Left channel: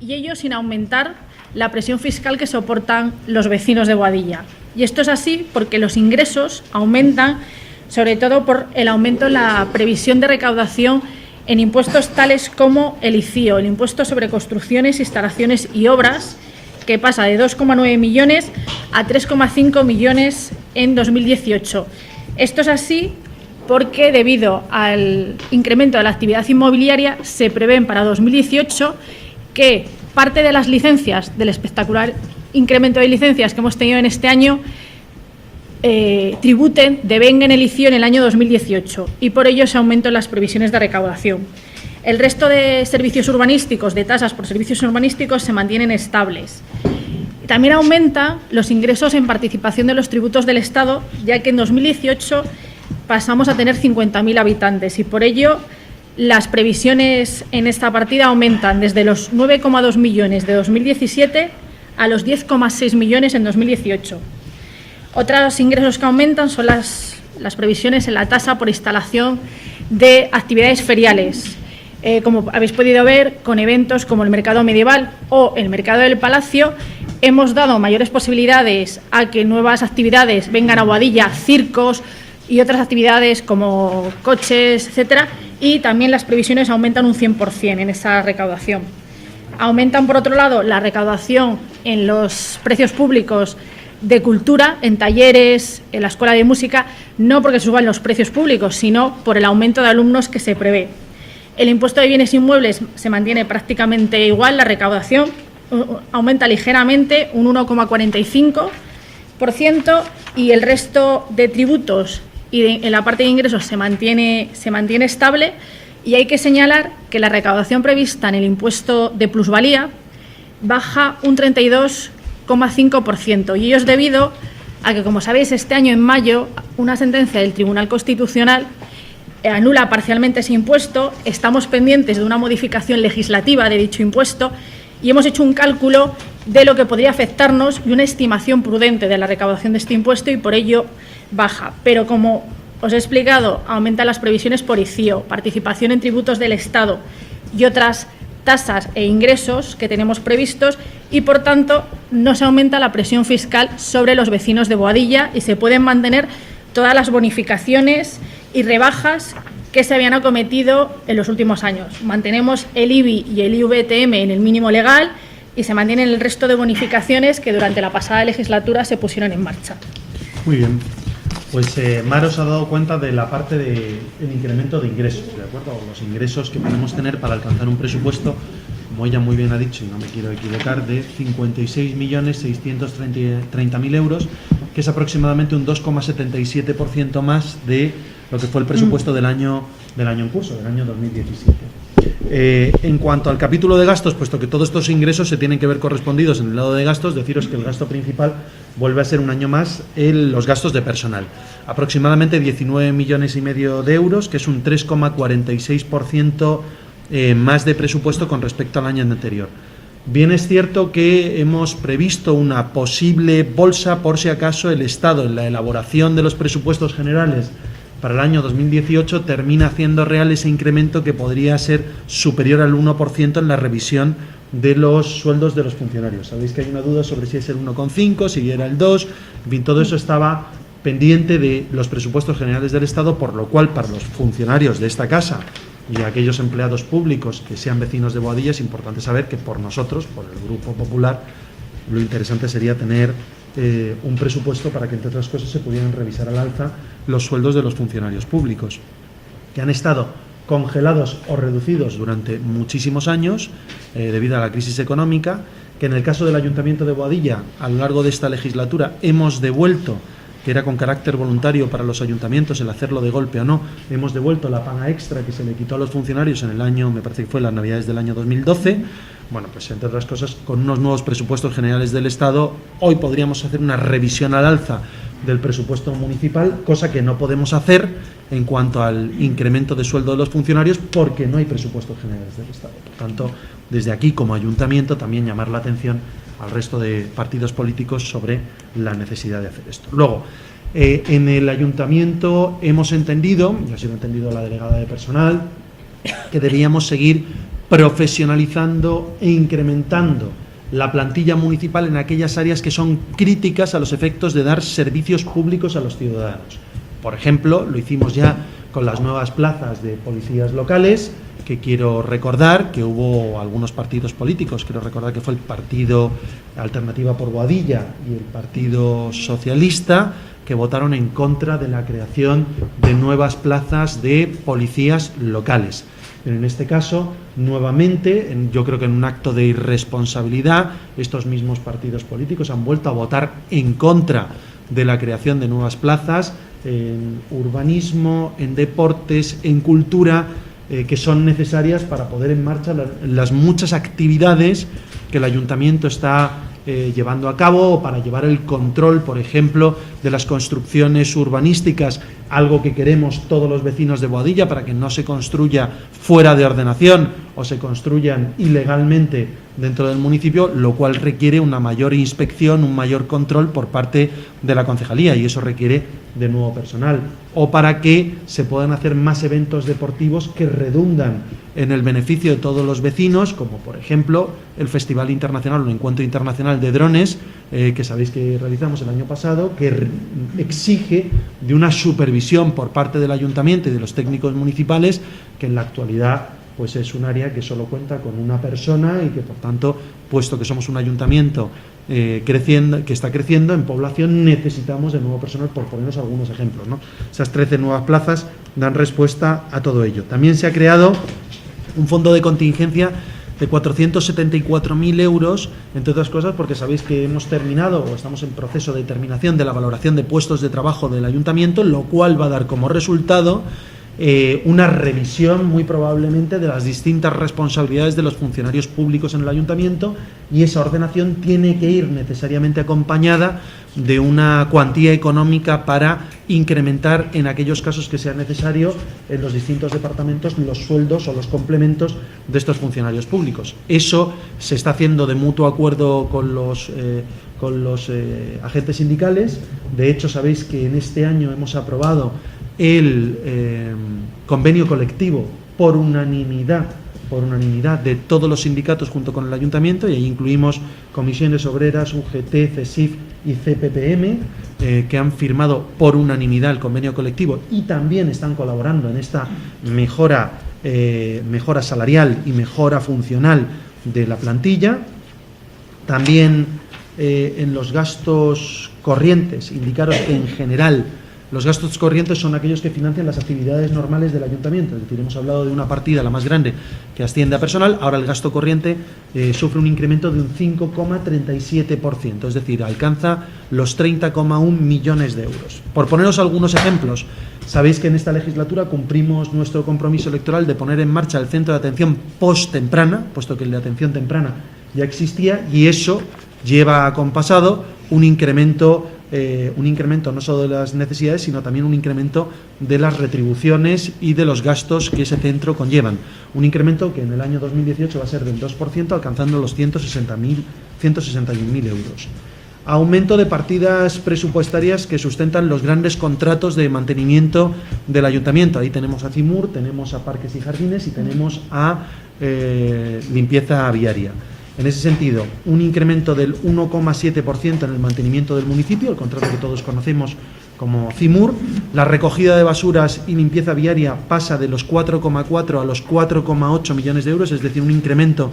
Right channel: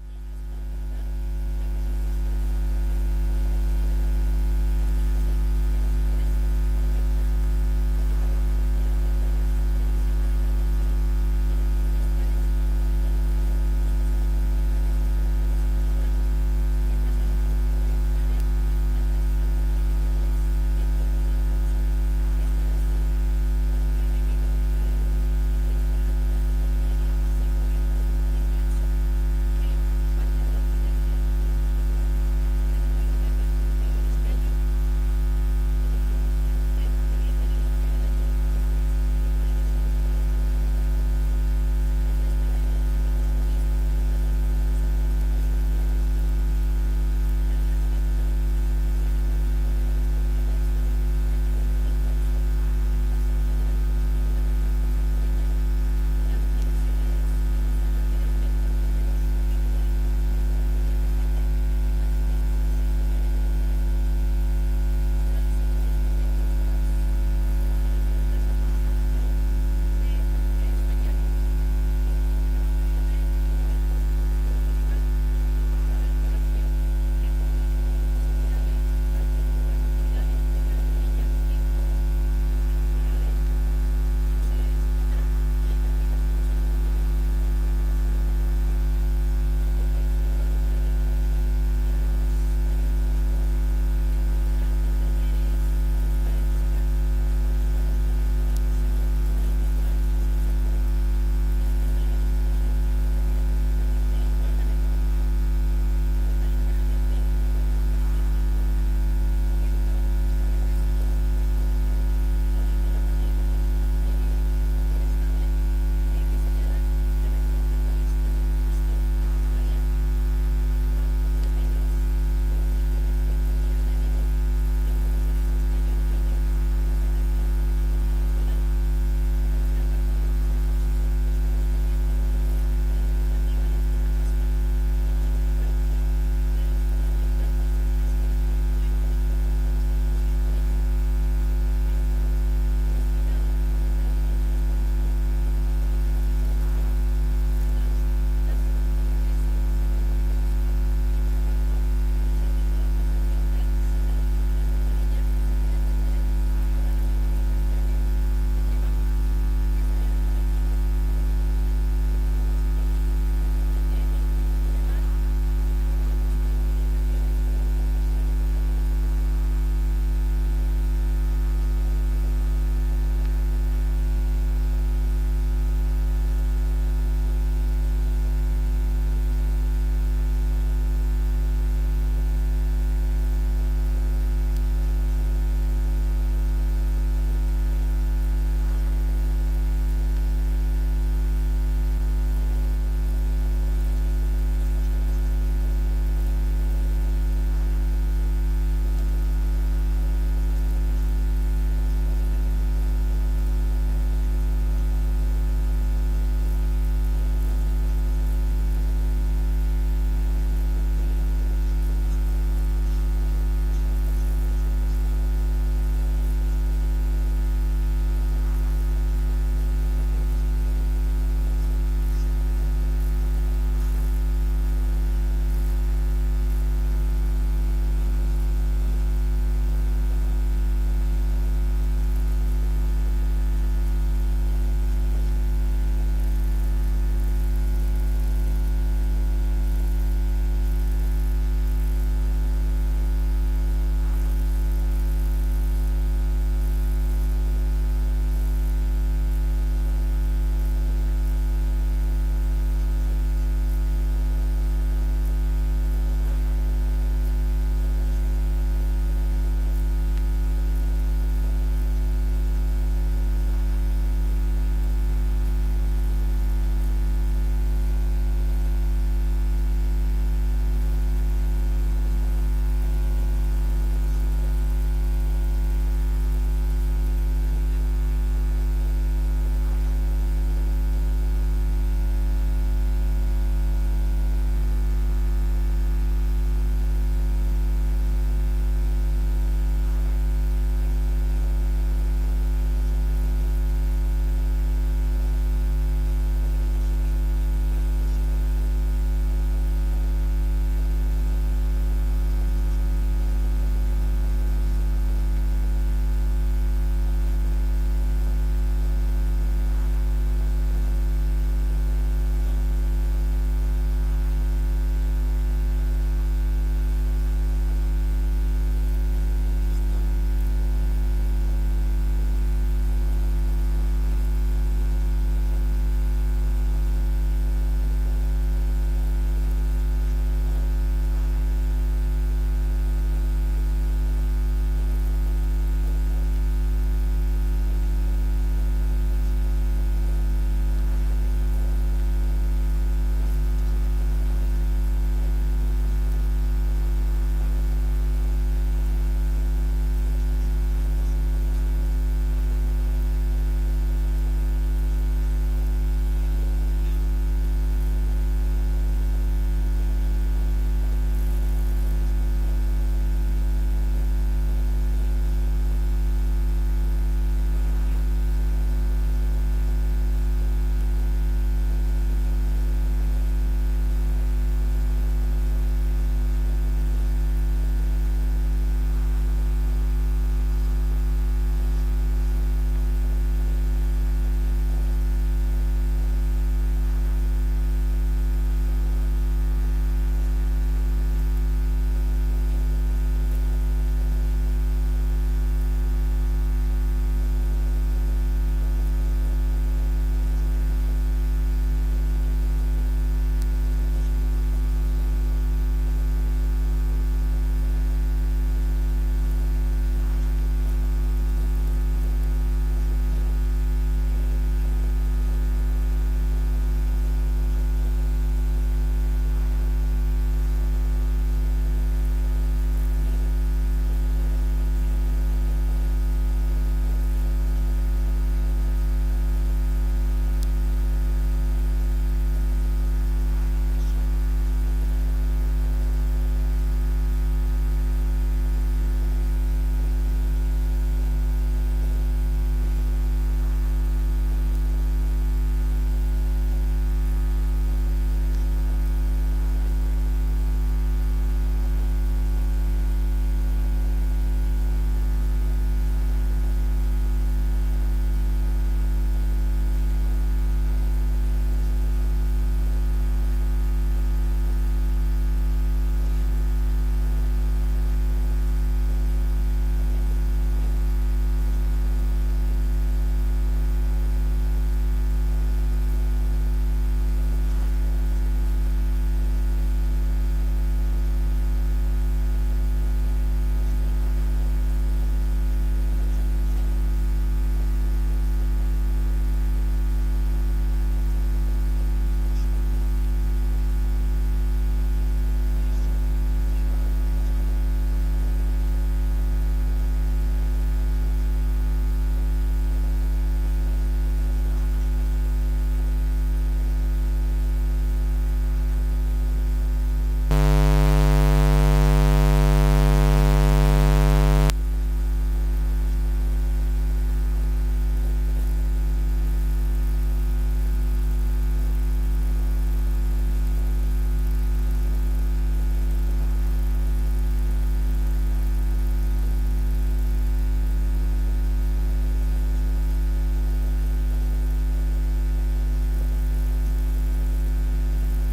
y ello sin aumentar la presión fiscal que soportan los vecinos de Boadilla. Y esto es así porque los ingresos aumentan, sobre todo por el aumento en la previsión de recaudación en impuestos tales como el ICIO, el impuesto sobre construcciones, instalaciones y obras, que pasa de 2,9 millones a 3,5 millones en 2018. Esto es así porque debido al incremento de la actividad inmobiliaria se prevén para 2018 que parte de las licencias, del espectacular incremento de licencias que hemos tenido en este año, tributen, devenguen el ICIO en el año 2018 y por ello se aumentan las previsiones de recaudación. El resto de servicios urbanísticos, de tasas por servicios urbanísticos, se mantienen estables. También aumentan los ingresos en participación de los tributos del Estado, ya que en 2018 pasamos a tener 50.000 habitantes y por ello las previsiones en esta partida aumentan desde los 9,2 millones de 2017 a los 10,6 millones en 2018. Otros ingresos que aumentan son las previsiones en la tasa por instalación de actividades feriales. Como habéis podido ver, con eventos como el Mercado Medieval o el Mercado del Palacio, hemos dado mayores posibilidades a que nuevas actividades vengan a Boadilla, circos y otras actividades como coches, etcétera, y también las previsiones aumentan un 100% en esa recaudación. Aumentan, por otro lado, la recaudación en los precios públicos de cultura, en talleres, en la escuela de música, no porque suban los precios públicos, sino por el aumento de alumnos que se prevé. El impuesto de bienes inmuebles se mantiene prácticamente igual, la recaudación aumenta ligeramente, un 1,45%, y el resto de tributos y en la parte de ingresos se mantiene estable, y hay que señalar que la recaudación prevista en el impuesto de plusvalía baja un 32,5%, y ello es debido a que, como sabéis, este año en mayo una sentencia del Tribunal Constitucional anula parcialmente ese impuesto. Estamos pendientes de una modificación legislativa de dicho impuesto y hemos hecho un cálculo de lo que podría afectarnos y una estimación prudente de la recaudación de este impuesto y por ello baja. Pero como os he explicado, aumentan las previsiones por ICIO, participación en tributos del Estado y otras tasas e ingresos que tenemos previstos y por tanto no se aumenta la presión fiscal sobre los vecinos de Boadilla y se pueden mantener todas las bonificaciones y rebajas que se habían acometido en los últimos años. Mantenemos el IBI y el IVTM en el mínimo legal y se mantienen el resto de bonificaciones que durante la pasada legislatura se pusieron en marcha. Muy bien. Pues Mar os ha dado cuenta de la parte del incremento de ingresos, ¿de acuerdo? Los ingresos que podemos tener para alcanzar un presupuesto, como ella muy bien ha dicho, y no me quiero equivocar, de 56.630.000 euros, que es aproximadamente un 2,77% más de lo que fue el presupuesto del año en curso, del año 2017. En cuanto al capítulo de gastos, puesto que todos estos ingresos se tienen que ver correspondidos en el lado de gastos, deciros que el gasto principal vuelve a ser un año más los gastos de personal. Aproximadamente 19,5 millones de euros, que es un 3,46% más de presupuesto con respecto al año anterior. Bien es cierto que hemos previsto una posible bolsa por si acaso el Estado en la elaboración de los presupuestos generales para el año 2018 termina haciendo real ese incremento que podría ser superior al 1% en la revisión de los sueldos de los funcionarios. Sabéis que hay una duda sobre si es el 1,5, si era el 2, en fin, todo eso estaba pendiente de los presupuestos generales del Estado, por lo cual para los funcionarios de esta casa y aquellos empleados públicos que sean vecinos de Boadilla es importante saber que por nosotros, por el Grupo Popular, lo interesante sería tener un presupuesto para que entre otras cosas se pudieran revisar al alza los sueldos de los funcionarios públicos que han estado congelados o reducidos durante muchísimos años debido a la crisis económica, que en el caso del Ayuntamiento de Boadilla a lo largo de esta legislatura hemos devuelto, que era con carácter voluntario para los ayuntamientos el hacerlo de golpe o no, hemos devuelto la paga extra que se le quitó a los funcionarios en el año, me parece que fue en las Navidades del año 2012. Bueno, pues entre otras cosas, con unos nuevos presupuestos generales del Estado, hoy podríamos hacer una revisión al alza del presupuesto municipal, cosa que no podemos hacer en cuanto al incremento de sueldo de los funcionarios porque no hay presupuestos generales del Estado. Por tanto, desde aquí como ayuntamiento también llamar la atención al resto de partidos políticos sobre la necesidad de hacer esto. Luego, en el ayuntamiento hemos entendido, y así lo ha entendido la delegada de personal, que debíamos seguir profesionalizando e incrementando la plantilla municipal en aquellas áreas que son críticas a los efectos de dar servicios públicos a los ciudadanos. Por ejemplo, lo hicimos ya con las nuevas plazas de policías locales, que quiero recordar que hubo algunos partidos políticos, quiero recordar que fue el Partido Alternativa por Boadilla y el Partido Socialista, que votaron en contra de la creación de nuevas plazas de policías locales. En este caso, nuevamente, yo creo que en un acto de irresponsabilidad, estos mismos partidos políticos han vuelto a votar en contra de la creación de nuevas plazas en urbanismo, en deportes, en cultura, que son necesarias para poner en marcha las muchas actividades que el ayuntamiento está llevando a cabo, o para llevar el control, por ejemplo, de las construcciones urbanísticas, algo que queremos todos los vecinos de Boadilla, para que no se construya fuera de ordenación o se construyan ilegalmente dentro del municipio, lo cual requiere una mayor inspección, un mayor control por parte de la concejalía, y eso requiere de nuevo personal, o para que se puedan hacer más eventos deportivos que redundan en el beneficio de todos los vecinos, como por ejemplo el Festival Internacional, un encuentro internacional de drones, que sabéis que realizamos el año pasado, que exige de una supervisión por parte del ayuntamiento y de los técnicos municipales, que en la actualidad pues es un área que solo cuenta con una persona, y que por tanto, puesto que somos un ayuntamiento creciendo, que está creciendo en población, necesitamos de nuevo personal, por ponernos algunos ejemplos, ¿no? Esas 13 nuevas plazas dan respuesta a todo ello. También se ha creado un fondo de contingencia de 474.000 euros, entre otras cosas porque sabéis que hemos terminado, o estamos en proceso de terminación de la valoración de puestos de trabajo del ayuntamiento, lo cual va a dar como resultado una revisión muy probablemente de las distintas responsabilidades de los funcionarios públicos en el ayuntamiento, y esa ordenación tiene que ir necesariamente acompañada de una cuantía económica para incrementar en aquellos casos que sea necesario en los distintos departamentos los sueldos o los complementos de estos funcionarios públicos. Eso se está haciendo de mutuo acuerdo con los agentes sindicales. De hecho, sabéis que en este año hemos aprobado el convenio colectivo por unanimidad de todos los sindicatos junto con el ayuntamiento, y ahí incluimos comisiones obreras, UGT, CESIF y CPPM, que han firmado por unanimidad el convenio colectivo y también están colaborando en esta mejora salarial y mejora funcional de la plantilla. También en los gastos corrientes, indicaros que en general los gastos corrientes son aquellos que financian las actividades normales del ayuntamiento. Es decir, hemos hablado de una partida, la más grande, que asciende a personal. Ahora el gasto corriente sufre un incremento de un 5,37%, es decir, alcanza los 30,1 millones de euros. Por poneros algunos ejemplos, sabéis que en esta legislatura cumplimos nuestro compromiso electoral de poner en marcha el centro de atención post-temprana, puesto que el de atención temprana ya existía, y eso lleva acompasado un incremento no solo de las necesidades, sino también un incremento de las retribuciones y de los gastos que ese centro conllevan. Un incremento que en el año 2018 va a ser del 2%, alcanzando los 161.000 euros. Aumento de partidas presupuestarias que sustentan los grandes contratos de mantenimiento del ayuntamiento. Ahí tenemos a CIMUR, tenemos a Parques y Jardines y tenemos a limpieza viaria. En ese sentido, un incremento del 1,7% en el mantenimiento del municipio, el contrato que todos conocemos como CIMUR. La recogida de basuras y limpieza viaria pasa de los 4,4 a los 4,8 millones de euros, es decir, un incremento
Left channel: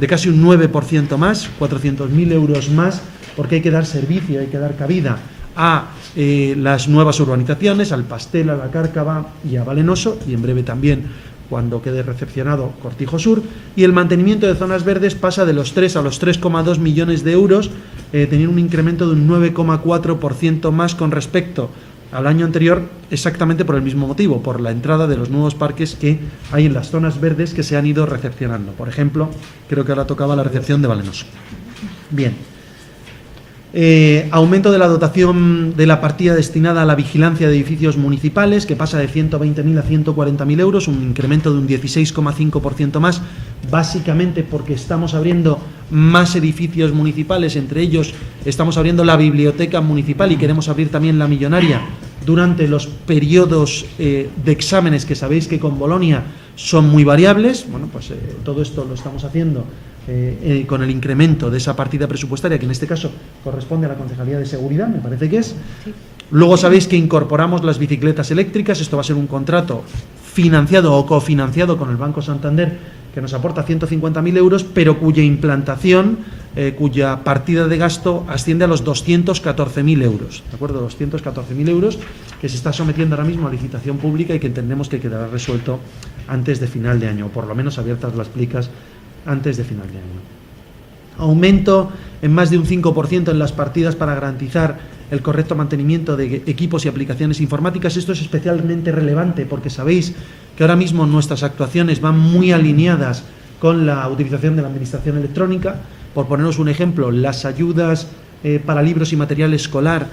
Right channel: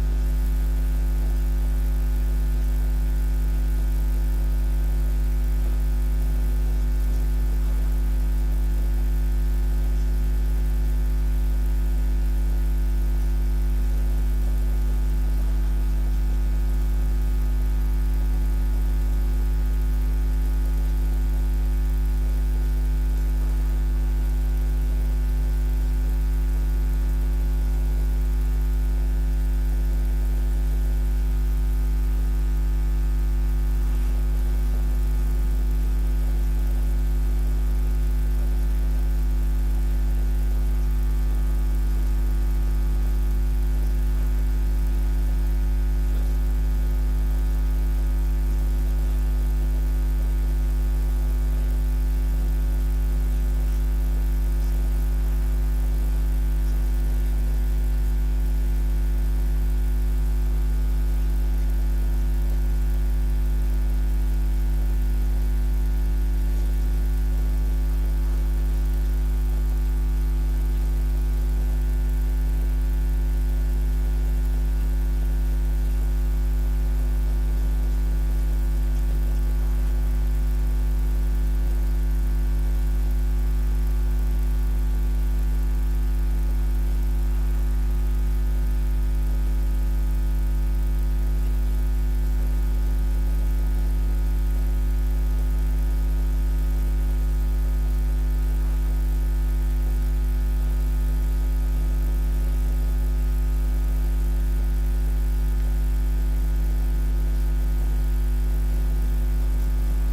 de casi un 9% más, 400.000 euros más, porque hay que dar servicio, hay que dar cabida a las nuevas urbanizaciones, al Pastel, a la Cárcava y a Valenoso, y en breve también, cuando quede recepcionado, Cortijo Sur. Y el mantenimiento de zonas verdes pasa de los 3 a los 3,2 millones de euros, teniendo un incremento de un 9,4% más con respecto al año anterior, exactamente por el mismo motivo, por la entrada de los nuevos parques que hay en las zonas verdes que se han ido recepcionando. Por ejemplo, creo que ahora tocaba la recepción de Valenoso. Bien. Aumento de la dotación de la partida destinada a la vigilancia de edificios municipales, que pasa de 120.000 a 140.000 euros, un incremento de un 16,5% más, básicamente porque estamos abriendo más edificios municipales, entre ellos estamos abriendo la biblioteca municipal y queremos abrir también la millonaria durante los periodos de exámenes, que sabéis que con Bolonia son muy variables. Bueno, pues todo esto lo estamos haciendo con el incremento de esa partida presupuestaria, que en este caso corresponde a la Concejalía de Seguridad, me parece que es. Sí. Luego sabéis que incorporamos las bicicletas eléctricas. Esto va a ser un contrato financiado o cofinanciado con el Banco Santander, que nos aporta 150.000 euros, pero cuya implantación, cuya partida de gasto asciende a los 214.000 euros, ¿de acuerdo? 214.000 euros, que se está sometiendo ahora mismo a licitación pública y que entendemos que quedará resuelto antes de final de año, o por lo menos abiertas las plicas antes de final de año. Aumento en más de un 5% en las partidas para garantizar el correcto mantenimiento de equipos y aplicaciones informáticas. Esto es especialmente relevante porque sabéis que ahora mismo nuestras actuaciones van muy alineadas con la utilización de la administración electrónica. Por poneros un ejemplo, las ayudas para libros y material escolar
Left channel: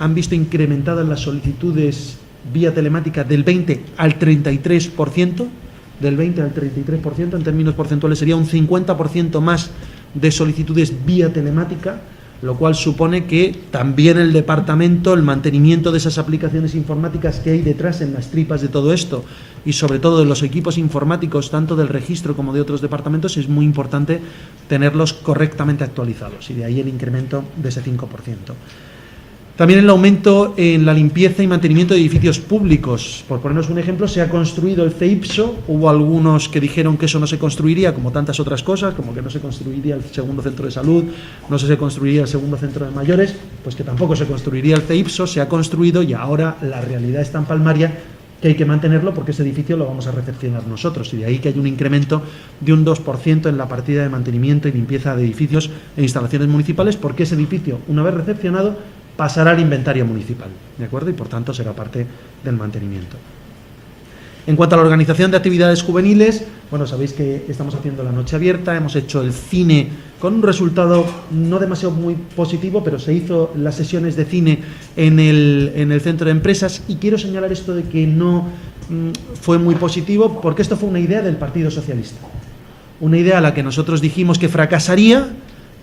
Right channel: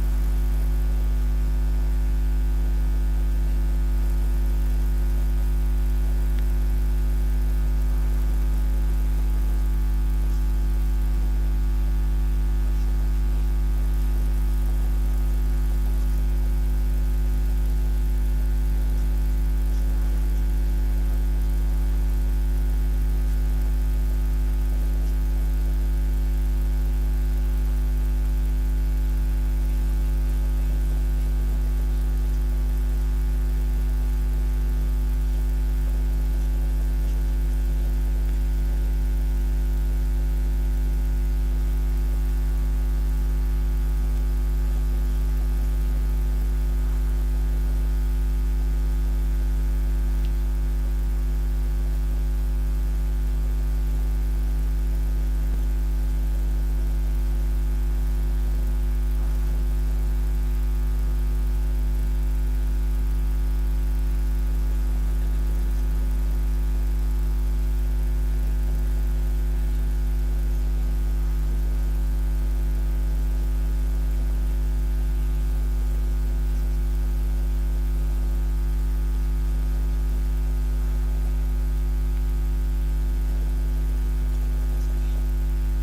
han visto incrementadas las solicitudes vía telemática del 20 al 33%, del 20 al 33%, en términos porcentuales sería un 50% más de solicitudes vía telemática, lo cual supone que también el departamento, el mantenimiento de esas aplicaciones informáticas que hay detrás en las tripas de todo esto, y sobre todo de los equipos informáticos, tanto del registro como de otros departamentos, es muy importante tenerlos correctamente actualizados, y de ahí el incremento de ese 5%. También el aumento en la limpieza y mantenimiento de edificios públicos. Por ponernos un ejemplo, se ha construido el CEIPSO. Hubo algunos que dijeron que eso no se construiría, como tantas otras cosas, como que no se construiría el segundo centro de salud, no se construiría el segundo centro de mayores, pues que tampoco se construiría el CEIPSO. Se ha construido y ahora la realidad es tan palmaria que hay que mantenerlo porque ese edificio lo vamos a recepcionar nosotros, y de ahí que hay un incremento de un 2% en la partida de mantenimiento y limpieza de edificios e instalaciones municipales, porque ese edificio, una vez recepcionado, pasará al inventario municipal, ¿de acuerdo? Y por tanto será parte del mantenimiento. En cuanto a la organización de actividades juveniles, bueno, sabéis que estamos haciendo la noche abierta, hemos hecho el cine con un resultado no demasiado muy positivo, pero se hizo las sesiones de cine en el centro de empresas, y quiero señalar esto de que no fue muy positivo, porque esto fue una idea del Partido Socialista, una idea a la que nosotros dijimos que fracasaría,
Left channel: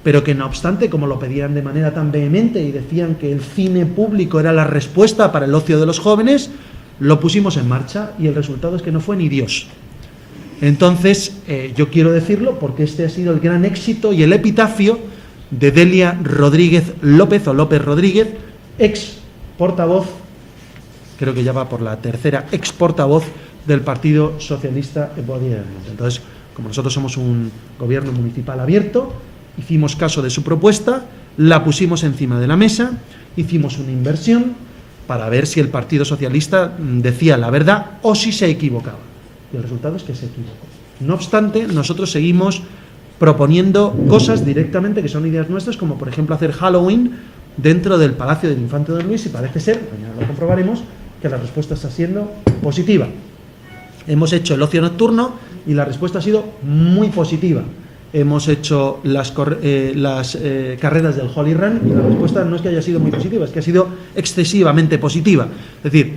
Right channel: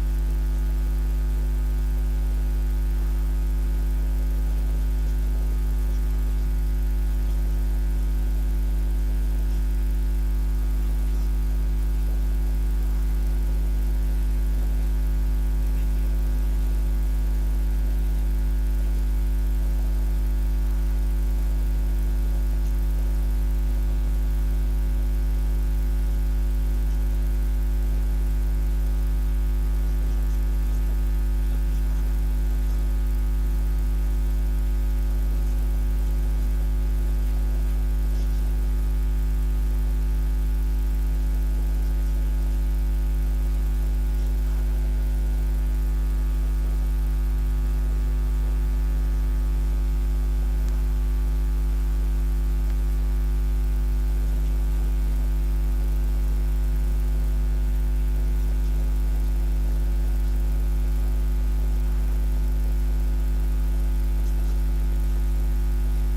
pero que no obstante, como lo pedían de manera tan vehemente y decían que el cine público era la respuesta para el ocio de los jóvenes, lo pusimos en marcha y el resultado es que no fue ni Dios. Entonces, yo quiero decirlo porque este ha sido el gran éxito y el epitafio de Delia Rodríguez López, o López Rodríguez, ex portavoz, creo que ya va por la tercera ex portavoz del Partido Socialista en Boadilla del Monte. Entonces, como nosotros somos un gobierno municipal abierto, hicimos caso de su propuesta, la pusimos encima de la mesa, hicimos una inversión para ver si el Partido Socialista decía la verdad o si se equivocaba. Y el resultado es que se equivocó. No obstante, nosotros seguimos proponiendo cosas directamente que son ideas nuestras, como por ejemplo hacer Halloween dentro del Palacio del Infante Don Luis, y parece ser, mañana lo comprobaremos, que la respuesta está siendo positiva. Hemos hecho el ocio nocturno y la respuesta ha sido muy positiva. Hemos hecho las carreras del Holy Run y la respuesta no es que haya sido muy positiva, es que ha sido excesivamente positiva. Es decir,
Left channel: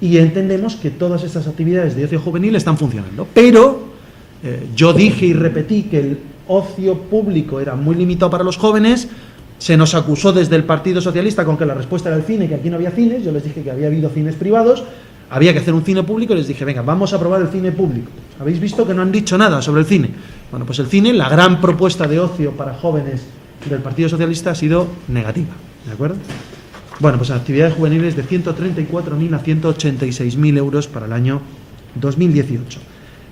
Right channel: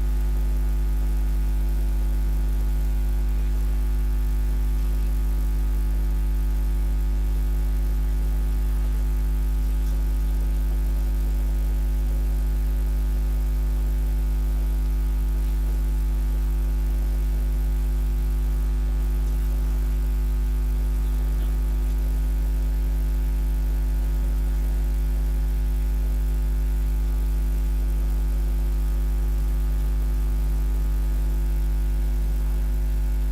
y entendemos que todas estas actividades de ocio juvenil están funcionando. Pero yo dije y repetí que el ocio público era muy limitado para los jóvenes. Se nos acusó desde el Partido Socialista con que la respuesta era el cine, que aquí no había cines. Yo les dije que había habido cines privados, había que hacer un cine público, y les dije, venga, vamos a probar el cine público. Habéis visto que no han dicho nada sobre el cine. Bueno, pues el cine, la gran propuesta de ocio para jóvenes del Partido Socialista, ha sido negativa, ¿de acuerdo? Bueno, pues actividades juveniles de 134.000 a 186.000 euros para el año 2018.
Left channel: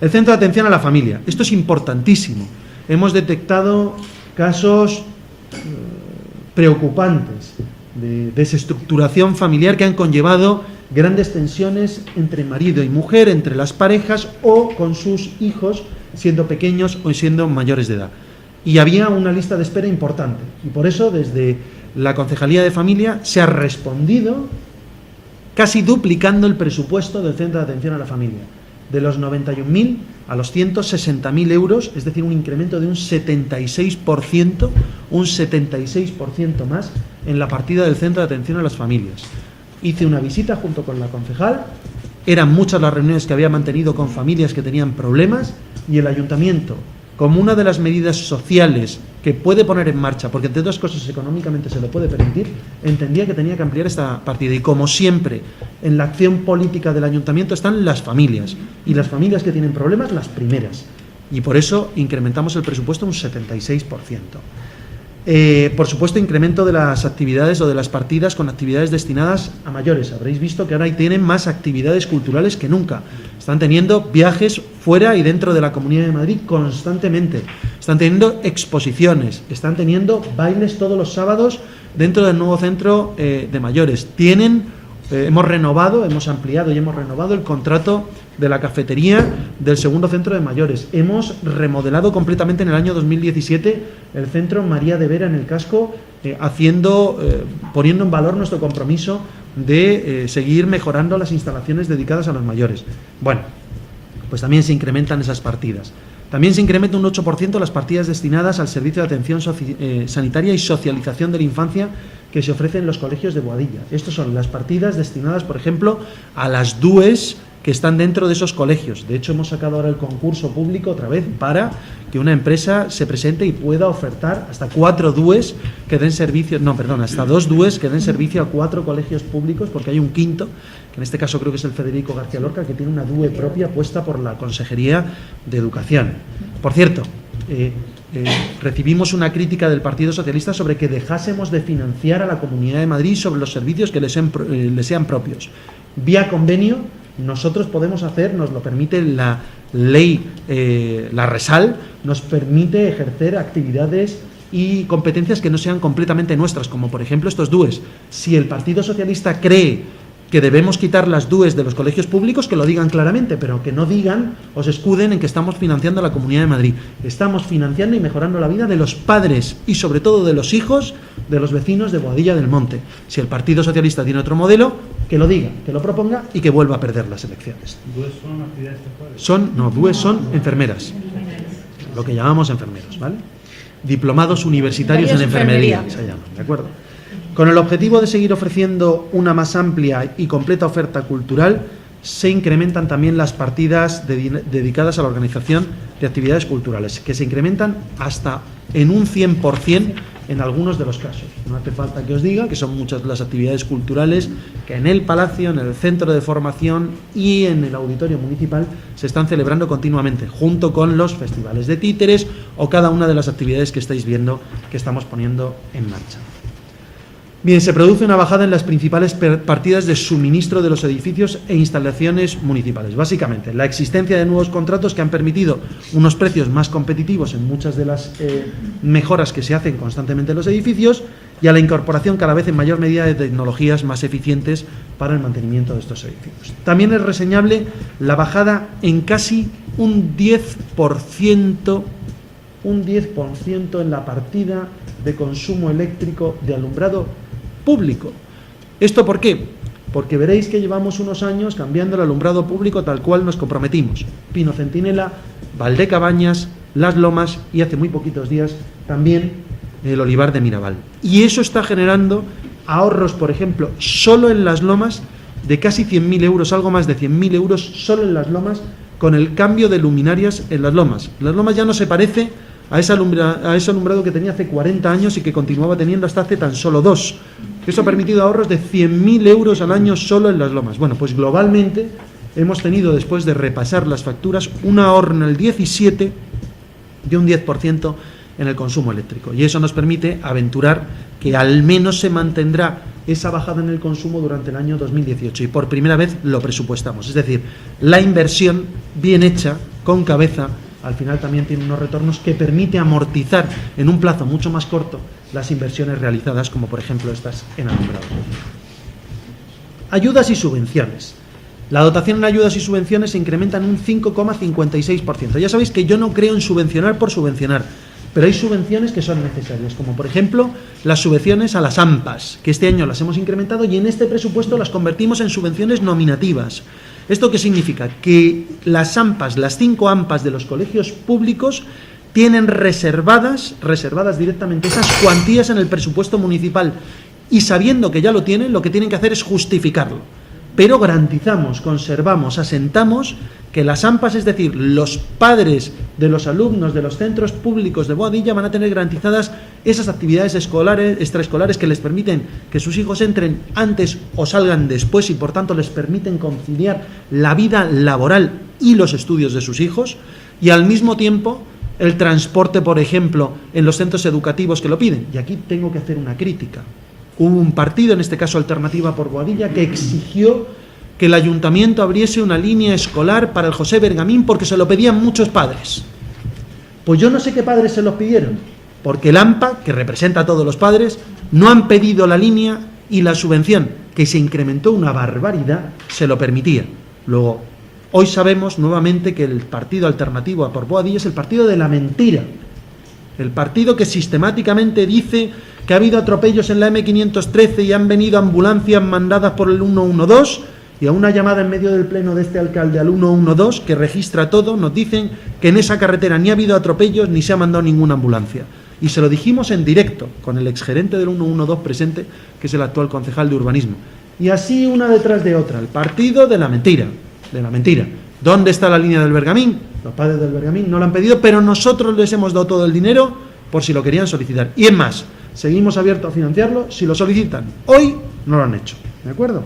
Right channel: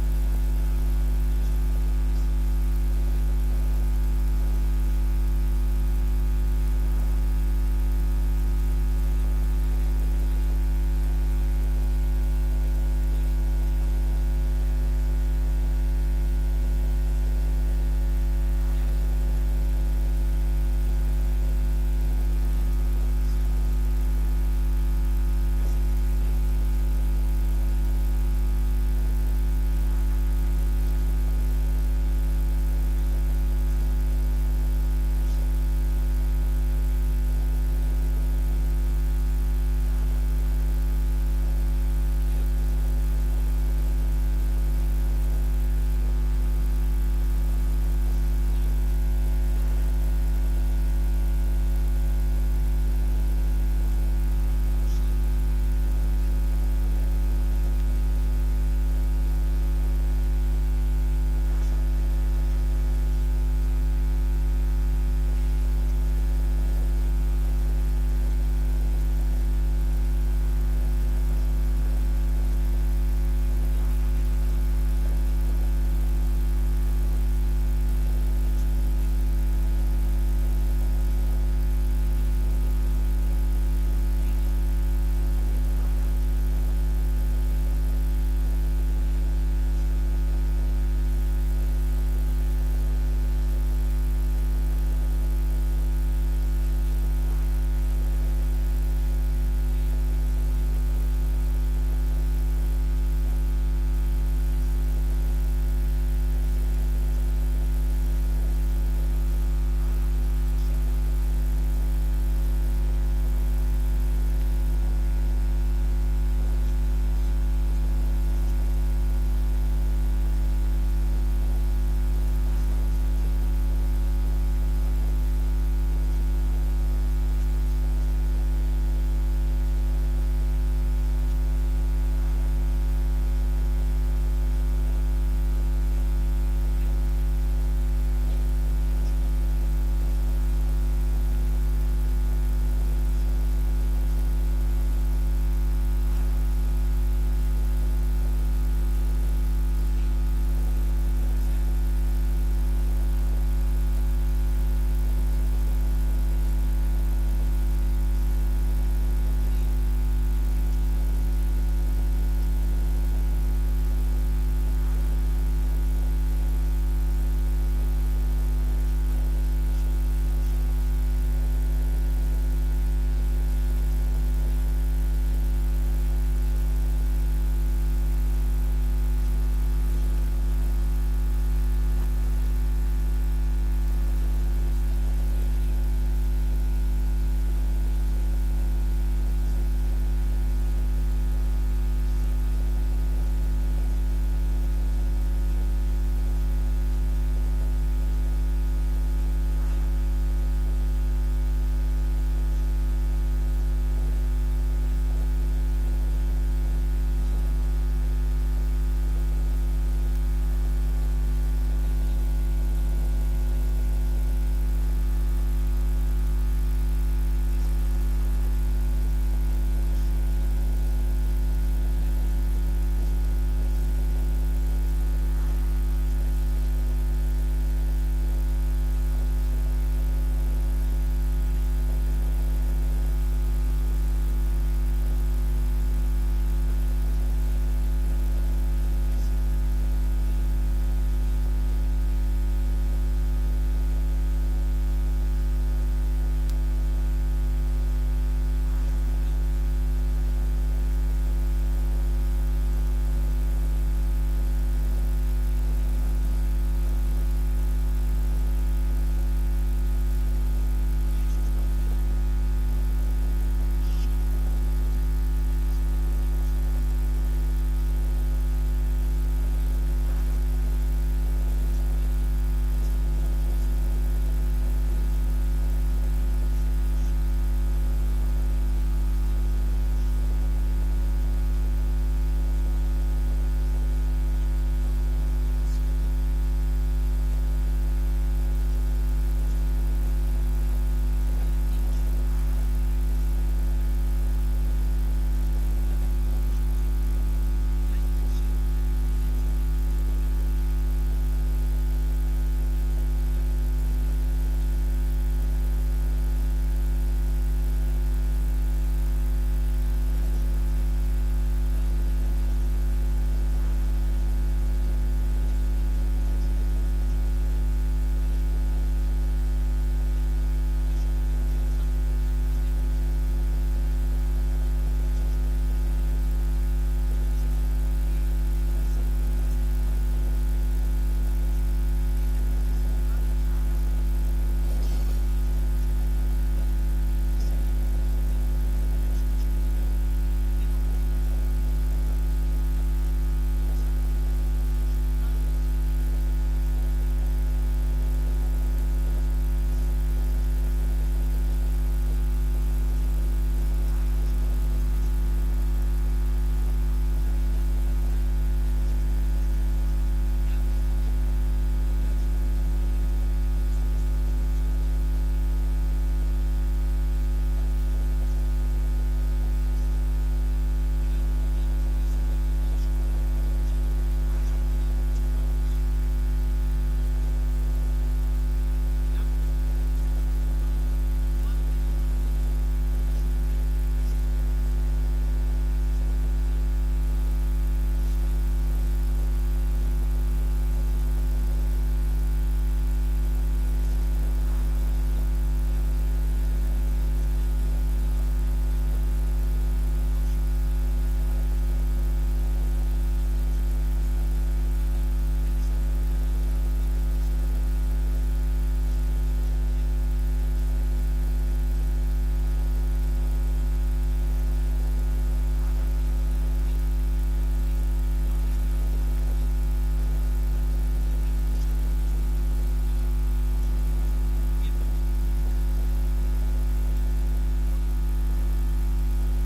El Centro de Atención a la Familia. Esto es importantísimo. Hemos detectado casos preocupantes de desestructuración familiar que han conllevado grandes tensiones entre marido y mujer, entre las parejas o con sus hijos, siendo pequeños o siendo mayores de edad. Y había una lista de espera importante, y por eso desde la Concejalía de Familia se ha respondido casi duplicando el presupuesto del Centro de Atención a la Familia, de los 91.000 a los 160.000 euros, es decir, un incremento de un 76% más en la partida del Centro de Atención a las Familias. Hice una visita junto con la concejal, eran muchas las reuniones que había mantenido con familias que tenían problemas, y el ayuntamiento, como una de las medidas sociales que puede poner en marcha, porque entre otras cosas económicamente se lo puede permitir, entendía que tenía que ampliar esta partida. Y como siempre en la acción política del ayuntamiento están las familias, y las familias que tienen problemas, las primeras. Y por eso incrementamos el presupuesto un 76%. Por supuesto, incremento de las actividades o de las partidas con actividades destinadas a mayores. Habréis visto que ahora tienen más actividades culturales que nunca. Están teniendo viajes fuera y dentro de la Comunidad de Madrid constantemente. Están teniendo exposiciones, están teniendo bailes todos los sábados dentro del nuevo centro de mayores. Hemos ampliado y hemos renovado el contrato de la cafetería del segundo centro de mayores. Hemos remodelado completamente en el año 2017 el centro María de Vera en el casco, poniendo en valor nuestro compromiso de seguir mejorando las instalaciones dedicadas a los mayores. Bueno, pues también se incrementan esas partidas. También se incrementa un 8% las partidas destinadas al servicio de atención sanitaria y socialización de la infancia que se ofrecen en los colegios de Boadilla. Estas son las partidas destinadas, por ejemplo, a las DUEs que están dentro de esos colegios. De hecho, hemos sacado ahora el concurso público otra vez para que una empresa se presente y pueda ofertar hasta 4 DUEs que den servicio, hasta 2 DUEs que den servicio a 4 colegios públicos, porque hay un quinto, que en este caso creo que es el Federico García Lorca, que tiene una DUE propia puesta por la Consejería de Educación. Por cierto, recibimos una crítica del Partido Socialista sobre que dejásemos de financiar a la Comunidad de Madrid sobre los servicios que les sean propios. Vía convenio, nosotros podemos hacer, nos lo permite la ley, la RESAL, nos permite ejercer actividades y competencias que no sean completamente nuestras, como por ejemplo estos DUEs. Si el Partido Socialista cree que debemos quitar las DUEs de los colegios públicos, que lo digan claramente, pero que no digan o se escuden en que estamos financiando a la Comunidad de Madrid. Estamos financiando y mejorando la vida de los padres y sobre todo de los hijos de los vecinos de Boadilla del Monte. Si el Partido Socialista tiene otro modelo, que lo diga, que lo proponga y que vuelva a perder las elecciones. ¿DUEs son actividades sexuales? DUEs son enfermeras, lo que llamamos enfermeros, ¿vale? Diplomados universitarios en enfermería, se llama, ¿de acuerdo? Con el objetivo de seguir ofreciendo una más amplia y completa oferta cultural, se incrementan también las partidas dedicadas a la organización de actividades culturales, que se incrementan hasta en un 100% en algunos de los casos. No hace falta que os diga que son muchas las actividades culturales que en el Palacio, en el Centro de Formación y en el Auditorio Municipal se están celebrando continuamente, junto con los festivales de títeres o cada una de las actividades que estáis viendo que estamos poniendo en marcha. Bien, se produce una bajada en las principales partidas de suministro de los edificios e instalaciones municipales. Básicamente, la existencia de nuevos contratos que han permitido unos precios más competitivos en muchas de las mejoras que se hacen constantemente en los edificios y a la incorporación cada vez en mayor medida de tecnologías más eficientes para el mantenimiento de estos edificios. También es reseñable la bajada en casi un 10% en la partida de consumo eléctrico de alumbrado público. ¿Esto por qué? Porque veréis que llevamos unos años cambiando el alumbrado público tal cual nos comprometimos. Pino Centinela, Valdecabañas, Las Lomas y hace muy poquitos días también el Olivar de Mirabal. Y eso está generando ahorros, por ejemplo, solo en Las Lomas de casi 100.000 euros, algo más de 100.000 euros solo en Las Lomas con el cambio de luminarias en Las Lomas. Las Lomas ya no se parece a ese alumbrado que tenía hace 40 años y que continuaba teniendo hasta hace tan solo 2. Eso ha permitido ahorros de 100.000 euros al año solo en Las Lomas. Bueno, pues globalmente hemos tenido, después de repasar las facturas, un ahorro en el 17 de un 10% en el consumo eléctrico. Y eso nos permite aventurar que al menos se mantendrá esa bajada en el consumo durante el año 2018. Y por primera vez lo presupuestamos. Es decir, la inversión bien hecha, con cabeza, al final también tiene unos retornos que permite amortizar en un plazo mucho más corto las inversiones realizadas, como por ejemplo estas en alumbrado. Ayudas y subvenciones. La dotación en ayudas y subvenciones se incrementa en un 5,56%. Ya sabéis que yo no creo en subvencionar por subvencionar, pero hay subvenciones que son necesarias, como por ejemplo las subvenciones a las AMPAs, que este año las hemos incrementado y en este presupuesto las convertimos en subvenciones nominativas. ¿Esto qué significa? Que las AMPAs, las 5 AMPAs de los colegios públicos, tienen reservadas directamente esas cuantías en el presupuesto municipal y sabiendo que ya lo tienen, lo que tienen que hacer es justificarlo. Pero garantizamos, conservamos, asentamos que las AMPAs, es decir, los padres de los alumnos de los centros públicos de Boadilla, van a tener garantizadas esas actividades extraescolares que les permiten que sus hijos entren antes o salgan después y por tanto les permiten conciliar la vida laboral y los estudios de sus hijos, y al mismo tiempo el transporte, por ejemplo, en los centros educativos que lo piden. Y aquí tengo que hacer una crítica. Hubo un partido, en este caso Alternativa por Boadilla, que exigió que el ayuntamiento abriese una línea escolar para el José Bergamín porque se lo pedían muchos padres. Pues yo no sé qué padres se los pidieron, porque el AMPA, que representa a todos los padres, no han pedido la línea y la subvención, que se incrementó una barbaridad, se lo permitía. Luego, hoy sabemos nuevamente que el partido Alternativo por Boadilla es el partido de la mentira, el partido que sistemáticamente dice que ha habido atropellos en la M513 y han venido ambulancias mandadas por el 112, y a una llamada en medio del pleno de este alcalde al 112, que registra todo, nos dicen que en esa carretera ni ha habido atropellos ni se ha mandado ninguna ambulancia. Y se lo dijimos en directo, con el exgerente del 112 presente, que es el actual concejal de urbanismo. Y así una detrás de otra, el partido de la mentira, de la mentira. ¿Dónde está la línea del Bergamín? Los padres del Bergamín no lo han pedido, pero nosotros les hemos dado todo el dinero por si lo querían solicitar. Y es más, seguimos abiertos a financiarlo si lo solicitan. Hoy no lo han hecho, ¿de acuerdo?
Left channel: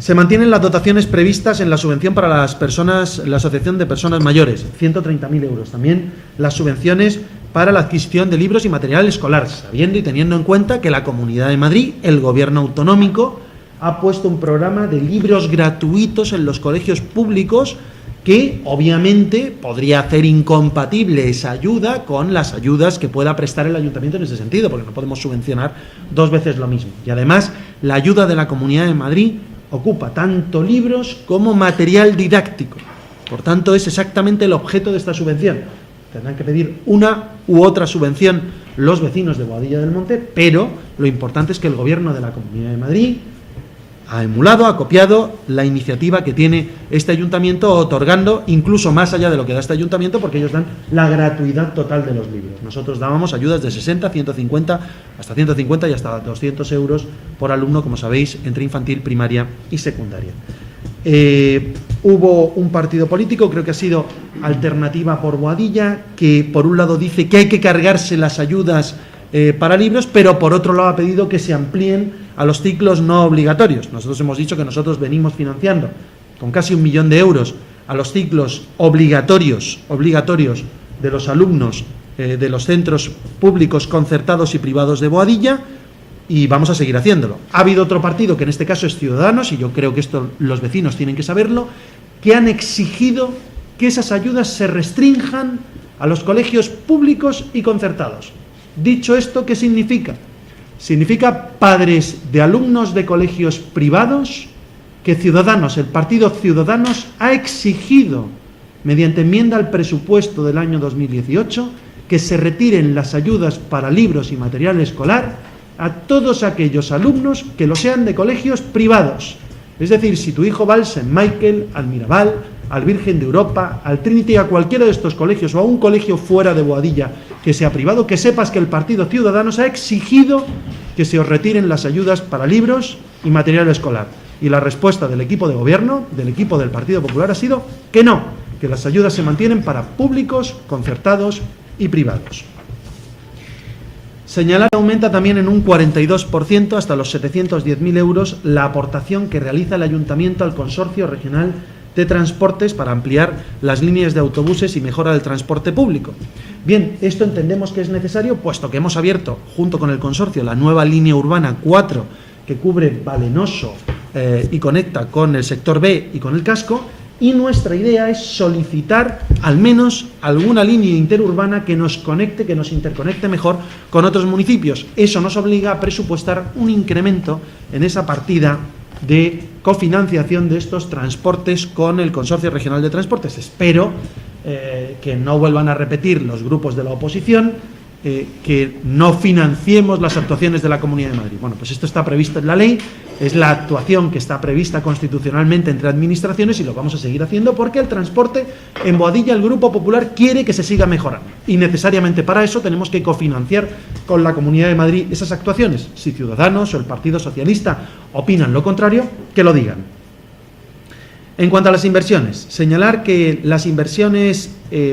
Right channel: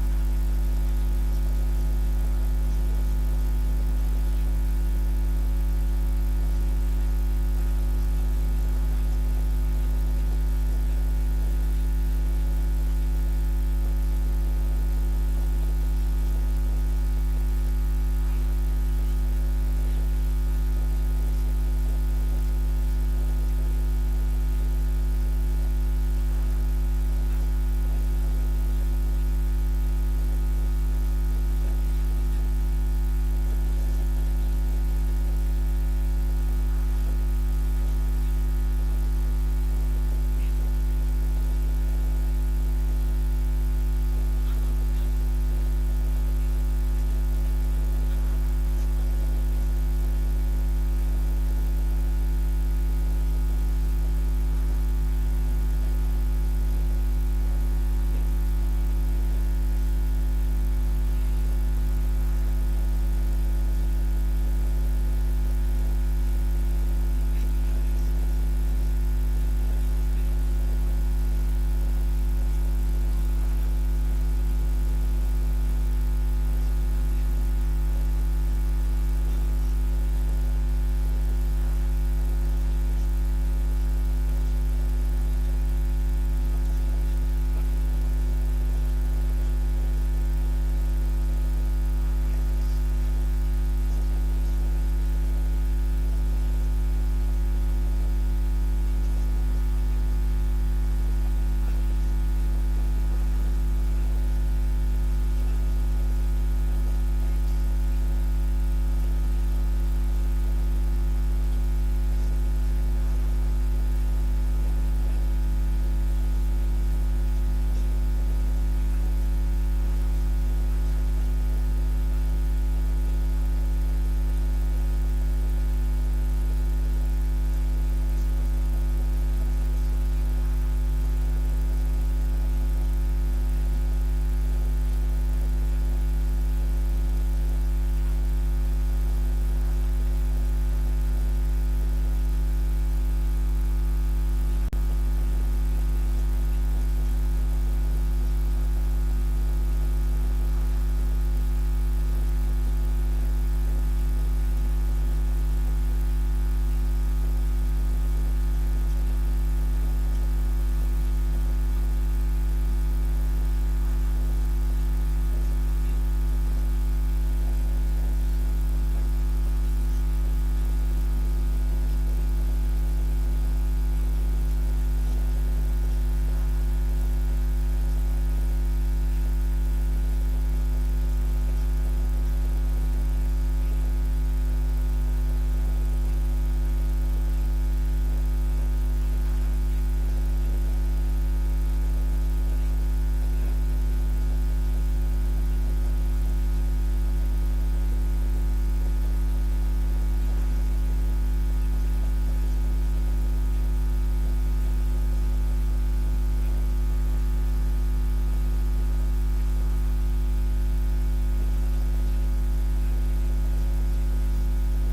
Se mantienen las dotaciones previstas en la subvención para las personas, la Asociación de Personas Mayores, 130.000 euros. También las subvenciones para la adquisición de libros y material escolar, sabiendo y teniendo en cuenta que la Comunidad de Madrid, el Gobierno autonómico, ha puesto un programa de libros gratuitos en los colegios públicos que obviamente podría hacer incompatible esa ayuda con las ayudas que pueda prestar el ayuntamiento en ese sentido, porque no podemos subvencionar dos veces lo mismo. Y además, la ayuda de la Comunidad de Madrid ocupa tanto libros como material didáctico. Por tanto, es exactamente el objeto de esta subvención. Tendrán que pedir una u otra subvención los vecinos de Boadilla del Monte, pero lo importante es que el Gobierno de la Comunidad de Madrid ha emulado, ha copiado la iniciativa que tiene este ayuntamiento, otorgando incluso más allá de lo que da este ayuntamiento, porque ellos dan la gratuidad total de los libros. Nosotros dábamos ayudas de 60, 150, hasta 150 y hasta 200 euros por alumno, como sabéis, entre infantil, primaria y secundaria. Hubo un partido político, creo que ha sido Alternativa por Boadilla, que por un lado dice que hay que cargarse las ayudas para libros, pero por otro lado ha pedido que se amplíen a los ciclos no obligatorios. Nosotros hemos dicho que nosotros venimos financiando con casi 1 millón de euros a los ciclos obligatorios de los alumnos de los centros públicos concertados y privados de Boadilla, y vamos a seguir haciéndolo. Ha habido otro partido, que en este caso es Ciudadanos, y yo creo que esto los vecinos tienen que saberlo, que han exigido que esas ayudas se restrinjan a los colegios públicos y concertados. Dicho esto, ¿qué significa? Significa padres de alumnos de colegios privados que Ciudadanos, el partido Ciudadanos, ha exigido, mediante enmienda al presupuesto del año 2018, que se retiren las ayudas para libros y material escolar a todos aquellos alumnos que lo sean de colegios privados. Es decir, si tu hijo va al St. Michael, al Mirabal, al Virgen de Europa, al Trinity, a cualquiera de estos colegios o a un colegio fuera de Boadilla que sea privado, que sepas que el partido Ciudadanos ha exigido que se os retiren las ayudas para libros y material escolar. Y la respuesta del equipo de gobierno, del equipo del Partido Popular, ha sido que no, que las ayudas se mantienen para públicos, concertados y privados. Señalar que aumenta también en un 42% hasta los 710.000 euros la aportación que realiza el Ayuntamiento al Consorcio Regional de Transportes para ampliar las líneas de autobuses y mejora del transporte público. Bien, esto entendemos que es necesario, puesto que hemos abierto, junto con el consorcio, la nueva línea urbana 4, que cubre Valenoso y conecta con el sector B y con el casco, y nuestra idea es solicitar al menos alguna línea interurbana que nos conecte, que nos interconecte mejor con otros municipios. Eso nos obliga a presupuestar un incremento en esa partida de cofinanciación de estos transportes con el Consorcio Regional de Transportes. Espero que no vuelvan a repetir los grupos de la oposición que no financiemos las actuaciones de la Comunidad de Madrid. Bueno, pues esto está previsto en la ley, es la actuación que está prevista constitucionalmente entre administraciones y lo vamos a seguir haciendo porque el transporte en Boadilla, el Grupo Popular, quiere que se siga mejorando y necesariamente para eso tenemos que cofinanciar con la Comunidad de Madrid esas actuaciones. Si Ciudadanos o el Partido Socialista opinan lo contrario, que lo digan. En cuanto a las inversiones, señalar que las inversiones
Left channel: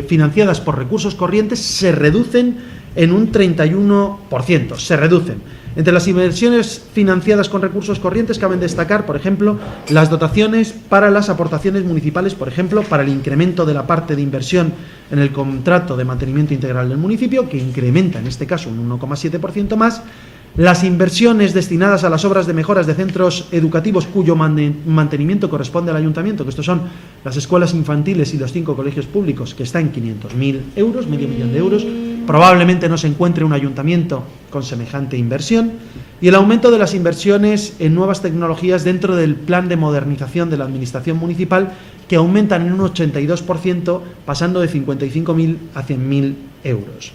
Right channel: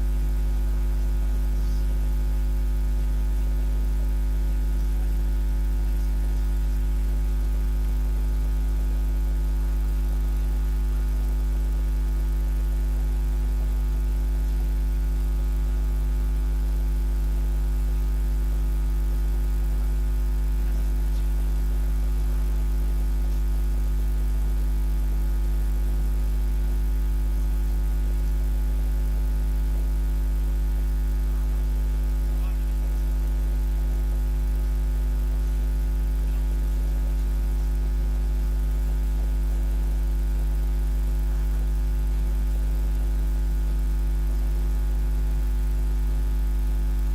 financiadas por recursos corrientes se reducen en un 31%, se reducen. Entre las inversiones financiadas con recursos corrientes caben destacar, por ejemplo, las dotaciones para las aportaciones municipales, por ejemplo, para el incremento de la parte de inversión en el contrato de mantenimiento integral del municipio, que incrementa en este caso un 1,7% más, las inversiones destinadas a las obras de mejoras de centros educativos cuyo mantenimiento corresponde al ayuntamiento, que estos son las escuelas infantiles y los 5 colegios públicos, que está en 500.000 euros, medio millón de euros. Probablemente no se encuentre un ayuntamiento con semejante inversión. Y el aumento de las inversiones en nuevas tecnologías dentro del plan de modernización de la administración municipal, que aumentan en un 82%, pasando de 55.000 a 100.000 euros.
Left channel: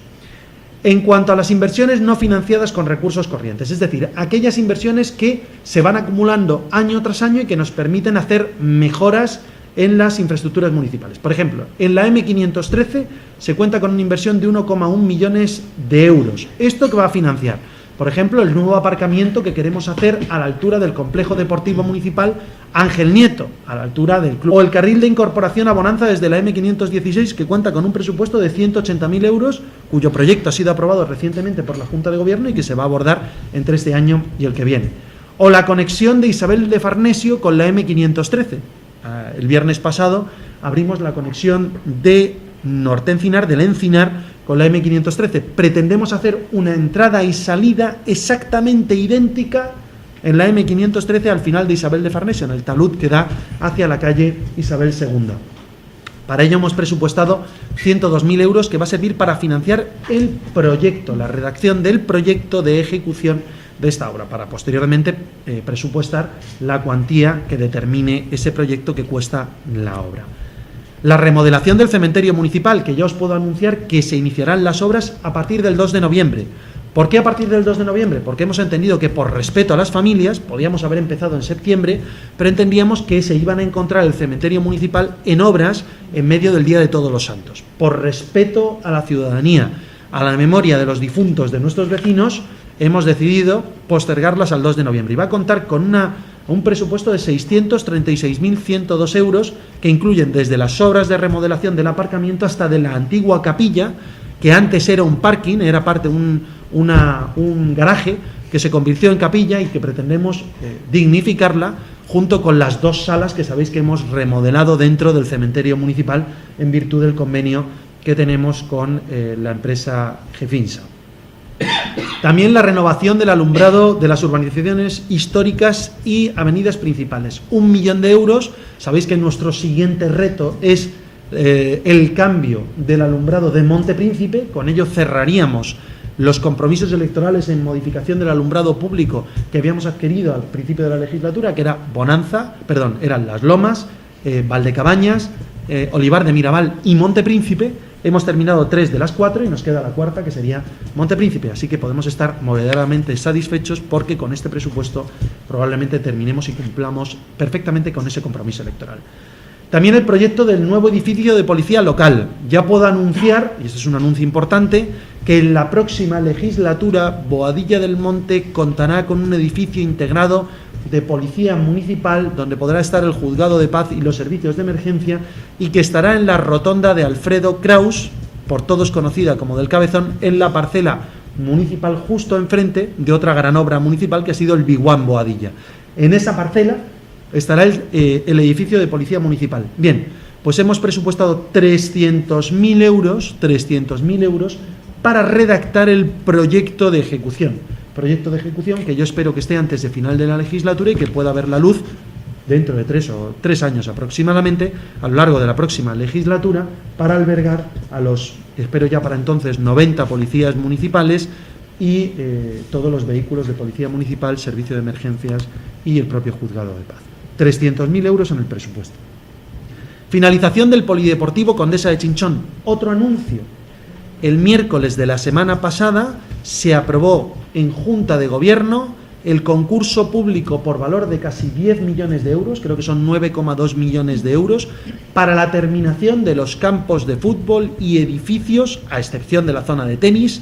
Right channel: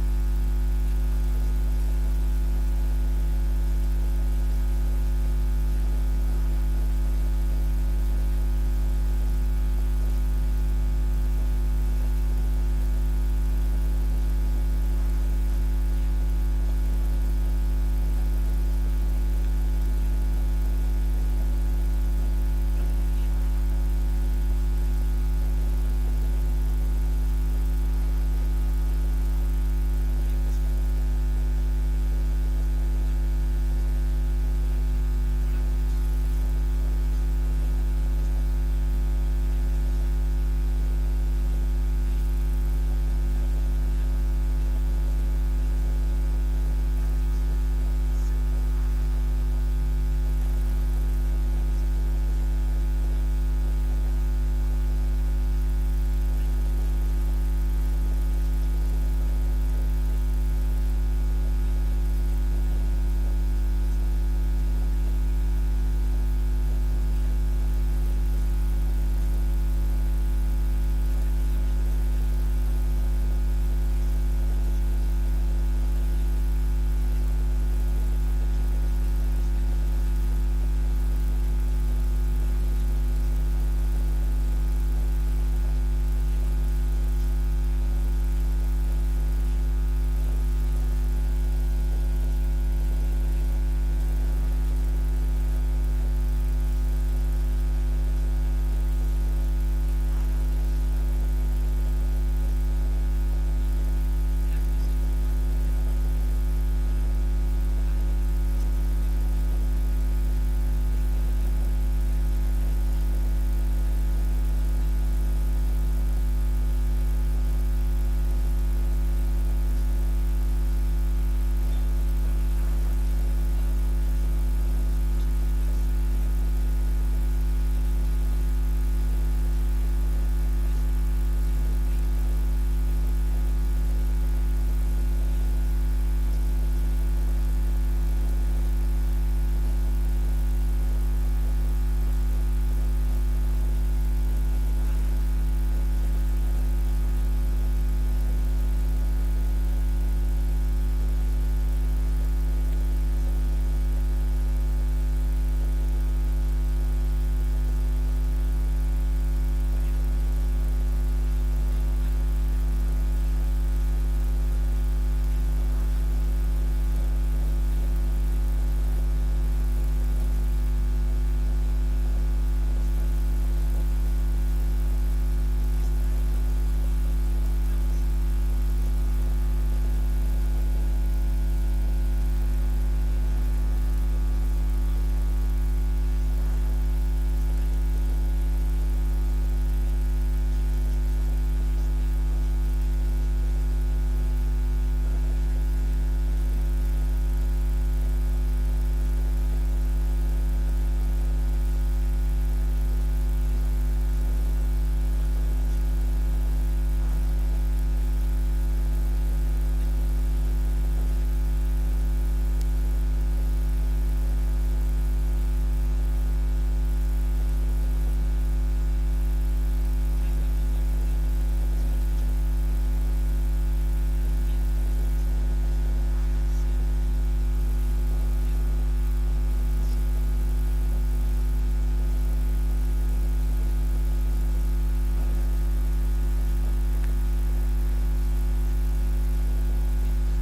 En cuanto a las inversiones no financiadas con recursos corrientes, es decir, aquellas inversiones que se van acumulando año tras año y que nos permiten hacer mejoras en las infraestructuras municipales. Por ejemplo, en la M513 se cuenta con una inversión de 1,1 millones de euros. ¿Esto qué va a financiar? Por ejemplo, el nuevo aparcamiento que queremos hacer a la altura del complejo deportivo municipal Ángel Nieto, a la altura del club. O el carril de incorporación a Bonanza desde la M516, que cuenta con un presupuesto de 180.000 euros, cuyo proyecto ha sido aprobado recientemente por la Junta de Gobierno y que se va a abordar entre este año y el que viene. O la conexión de Isabel de Farnesio con la M513. El viernes pasado abrimos la conexión de Norte-Encinar, del Encinar, con la M513. Pretendemos hacer una entrada y salida exactamente idéntica en la M513 al final de Isabel de Farnesio, en el talud que da hacia la calle Isabel II. Para ello hemos presupuestado 102.000 euros, que va a servir para financiar el proyecto, la redacción del proyecto de ejecución de esta obra, para posteriormente presupuestar la cuantía que determine ese proyecto que cuesta la obra. La remodelación del cementerio municipal, que ya os puedo anunciar que se iniciarán las obras a partir del 2 de noviembre. ¿Por qué a partir del 2 de noviembre? Porque hemos entendido que por respeto a las familias, podíamos haber empezado en septiembre, pero entendíamos que se iban a encontrar el cementerio municipal en obras en medio del Día de Todos los Santos. Por respeto a la ciudadanía, a la memoria de los difuntos de nuestros vecinos, hemos decidido postergarlas al 2 de noviembre. Y va a contar con un presupuesto de 636.102 euros, que incluyen desde las obras de remodelación del aparcamiento hasta de la antigua capilla, que antes era un parking, era parte de un garaje que se convirtió en capilla y que pretendemos dignificarla, junto con las 2 salas que sabéis que hemos remodelado dentro del cementerio municipal en virtud del convenio que tenemos con la empresa Gefinsa. También la renovación del alumbrado de las urbanizaciones históricas y avenidas principales. 1 millón de euros. Sabéis que nuestro siguiente reto es el cambio del alumbrado de Monte Príncipe. Con ello cerraríamos los compromisos electorales en modificación del alumbrado público que habíamos adquirido al principio de la legislatura, que era eran Las Lomas, Valdecabañas, Olivar de Mirabal y Monte Príncipe. Hemos terminado 3 de las 4 y nos queda la cuarta, que sería Monte Príncipe, así que podemos estar moderadamente satisfechos porque con este presupuesto probablemente terminemos y cumplamos perfectamente con ese compromiso electoral. También el proyecto del nuevo edificio de policía local. Ya puedo anunciar, y este es un anuncio importante, que en la próxima legislatura Boadilla del Monte contará con un edificio integrado de policía municipal, donde podrá estar el juzgado de paz y los servicios de emergencia, y que estará en la rotonda de Alfredo Kraus, por todos conocida como del Cabezón, en la parcela municipal justo enfrente de otra gran obra municipal que ha sido el Biguán Boadilla. En esa parcela estará el edificio de policía municipal. Bien, pues hemos presupuestado 300.000 euros para redactar el proyecto de ejecución. Proyecto de ejecución que yo espero que esté antes de final de la legislatura y que pueda ver la luz dentro de 3 años aproximadamente, a lo largo de la próxima legislatura, para albergar a los, espero ya para entonces, 90 policías municipales y todos los vehículos de policía municipal, servicio de emergencias y el propio juzgado de paz. 300.000 euros en el presupuesto. Finalización del polideportivo Condesa de Chinchón. Otro anuncio. El miércoles de la semana pasada se aprobó en Junta de Gobierno el concurso público por valor de casi 10 millones de euros, creo que son 9,2 millones de euros, para la terminación de los campos de fútbol y edificios, a excepción de la zona de tenis,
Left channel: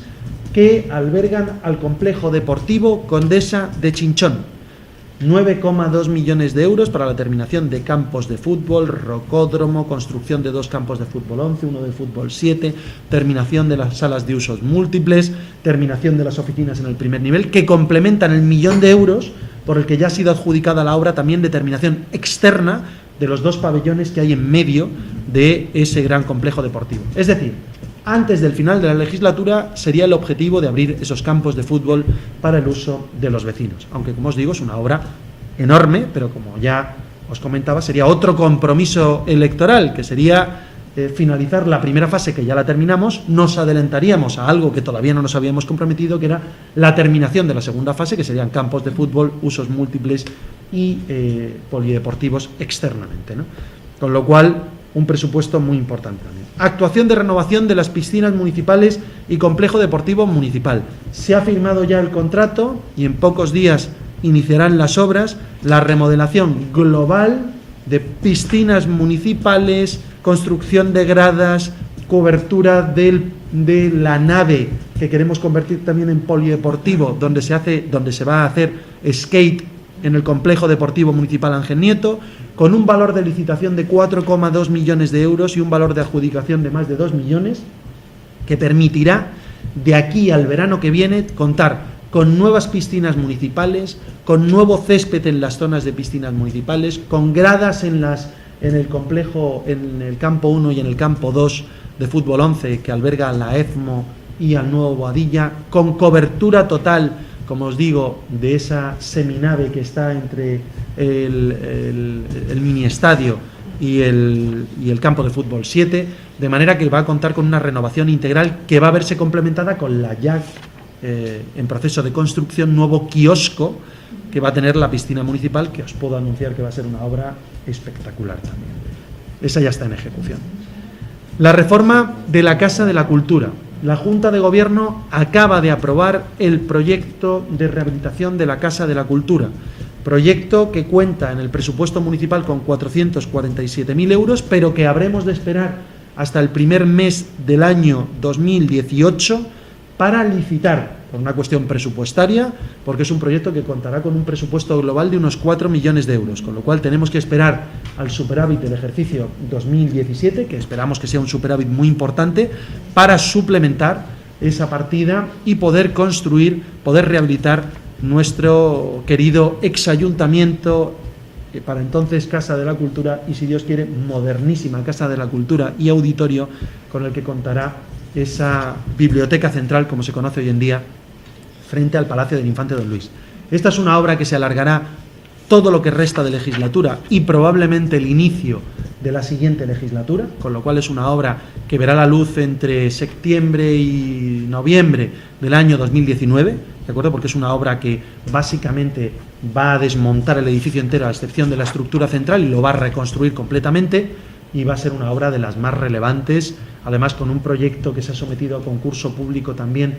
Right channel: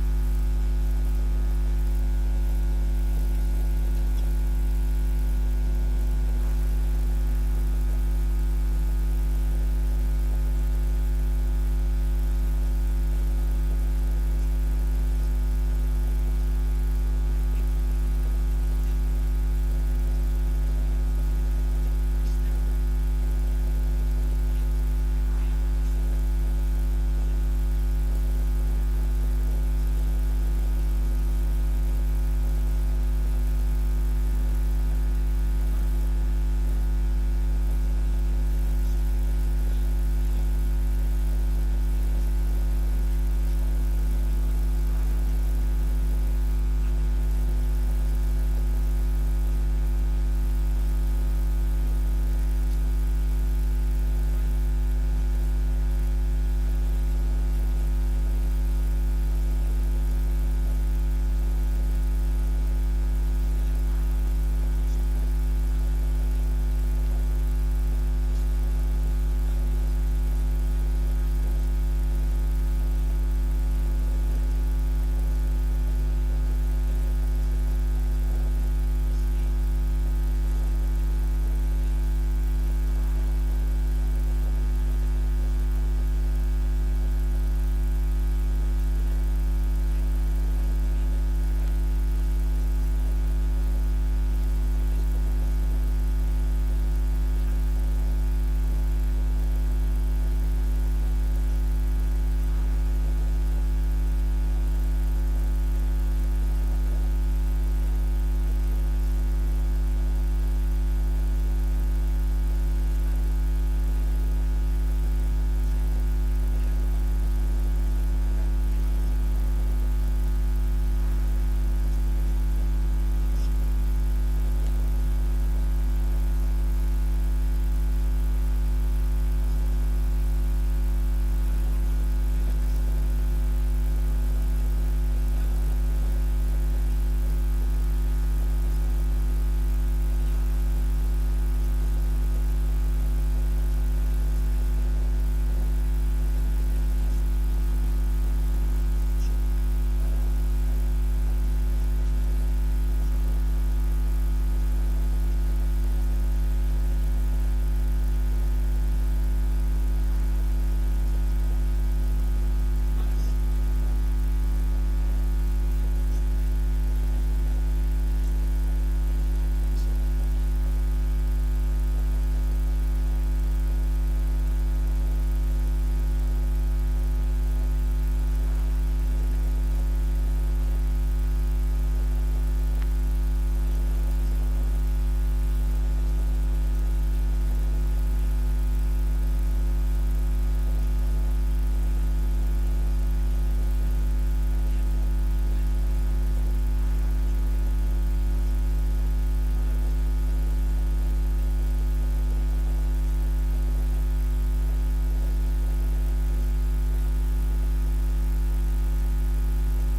que albergan al complejo deportivo Condesa de Chinchón. 9,2 millones de euros para la terminación de campos de fútbol, rocódromo, construcción de 2 campos de fútbol 11, uno de fútbol 7, terminación de las salas de usos múltiples, terminación de las oficinas en el primer nivel, que complementan el 1 millón de euros por el que ya ha sido adjudicada la obra también de terminación externa de los 2 pabellones que hay en medio de ese gran complejo deportivo. Es decir, antes del final de la legislatura sería el objetivo de abrir esos campos de fútbol para el uso de los vecinos. Aunque, como os digo, es una obra enorme, pero como ya os comentaba, sería otro compromiso electoral, que sería finalizar la primera fase, que ya la terminamos. Nos adelantaríamos a algo que todavía no nos habíamos comprometido, que era la terminación de la segunda fase, que serían campos de fútbol, usos múltiples y polideportivos externamente, ¿no? Con lo cual, un presupuesto muy importante. Actuación de renovación de las piscinas municipales y complejo deportivo municipal. Se ha firmado ya el contrato y en pocos días iniciarán las obras. La remodelación global de piscinas municipales, construcción de gradas, cobertura de la nave que queremos convertir también en polideportivo, donde se va a hacer skate en el complejo deportivo municipal Ángel Nieto, con un valor de licitación de 4,2 millones de euros y un valor de adjudicación de más de 2 millones, que permitirá de aquí al verano que viene contar con nuevas piscinas municipales, con nuevo césped en las zonas de piscinas municipales, con gradas en el complejo, en el campo 1 y en el campo 2 de fútbol 11, que alberga la EFMO y al nuevo Boadilla, con cobertura total, como os digo, de esa seminave que está entre el mini estadio y el campo de fútbol 7, de manera que va a contar con una renovación integral que va a verse complementada con la ya en proceso de construcción nuevo kiosco que va a tener la piscina municipal, que os puedo anunciar que va a ser una obra espectacular también. Esa ya está en ejecución. La reforma de la Casa de la Cultura. La Junta de Gobierno acaba de aprobar el proyecto de rehabilitación de la Casa de la Cultura, proyecto que cuenta en el presupuesto municipal con 447.000 euros, pero que habremos de esperar hasta el primer mes del año 2018 para licitar, por una cuestión presupuestaria, porque es un proyecto que contará con un presupuesto global de unos 4 millones de euros, con lo cual tenemos que esperar al superávit del ejercicio 2017, que esperamos que sea un superávit muy importante, para suplementar esa partida y poder construir, poder rehabilitar nuestro querido exayuntamiento, para entonces Casa de la Cultura, y si Dios quiere, modernísima Casa de la Cultura y auditorio, con el que contará esa biblioteca central, como se conoce hoy en día, frente al Palacio del Infante Don Luis. Esta es una obra que se alargará todo lo que resta de legislatura y probablemente el inicio de la siguiente legislatura, con lo cual es una obra que verá la luz entre septiembre y noviembre del año 2019, ¿de acuerdo? Porque es una obra que básicamente va a desmontar el edificio entero, a excepción de la estructura central, y lo va a reconstruir completamente, y va a ser una obra de las más relevantes, además con un proyecto que se ha sometido a concurso público también,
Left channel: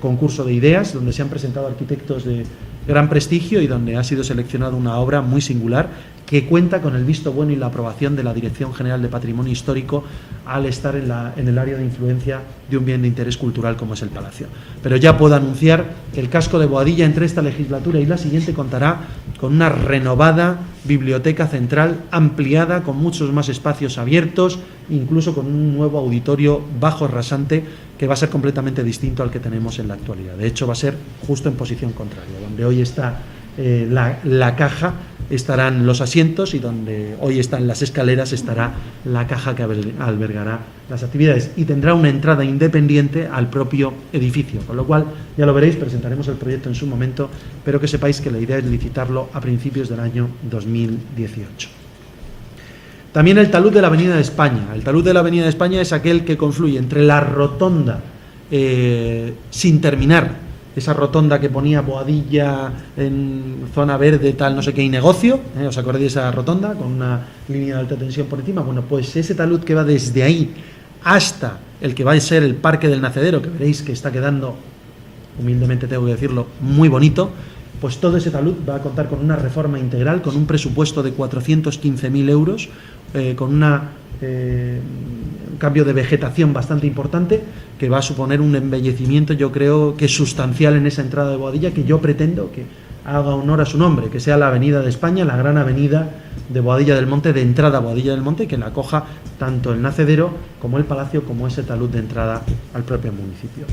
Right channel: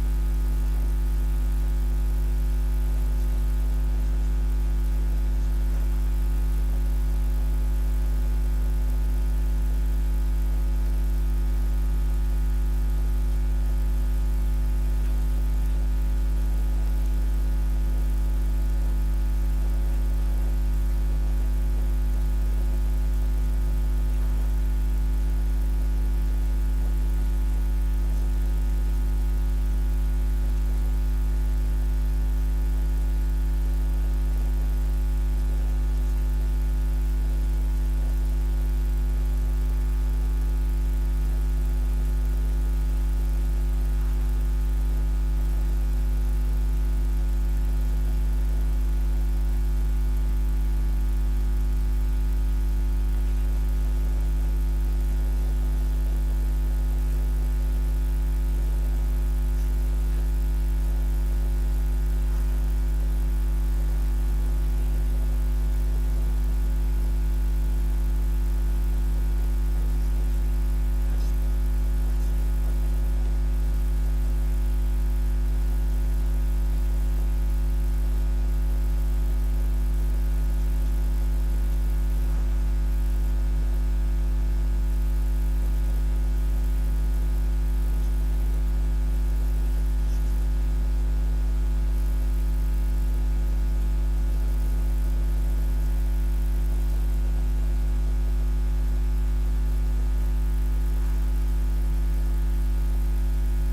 concurso de ideas, donde se han presentado arquitectos de gran prestigio y donde ha sido seleccionada una obra muy singular que cuenta con el visto bueno y la aprobación de la Dirección General de Patrimonio Histórico al estar en el área de influencia de un bien de interés cultural como es el Palacio. Pero ya puedo anunciar que el casco de Boadilla entre esta legislatura y la siguiente contará con una renovada biblioteca central ampliada, con muchos más espacios abiertos, incluso con un nuevo auditorio bajo rasante que va a ser completamente distinto al que tenemos en la actualidad. De hecho, va a ser justo en posición contraria. Donde hoy está la caja, estarán los asientos, y donde hoy están las escaleras estará la caja que albergará las actividades, y tendrá una entrada independiente al propio edificio, con lo cual, ya lo veréis, presentaremos el proyecto en su momento, pero que sepáis que la idea es licitarlo a principios del año 2018. También el talud de la Avenida de España. El talud de la Avenida de España es aquel que confluye entre la rotonda sin terminar, esa rotonda que ponía Boadilla en zona verde, tal, no sé qué, y negocio, ¿os acordáis de esa rotonda con una línea de alta tensión por encima? Bueno, pues ese talud que va desde ahí hasta el que va a ser el Parque del Nacedero, que veréis que está quedando, humildemente tengo que decirlo, muy bonito, pues todo ese talud va a contar con una reforma integral, con un presupuesto de 415.000 euros, con un cambio de vegetación bastante importante, que va a suponer un embellecimiento, yo creo que sustancial, en esa entrada de Boadilla, que yo pretendo que haga honor a su nombre, que sea la Avenida de España, la gran avenida de Boadilla del Monte, de entrada a Boadilla del Monte, que la acoja tanto el nacedero como el palacio, como ese talud de entrada al propio municipio.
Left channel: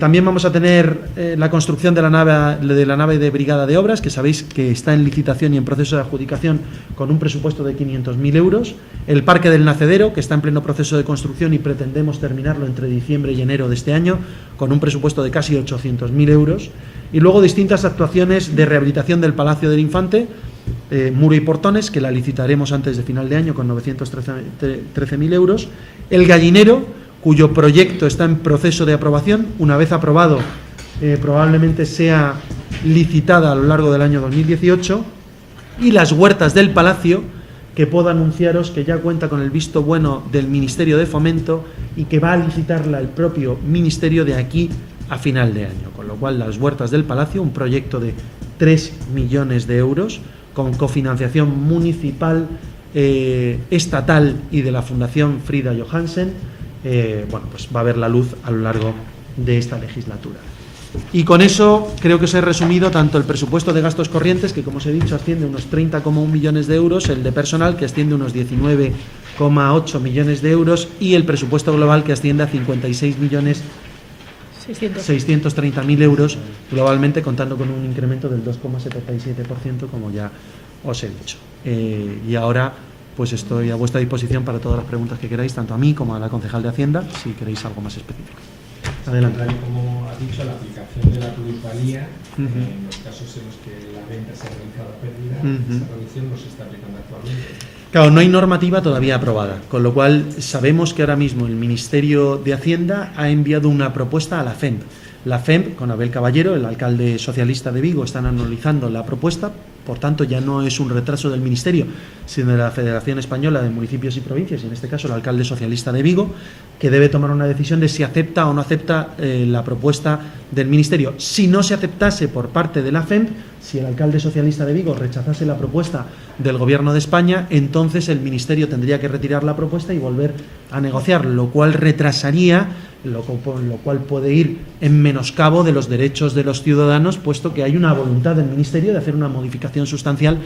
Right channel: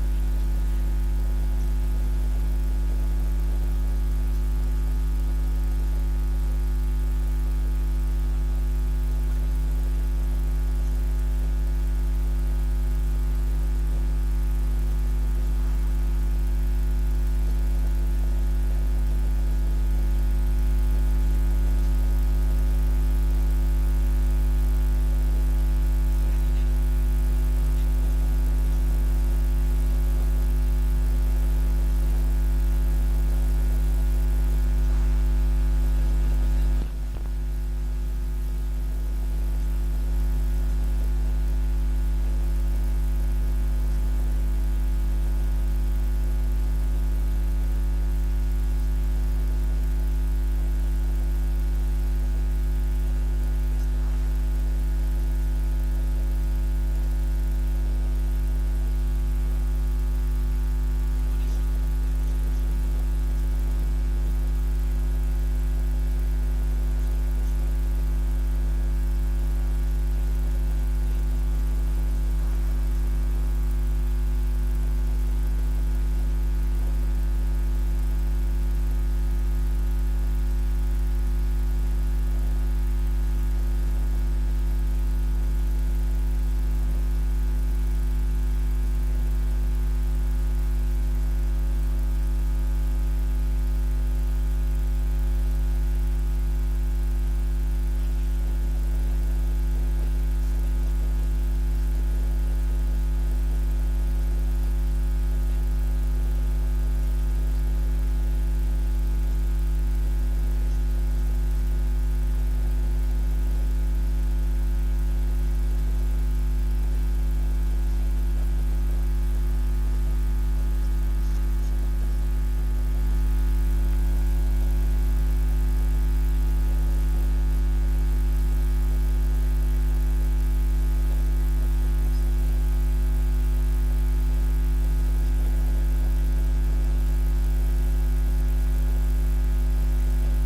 También vamos a tener la construcción de la nave de brigada de obras, que sabéis que está en licitación y en proceso de adjudicación con un presupuesto de 500.000 euros. El parque del nacedero, que está en pleno proceso de construcción y pretendemos terminarlo entre diciembre y enero de este año, con un presupuesto de casi 800.000 euros. Y luego distintas actuaciones de rehabilitación del Palacio del Infante, muro y portones, que la licitaremos antes de final de año con 913.000 euros. El gallinero, cuyo proyecto está en proceso de aprobación. Una vez aprobado, probablemente sea licitada a lo largo del año 2018. Y las huertas del Palacio, que puedo anunciaros que ya cuenta con el visto bueno del Ministerio de Fomento y que va a licitarla el propio Ministerio de aquí a final de año. Con lo cual, las huertas del Palacio, un proyecto de 3 millones de euros, con cofinanciación municipal, estatal y de la Fundación Frida Johansen, pues va a ver la luz a lo largo de esta legislatura. Y con eso creo que os he resumido tanto el presupuesto de gastos corrientes, que como os he dicho asciende a unos 30,1 millones de euros, el de personal, que asciende a unos 19,8 millones de euros, y el presupuesto global, que asciende a 56.630.000 euros globalmente, contando con un incremento del 2,77%, como ya os he dicho. Y ahora pues estoy a vuestra disposición para todas las preguntas que queráis, tanto a mí como a la concejal de Hacienda, si queréis algo más específico. Adelante. Como has dicho, la aplicación de la plusvalía, en los casos en los que la venta se ha realizado a pérdida, esa reducción no se está aplicando actualmente. Claro, no hay normativa todavía aprobada, con lo cual sabemos que ahora mismo el Ministerio de Hacienda ha enviado una propuesta a la FEMP. La FEMP, con Abel Caballero, el alcalde socialista de Vigo, están analizando la propuesta. Por tanto, ya no es un retraso del Ministerio, sino de la Federación Española de Municipios y Provincias, y en este caso el alcalde socialista de Vigo, que debe tomar una decisión de si acepta o no acepta la propuesta del Ministerio. Si no se aceptase por parte de la FEMP, si el alcalde socialista de Vigo rechazase la propuesta del Gobierno de España, entonces el Ministerio tendría que retirar la propuesta y volver a negociar, lo cual retrasaría, lo cual puede ir en menoscabo de los derechos de los ciudadanos, puesto que hay una voluntad del Ministerio de hacer una modificación sustancial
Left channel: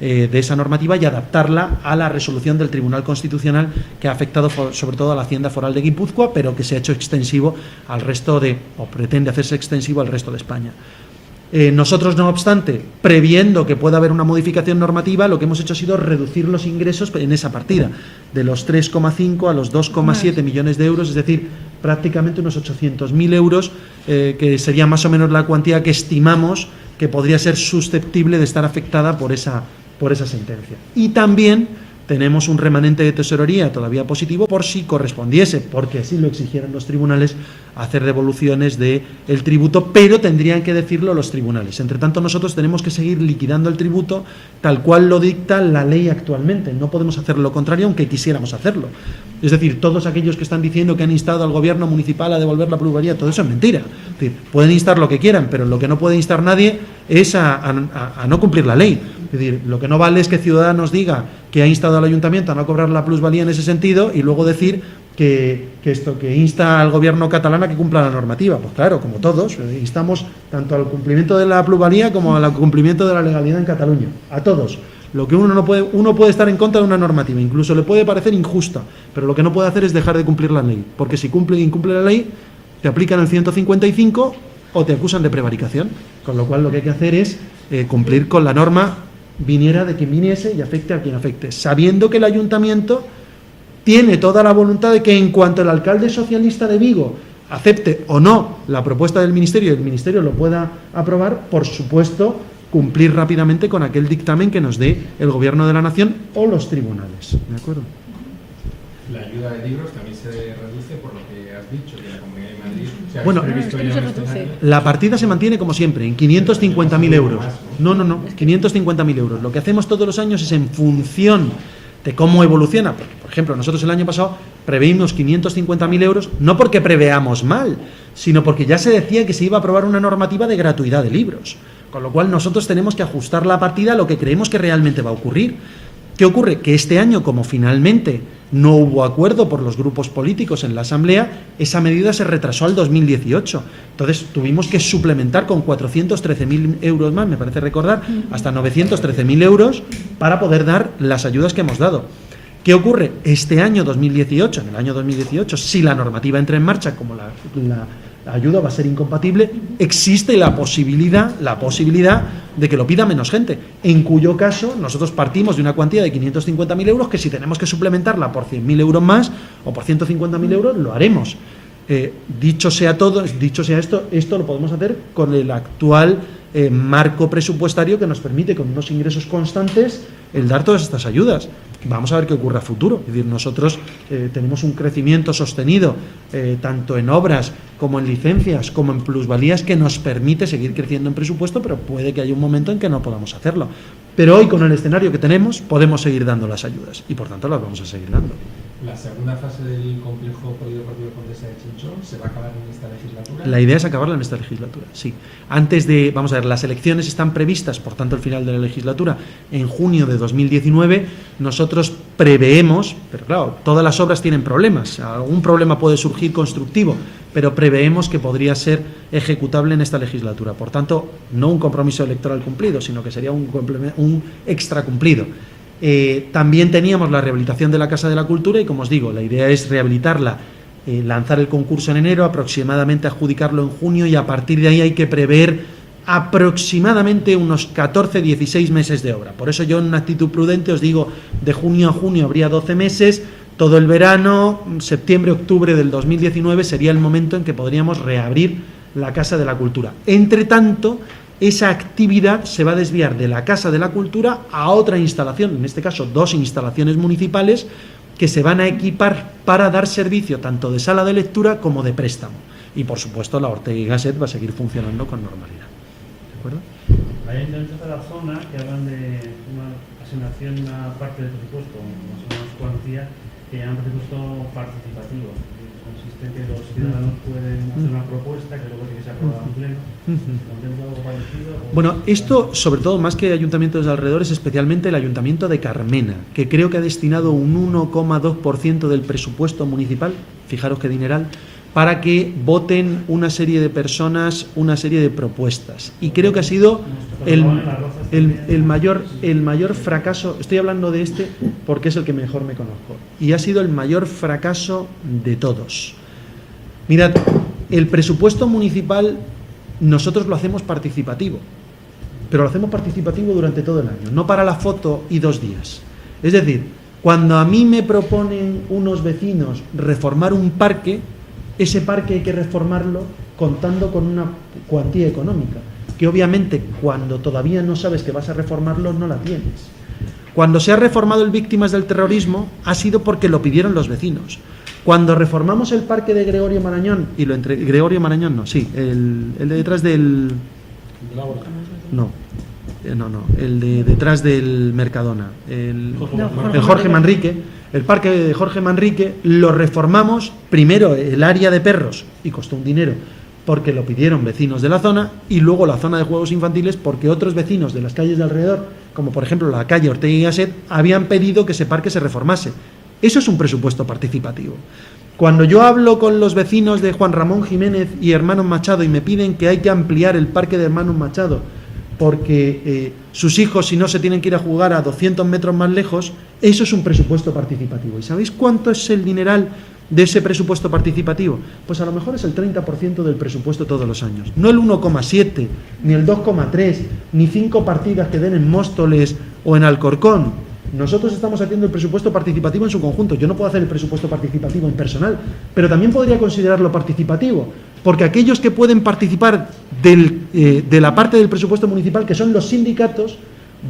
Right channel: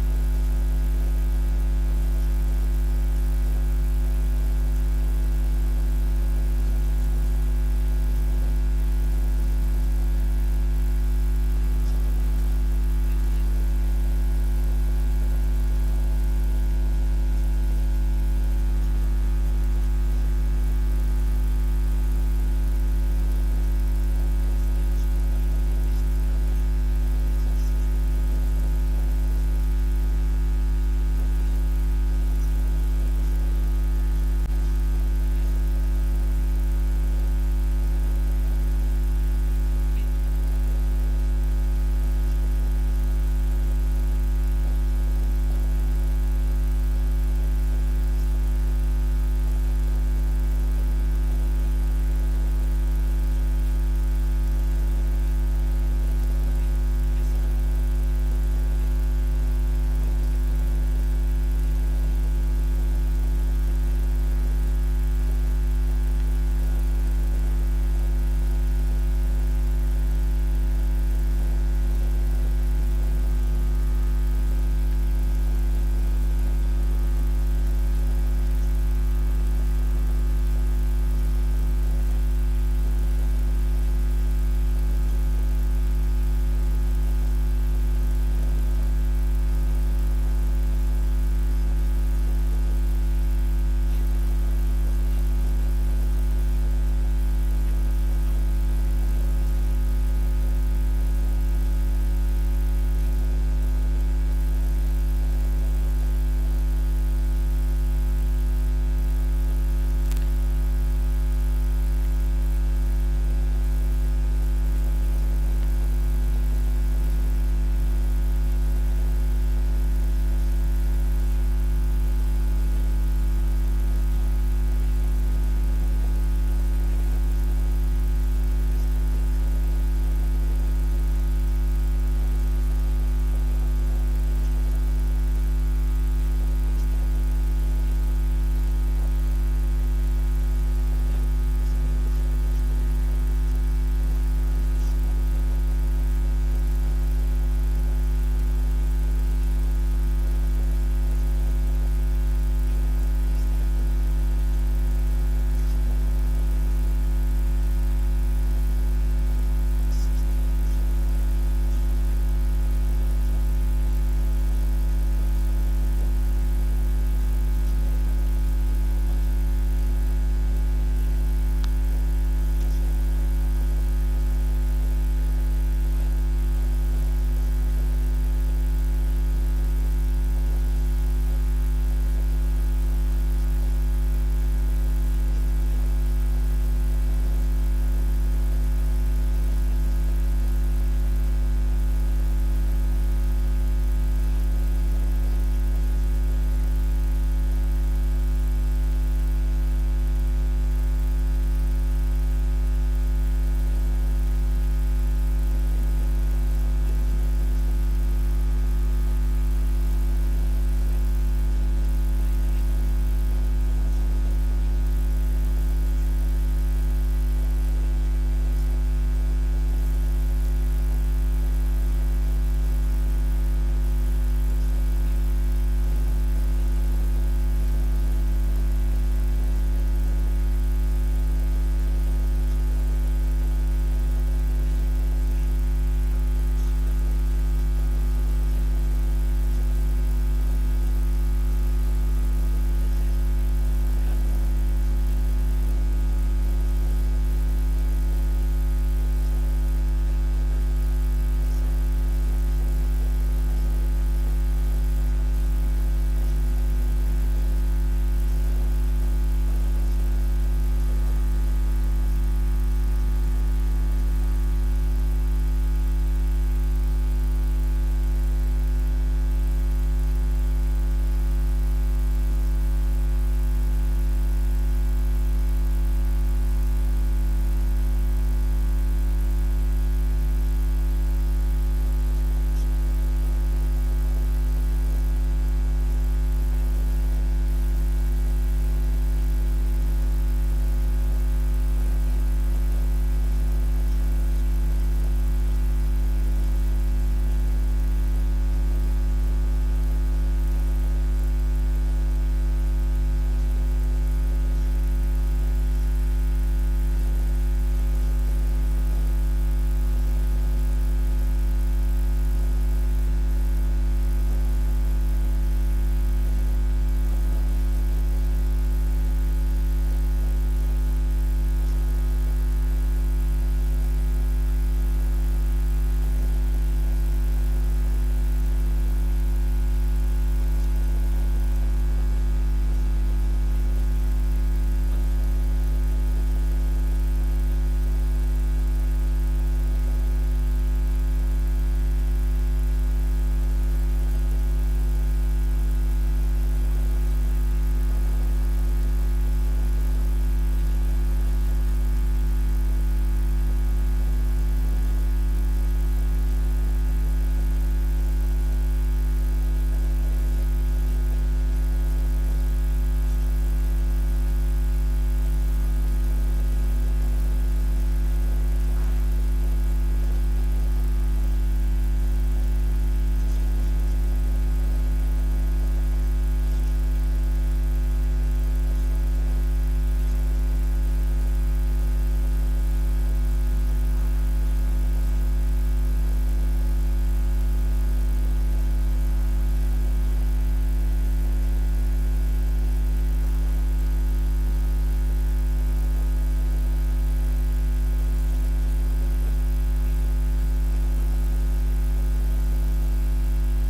de esa normativa y adaptarla a la resolución del Tribunal Constitucional, que ha afectado sobre todo a la Hacienda Foral de Guipúzcoa, pero que se ha hecho extensivo al resto o pretende hacerse extensivo al resto de España. Nosotros, no obstante, previendo que pueda haber una modificación normativa, lo que hemos hecho ha sido reducir los ingresos en esa partida, de los 3,5 a los 2,7 millones de euros, es decir, prácticamente unos 800.000 euros, que sería más o menos la cuantía que estimamos que podría ser susceptible de estar afectada por esa sentencia. Y también tenemos un remanente de tesorería todavía positivo por si correspondiese, porque así lo exigieran los tribunales, hacer devoluciones del tributo, pero tendrían que decirlo los tribunales. Entre tanto, nosotros tenemos que seguir liquidando el tributo tal cual lo dicta la ley actualmente. No podemos hacer lo contrario, aunque quisiéramos hacerlo. Es decir, todos aquellos que están diciendo que han instado al gobierno municipal a devolver la plusvalía, todo eso es mentira. Es decir, pueden instar lo que quieran, pero lo que no puede instar nadie es a no cumplir la ley. Es decir, lo que no vale es que Ciudadanos diga que ha instado al ayuntamiento a no cobrar la plusvalía en ese sentido y luego decir que insta al gobierno catalán a que cumpla la normativa. Pues claro, como todos, instamos tanto al cumplimiento de la plusvalía como al cumplimiento de la legalidad en Cataluña. A todos. Lo que uno puede estar en contra de una normativa, incluso le puede parecer injusta, pero lo que no puede hacer es dejar de cumplir la ley, porque si incumple la ley, te aplican el 155 o te acusan de prevaricación, con lo cual lo que hay que hacer es cumplir con la norma, viniera de quien viniese y afecte a quien afecte, sabiendo que el ayuntamiento tiene toda la voluntad de que en cuanto el alcalde socialista de Vigo acepte o no la propuesta del Ministerio y el Ministerio lo pueda aprobar, por supuesto, cumplir rápidamente con aquel dictamen que nos dé el Gobierno de la Nación o los tribunales. ¿De acuerdo? La ayuda de libros también se reduce por lo que has dicho, que la Comunidad de Madrid se ha Bueno, previsto ya en este año. la partida se mantiene como siempre, en 550.000 euros. No, 550.000 euros. Lo que hacemos todos los años es en función de cómo evoluciona. Por ejemplo, nosotros el año pasado preveímos 550.000 euros, no porque preveamos mal, sino porque ya se decía que se iba a aprobar una normativa de gratuidad de libros. Con lo cual nosotros tenemos que ajustar la partida a lo que creemos que realmente va a ocurrir. ¿Qué ocurre? Que este año, como finalmente no hubo acuerdo por los grupos políticos en la Asamblea, esa medida se retrasó al 2018. Entonces tuvimos que suplementar con 413.000 euros más, me parece recordar, hasta 913.000 euros para poder dar las ayudas que hemos dado. ¿Qué ocurre? Este año 2018, en el año 2018, si la normativa entra en marcha, como la ayuda va a ser incompatible, existe la posibilidad de que lo pida menos gente, en cuyo caso nosotros partimos de una cuantía de 550.000 euros que si tenemos que suplementarla por 100.000 euros más o por 150.000 euros, lo haremos. Dicho sea esto lo podemos hacer con el actual marco presupuestario que nos permite, con unos ingresos constantes, el dar todas estas ayudas. Vamos a ver qué ocurre a futuro. Es decir, nosotros tenemos un crecimiento sostenido tanto en obras como en licencias como en plusvalías que nos permite seguir creciendo en presupuesto, pero puede que haya un momento en que no podamos hacerlo. Pero hoy, con el escenario que tenemos, podemos seguir dando las ayudas y por tanto las vamos a seguir dando. La segunda fase del complejo polideportivo Condesa de Chinchón se va a acabar en esta legislatura. La idea es acabarla en esta legislatura, sí. Antes de, vamos a ver, las elecciones están previstas, por tanto el final de la legislatura, en junio de 2019. Nosotros preveemos, pero claro, todas las obras tienen problemas, algún problema puede surgir constructivo, pero preveemos que podría ser ejecutable en esta legislatura. Por tanto, no un compromiso electoral cumplido, sino que sería un extra cumplido. También teníamos la rehabilitación de la Casa de la Cultura y, como os digo, la idea es rehabilitarla, lanzar el concurso en enero, aproximadamente adjudicarlo en junio, y a partir de ahí hay que prever aproximadamente unos 14-16 meses de obra. Por eso yo, en una actitud prudente, os digo, de junio a junio habría 12 meses, todo el verano, septiembre-octubre del 2019 sería el momento en que podríamos reabrir la Casa de la Cultura. Entre tanto, esa actividad se va a desviar de la Casa de la Cultura a otra instalación, en este caso 2 instalaciones municipales, que se van a equipar para dar servicio tanto de sala de lectura como de préstamo. Y por supuesto la Ortega y Gasset va a seguir funcionando con normalidad. ¿De acuerdo? Hay ayuntamientos de la zona que hablan de una asignación, una parte del presupuesto, más cuantía, que llaman presupuesto participativo. Consiste que los ciudadanos pueden hacer una propuesta que luego tiene que ser aprobada en pleno. Bueno, esto, sobre todo, más que ayuntamientos de alrededor, es especialmente el ayuntamiento de Carmena, que creo que ha destinado un 1,2% del presupuesto municipal, fijaros qué dineral, para que voten una serie de personas, una serie de propuestas. Y creo que ha sido el mayor fracaso, estoy hablando de este porque es el que mejor me conozco, y ha sido el mayor fracaso de todos. Mirad, el presupuesto municipal nosotros lo hacemos participativo, pero lo hacemos participativo durante todo el año, no para la foto y 2 días. Es decir, cuando a mí me proponen unos vecinos reformar un parque, ese parque hay que reformarlo contando con una cuantía económica, que obviamente cuando todavía no sabes que vas a reformarlo no la tienes. Cuando se ha reformado el Víctimas del Terrorismo ha sido porque lo pidieron los vecinos. Cuando reformamos el parque de Gregorio Marañón, y lo entre Gregorio Marañón no, sí, el de detrás del... No, el de detrás del Mercadona, el Jorge Manrique, el parque de Jorge Manrique, lo reformamos primero el área de perros, y costó un dinero, porque lo pidieron vecinos de la zona, y luego la zona de juegos infantiles, porque otros vecinos de las calles de alrededor, como por ejemplo la calle Ortega y Gasset, habían pedido que ese parque se reformase. Eso es un presupuesto participativo. Cuando yo hablo con los vecinos de Juan Ramón Jiménez y Hermanos Machado y me piden que hay que ampliar el parque de Hermanos Machado porque sus hijos, si no, se tienen que ir a jugar a 200 metros más lejos, eso es un presupuesto participativo. ¿Y sabéis cuánto es el dineral de ese presupuesto participativo? Pues a lo mejor es el 30% del presupuesto todos los años. No el 1,7, ni el 2,3, ni 5 partidas que den en Móstoles o en Alcorcón. Nosotros estamos haciendo el presupuesto participativo en su conjunto. Yo no puedo hacer el presupuesto participativo en personal, pero también podría considerarlo participativo, porque aquellos que pueden participar de la parte del presupuesto municipal, que son los sindicatos,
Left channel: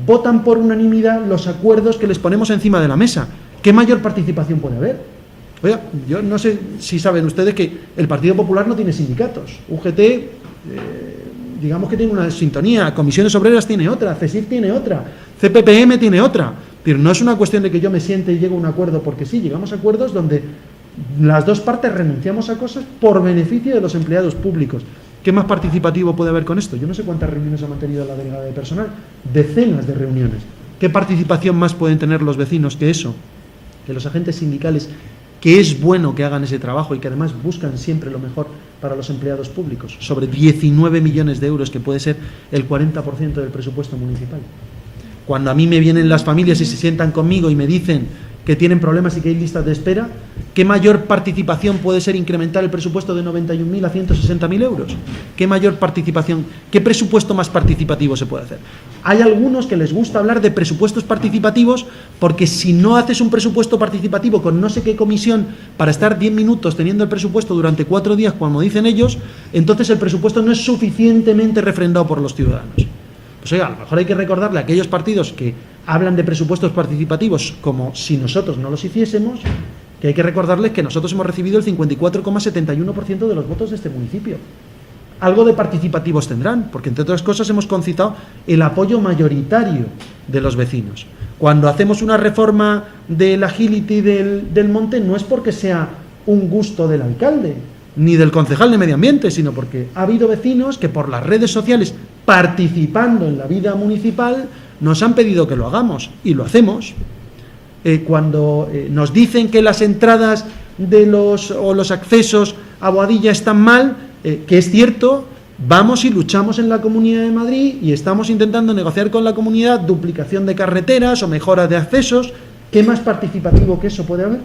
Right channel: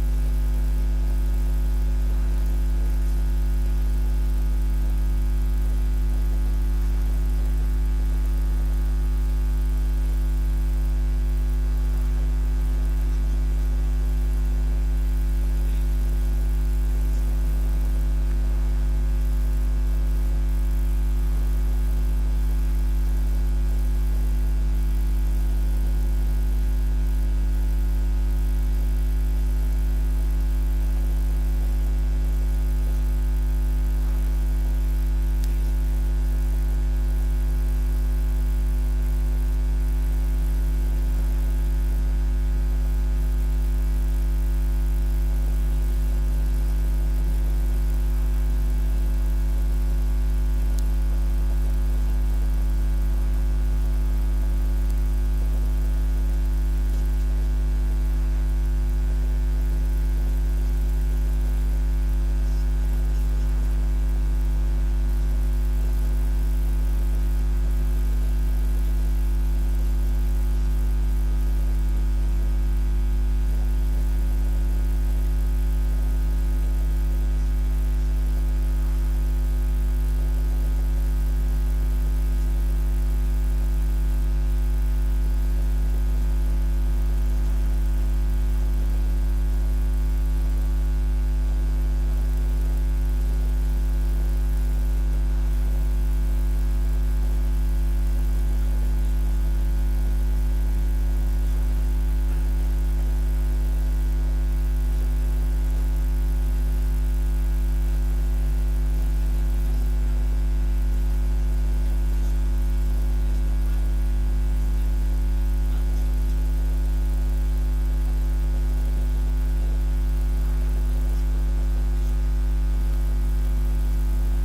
votan por unanimidad los acuerdos que les ponemos encima de la mesa. ¿Qué mayor participación puede haber? Oiga, yo no sé si saben ustedes que el Partido Popular no tiene sindicatos. UGT, digamos que tiene una sintonía, Comisiones Obreras tiene otra, CESIF tiene otra, CPPM tiene otra. Es decir, no es una cuestión de que yo me siente y llego a un acuerdo porque sí, llegamos a acuerdos donde las dos partes renunciamos a cosas por beneficio de los empleados públicos. ¿Qué más participativo puede haber con esto? Yo no sé cuántas reuniones ha mantenido la delegada de personal, decenas de reuniones. ¿Qué participación más pueden tener los vecinos que eso? Que los agentes sindicales, que es bueno que hagan ese trabajo y que además buscan siempre lo mejor para los empleados públicos, sobre 19 millones de euros, que puede ser el 40% del presupuesto municipal. Cuando a mí me vienen las familias y se sientan conmigo y me dicen que tienen problemas y que hay listas de espera, ¿qué mayor participación puede ser incrementar el presupuesto de 91.000 a 160.000 euros? ¿Qué mayor participación, qué presupuesto más participativo se puede hacer? Hay algunos que les gusta hablar de presupuestos participativos porque si no haces un presupuesto participativo con no sé qué comisión para estar 10 minutos teniendo el presupuesto durante 4 días, como dicen ellos, entonces el presupuesto no es suficientemente refrendado por los ciudadanos. Pues oiga, a lo mejor hay que recordarle a aquellos partidos que hablan de presupuestos participativos como si nosotros no los hiciésemos, que hay que recordarles que nosotros hemos recibido el 54,71% de los votos de este municipio. Algo de participativos tendrán, porque entre otras cosas hemos concitado el apoyo mayoritario de los vecinos. Cuando hacemos una reforma del agility del monte, no es porque sea un gusto del alcalde, ni del concejal de medio ambiente, sino porque ha habido vecinos que por las redes sociales, participando en la vida municipal, nos han pedido que lo hagamos, y lo hacemos. Cuando nos dicen que las entradas de los accesos a Boadilla están mal, que es cierto, vamos y luchamos en la Comunidad de Madrid y estamos intentando negociar con la comunidad duplicación de carreteras o mejora de accesos. ¿Qué más participativo que eso puede haber?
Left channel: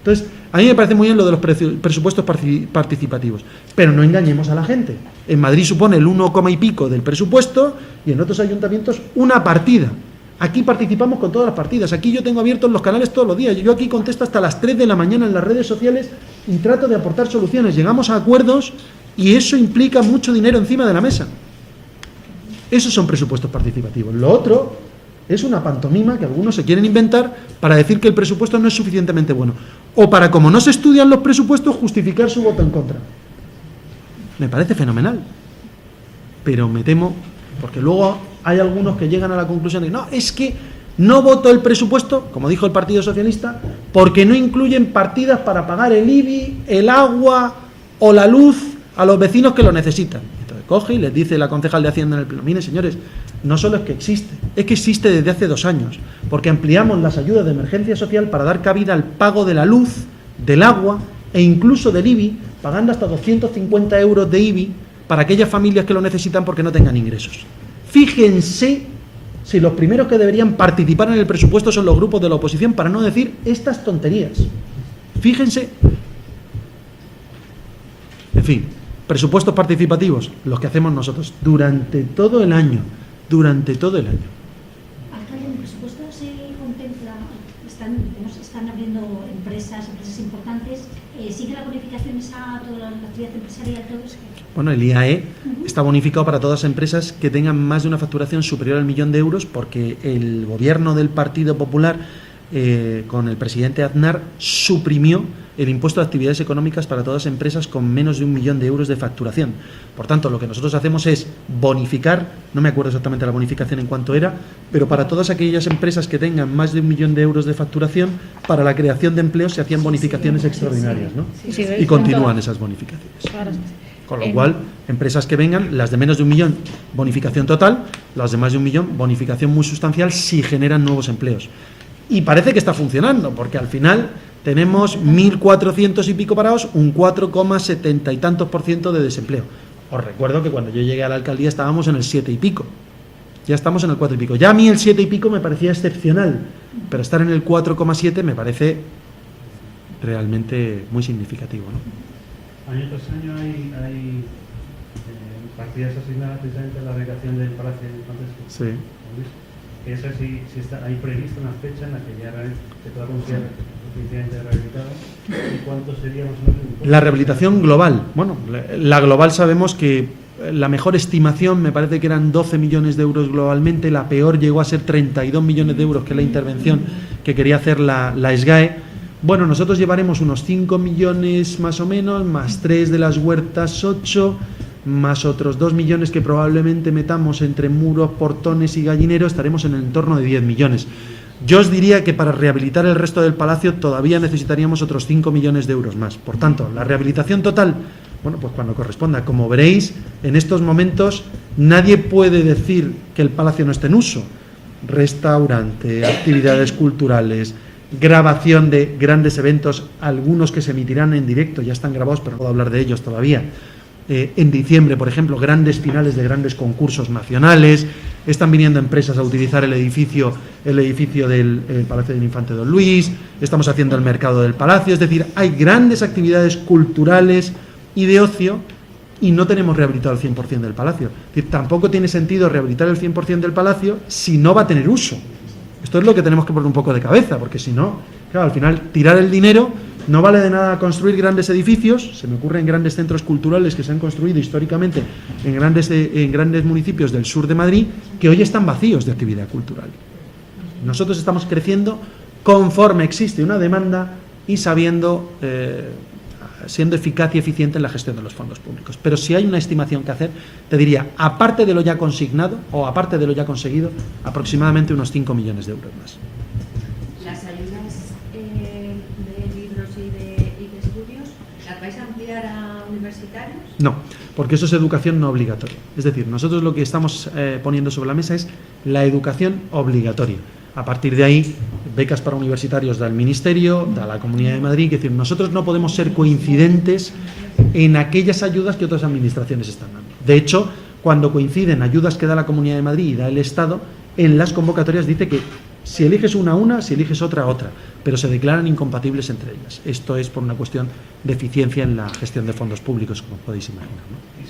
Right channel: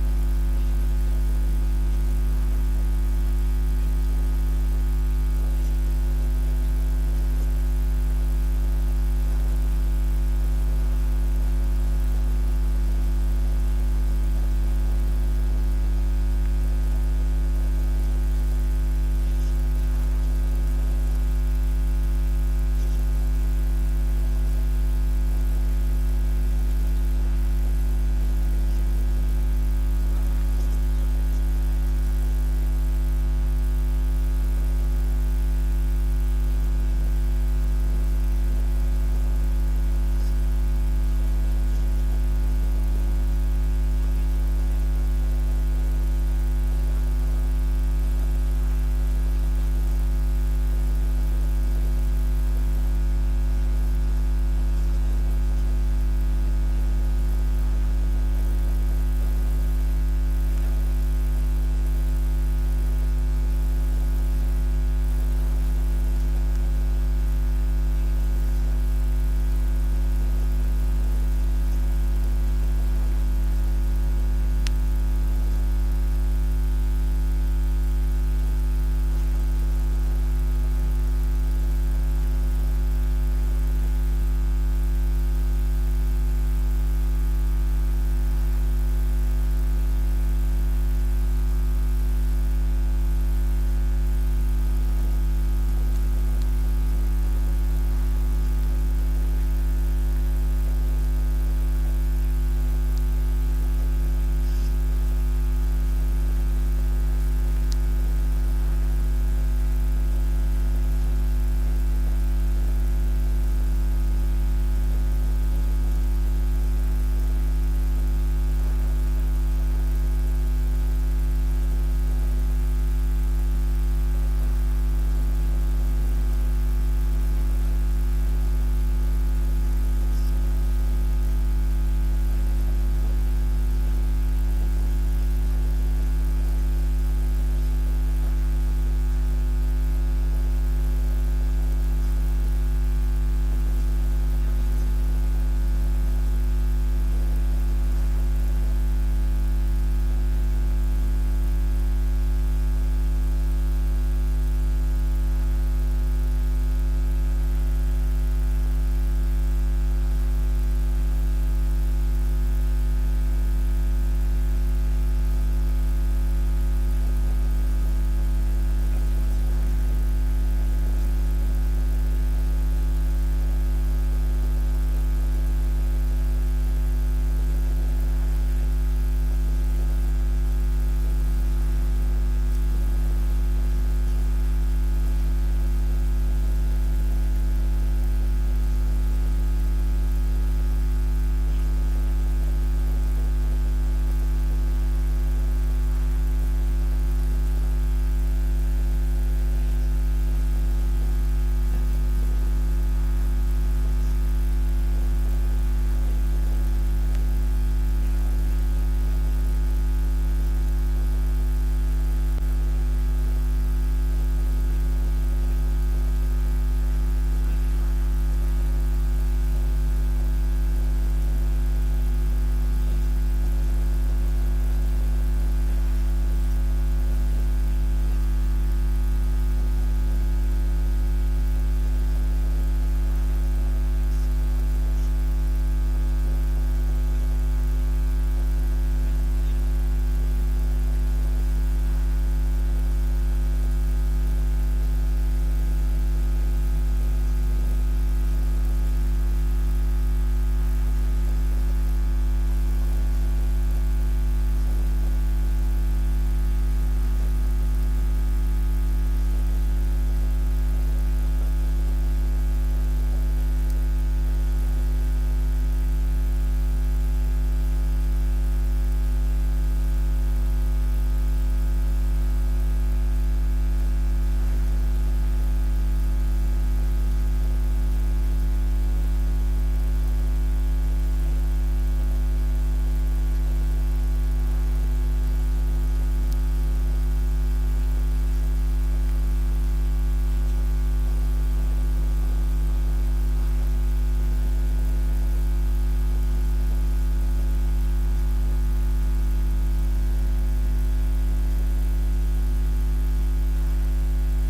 Entonces, a mí me parece muy bien lo de los presupuestos participativos, pero no engañemos a la gente. En Madrid supone el 1, y pico del presupuesto y en otros ayuntamientos una partida. Aquí participamos con todas las partidas. Aquí yo tengo abiertos los canales todos los días. Yo aquí contesto hasta las 3 de la mañana en las redes sociales y trato de aportar soluciones. Llegamos a acuerdos y eso implica mucho dinero encima de la mesa. Esos son presupuestos participativos. Lo otro es una pantomima que algunos se quieren inventar para decir que el presupuesto no es suficientemente bueno. O para, como no se estudian los presupuestos, justificar su voto en contra. Me parece fenomenal. Pero me temo, porque luego hay algunos que llegan a la conclusión de que no, es que no voto el presupuesto, como dijo el Partido Socialista, porque no incluyen partidas para pagar el IBI, el agua o la luz a los vecinos que lo necesitan. Entonces coge y les dice la concejal de Hacienda en el pleno: miren, señores, no solo es que existe desde hace 2 años, porque ampliamos las ayudas de emergencia social para dar cabida al pago de la luz, del agua e incluso del IBI, pagando hasta 250 euros de IBI para aquellas familias que lo necesitan porque no tengan ingresos. Fíjense si los primeros que deberían participar en el presupuesto son los grupos de la oposición, para no decir estas tonterías. Fíjense. En fin, presupuestos participativos, los que hacemos nosotros durante todo el año. Durante todo el año. Alcalde, en el presupuesto se contempla, nos están abriendo empresas importantes, ¿sigue la bonificación a toda la actividad empresarial, todo eso? Bueno, el IAE está bonificado para todas las empresas que tengan más de una facturación superior al 1.000.000 de euros, porque el gobierno del Partido Popular, con el presidente Aznar, suprimió el impuesto de actividades económicas para todas las empresas con menos de 1.000.000 de euros de facturación. Por tanto, lo que nosotros hacemos es bonificar, no me acuerdo exactamente la bonificación en cuánto era, pero para todas aquellas empresas que tengan más de 1.000.000 de euros de facturación, para la creación de empleos se hacían bonificaciones extraordinarias, ¿no? Sí, Y continúan esas bonificaciones. Claro. Con lo cual, empresas que vengan, las de menos de 1.000.000, bonificación total, las de más de 1.000.000, bonificación muy sustancial si generan nuevos empleos. Y parece que está funcionando, porque al final tenemos 1.400 y pico parados, un 4,70 y tantos % de desempleo. Os recuerdo que cuando yo llegué a la alcaldía estábamos en el 7 y pico. Ya estamos en el 4 y pico. Ya a mí el 7 y pico me parecía excepcional, pero estar en el 4,7 me parece realmente muy significativo, ¿no? Año tras año hay partidas asignadas precisamente a la rehabilitación del Palacio de Congreso. Sí. Eso sí está ahí prevista una fecha en la que ya se pueda considerar suficientemente rehabilitado. ¿Y cuánto sería más o menos? La rehabilitación global. Bueno, la global sabemos que la mejor estimación me parece que eran 12 millones de euros globalmente, la peor llegó a ser 32 millones de euros, que es la intervención que quería hacer la SGAE. Bueno, nosotros llevaremos unos 5 millones más o menos, más 3 de las huertas, 8, más otros 2 millones que probablemente metamos entre muros, portones y gallineros, estaremos en el entorno de 10 millones. Yo os diría que para rehabilitar el resto del palacio todavía necesitaríamos otros 5 millones de euros más. Por tanto, la rehabilitación total, bueno, pues cuando corresponda. Como veréis, en estos momentos nadie puede decir que el palacio no esté en uso. restaurante, actividades culturales, grabación de grandes eventos, algunos que se emitirán en directo, ya están grabados, pero no puedo hablar de ellos todavía. En diciembre, por ejemplo, grandes finales de grandes concursos nacionales. Están viniendo empresas a utilizar el edificio del Palacio del Infante Don Luis. Estamos haciendo el mercado del Palacio. Es decir, hay grandes actividades culturales y de ocio y no tenemos rehabilitado el 100% del Palacio. Es decir, tampoco tiene sentido rehabilitar el 100% del Palacio si no va a tener uso. Esto es lo que tenemos que poner un poco de cabeza, porque si no, claro, al final tirar el dinero no vale de nada construir grandes edificios. Se me ocurren grandes centros culturales que se han construido históricamente en grandes municipios del sur de Madrid, que hoy están vacíos de actividad cultural. Nosotros estamos creciendo conforme existe una demanda y siendo eficaz y eficiente en la gestión de los fondos públicos. Pero si hay una estimación que hacer, te diría, aparte de lo ya consignado o aparte de lo ya conseguido, aproximadamente unos 5 millones de euros más. ¿Las ayudas de libros y de estudios las vais a ampliar a universitarios? No, porque eso es educación no obligatoria. Es decir, nosotros lo que estamos poniendo sobre la mesa es la educación obligatoria. A partir de ahí, becas para universitarios da el Ministerio, da la Comunidad de Madrid. Es decir, nosotros no podemos ser coincidentes en aquellas ayudas que otras administraciones están dando. De hecho, cuando coinciden ayudas que da la Comunidad de Madrid y da el Estado, en las convocatorias dice que si eliges una, si eliges otra, pero se declaran incompatibles entre ellas. Esto es por una cuestión de eficiencia en la gestión de fondos públicos, como podéis imaginar.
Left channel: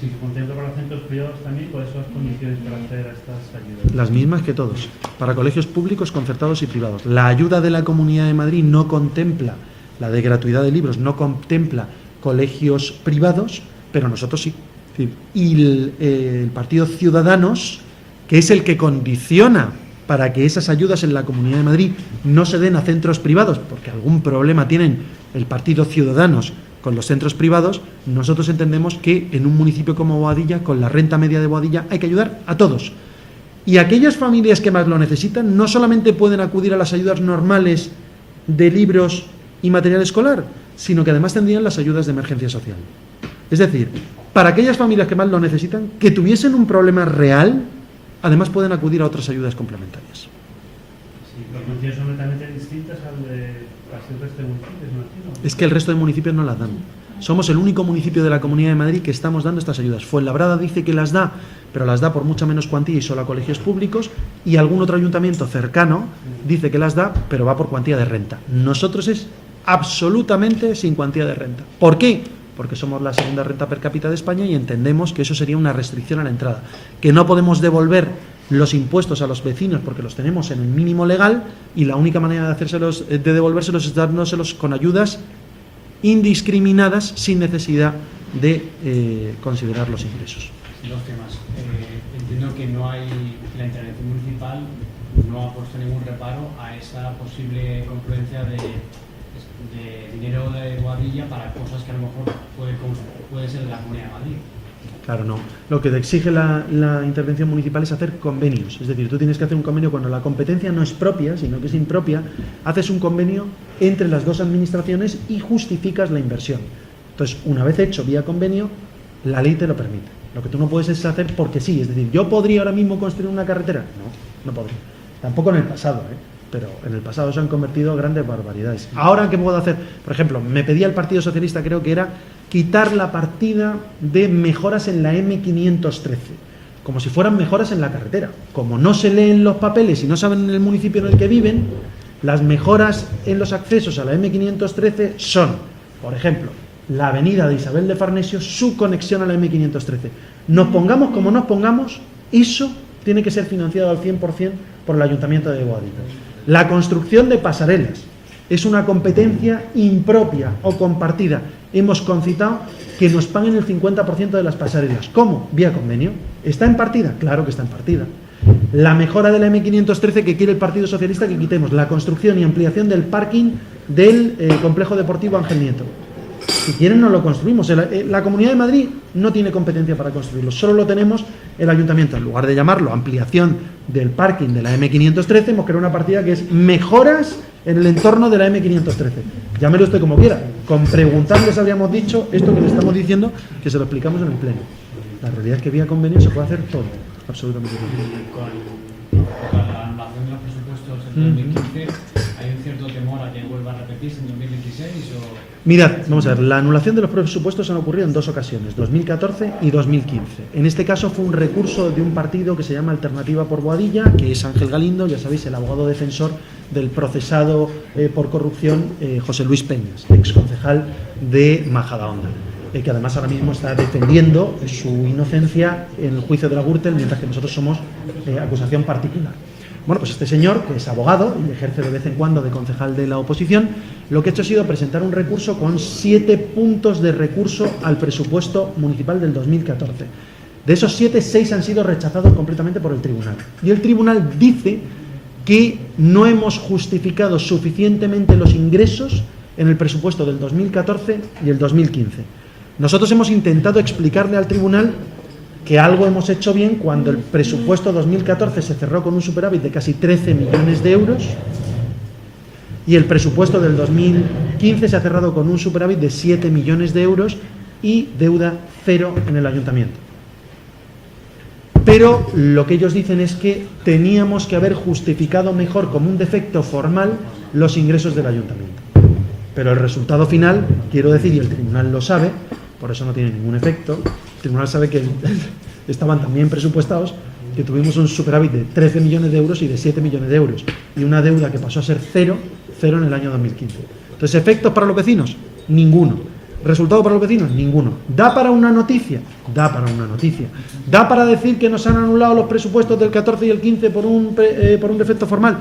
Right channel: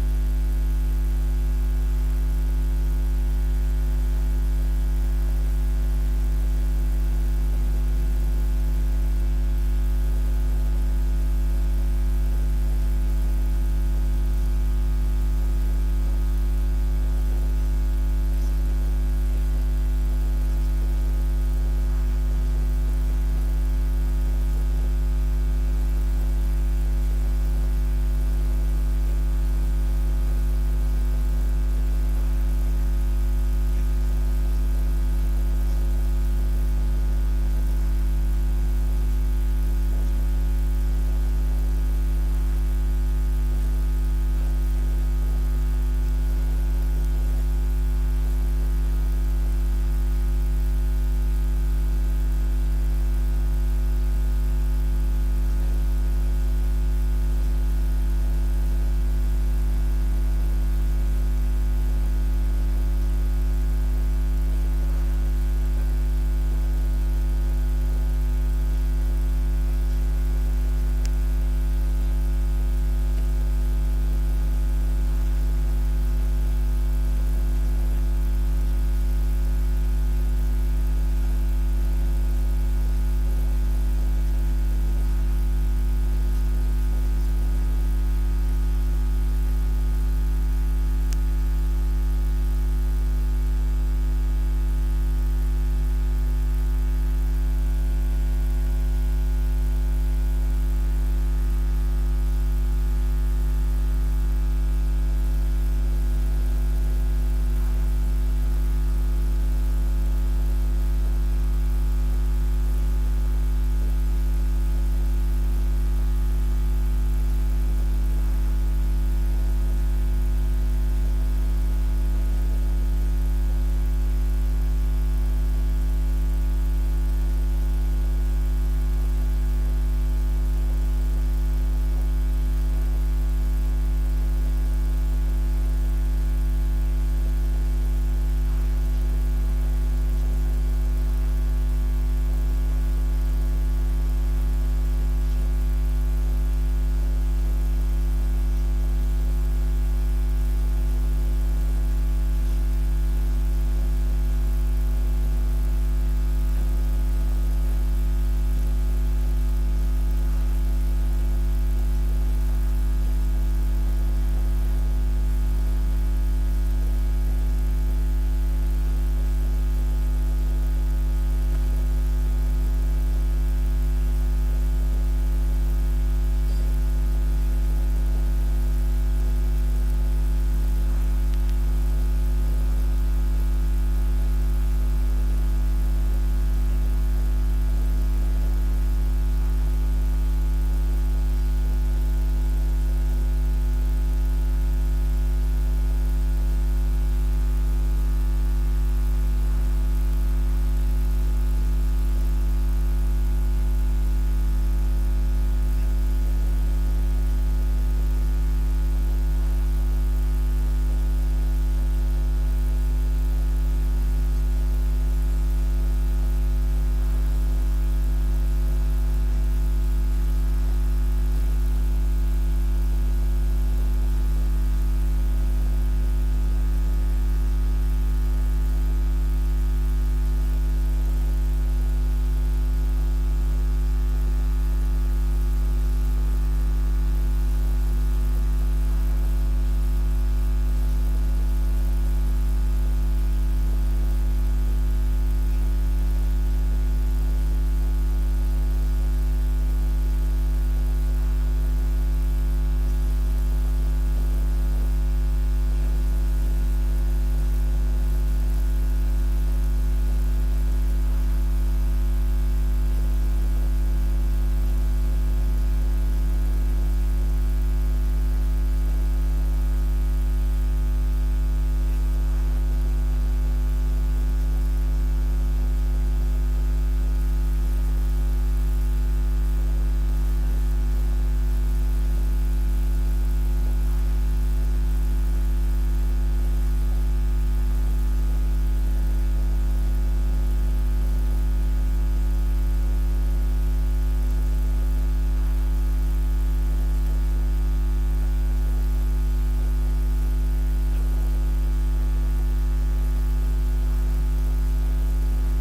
Si se contempla para los centros privados también, ¿cuáles son las condiciones para acceder a estas ayudas? Las mismas que todos, para colegios públicos, concertados y privados. La ayuda de la Comunidad de Madrid no contempla la de gratuidad de libros, no contempla colegios privados, pero nosotros sí. Y el Partido Ciudadanos, que es el que condiciona para que esas ayudas en la Comunidad de Madrid no se den a centros privados, porque algún problema tienen el Partido Ciudadanos con los centros privados, nosotros entendemos que en un municipio como Boadilla, con la renta media de Boadilla, hay que ayudar a todos. Y aquellas familias que más lo necesitan no solamente pueden acudir a las ayudas normales de libros y material escolar, sino que además tendrían las ayudas de emergencia social. Es decir, para aquellas familias que más lo necesitan, que tuviesen un problema real, además pueden acudir a otras ayudas complementarias. Sí, las condiciones son netamente distintas al resto de municipios, ¿no? Es que el resto de municipios no las dan. Somos el único municipio de la Comunidad de Madrid que estamos dando estas ayudas. Fuenlabrada dice que las da, pero las da por mucha menos cuantía y solo a colegios públicos, y algún otro ayuntamiento cercano dice que las da, pero va por cuantía de renta. Nosotros es absolutamente sin cuantía de renta. ¿Por qué? Porque somos la segunda renta per cápita de España y entendemos que eso sería una restricción a la entrada, que no podemos devolver los impuestos a los vecinos porque los tenemos en el mínimo legal, y la única manera de devolvérselos es dándoselos con ayudas indiscriminadas sin necesidad de considerar los ingresos. Dos temas. Entiendo que no hay, la intervención municipal no ha puesto ningún reparo a esa posible confluencia de dinero de Boadilla para cosas que a lo mejor puede ser de la Comunidad de Madrid. Claro, no. Lo que te exige la intervención municipal es hacer convenios. Es decir, tú tienes que hacer un convenio cuando la competencia no es propia, sino que es impropia. Haces un convenio entre las dos administraciones y justificas la inversión. Entonces, una vez hecho vía convenio, la ley te lo permite. Lo que tú no puedes es hacer porque sí. Es decir, ¿yo podría ahora mismo construir una carretera? No podría. Tampoco en el pasado, pero en el pasado se han convertido grandes barbaridades. Ahora, ¿qué puedo hacer? Por ejemplo, me pedía el Partido Socialista, creo que era quitar la partida de mejoras en la M513, como si fueran mejoras en la carretera. Como no se leen los papeles y no saben en el municipio en el que viven, las mejoras en los accesos a la M513 son, por ejemplo, la avenida de Isabel de Farnesio, su conexión a la M513. Nos pongamos como nos pongamos, eso tiene que ser financiado al 100% por el Ayuntamiento de Boadilla. La construcción de pasarelas es una competencia impropia o compartida. Hemos concitado que nos paguen el 50% de las pasarelas. ¿Cómo? Vía convenio. ¿Está en partida? Claro que está en partida. La mejora de la M513 que quiere el Partido Socialista que quitemos, la construcción y ampliación del parking del complejo deportivo Ángel Nieto. Si quieren no lo construimos. La Comunidad de Madrid no tiene competencia para construirlo, solo lo tenemos el Ayuntamiento. En lugar de llamarlo ampliación del parking de la M513, hemos creado una partida que es mejoras en el entorno de la M513. Llámelo usted como quiera. Con preguntarles habríamos dicho esto que le estamos diciendo, que se lo explicamos en el pleno. La realidad es que vía convenio se puede hacer todo, absolutamente todo. Con la relación 2015, ¿hay un cierto temor a que vuelva a repetirse en 2016 o...? Mirad, vamos a ver, la anulación de los presupuestos han ocurrido en dos ocasiones, 2014 y 2015. En este caso fue un recurso de un partido que se llama Alternativa por Boadilla, que es Ángel Galindo, ya sabéis, el abogado defensor del procesado por corrupción José Luis Peñas, exconcejal de Majadahonda, que además ahora mismo está defendiendo su inocencia en el juicio de la Gürtel, mientras que nosotros somos acusación particular. Bueno, pues este señor, que es abogado y ejerce de vez en cuando de concejal de la oposición, lo que ha hecho ha sido presentar un recurso con 7 puntos de recurso al presupuesto municipal del 2014. De esos 7, 6 han sido rechazados completamente por el tribunal. Y el tribunal dice que no hemos justificado suficientemente los ingresos en el presupuesto del 2014 y el 2015. Nosotros hemos intentado explicarle al tribunal que algo hemos hecho bien cuando el presupuesto 2014 se cerró con un superávit de casi 13 millones de euros y el presupuesto del 2015 se ha cerrado con un superávit de 7 millones de euros y deuda cero en el ayuntamiento. Pero lo que ellos dicen es que teníamos que haber justificado mejor como un defecto formal los ingresos del ayuntamiento. Pero el resultado final, quiero decir, y el tribunal lo sabe, por eso no tiene ningún efecto, el tribunal sabe que estaban también presupuestados, que tuvimos un superávit de 13 millones de euros y de 7 millones de euros, y una deuda que pasó a ser cero en el año 2015. Entonces, ¿efectos para los vecinos? Ninguno. ¿Resultado para los vecinos? Ninguno. ¿Da para una noticia? Da para una noticia. ¿Da para decir que nos han anulado los presupuestos del 14 y el 15 por un defecto formal?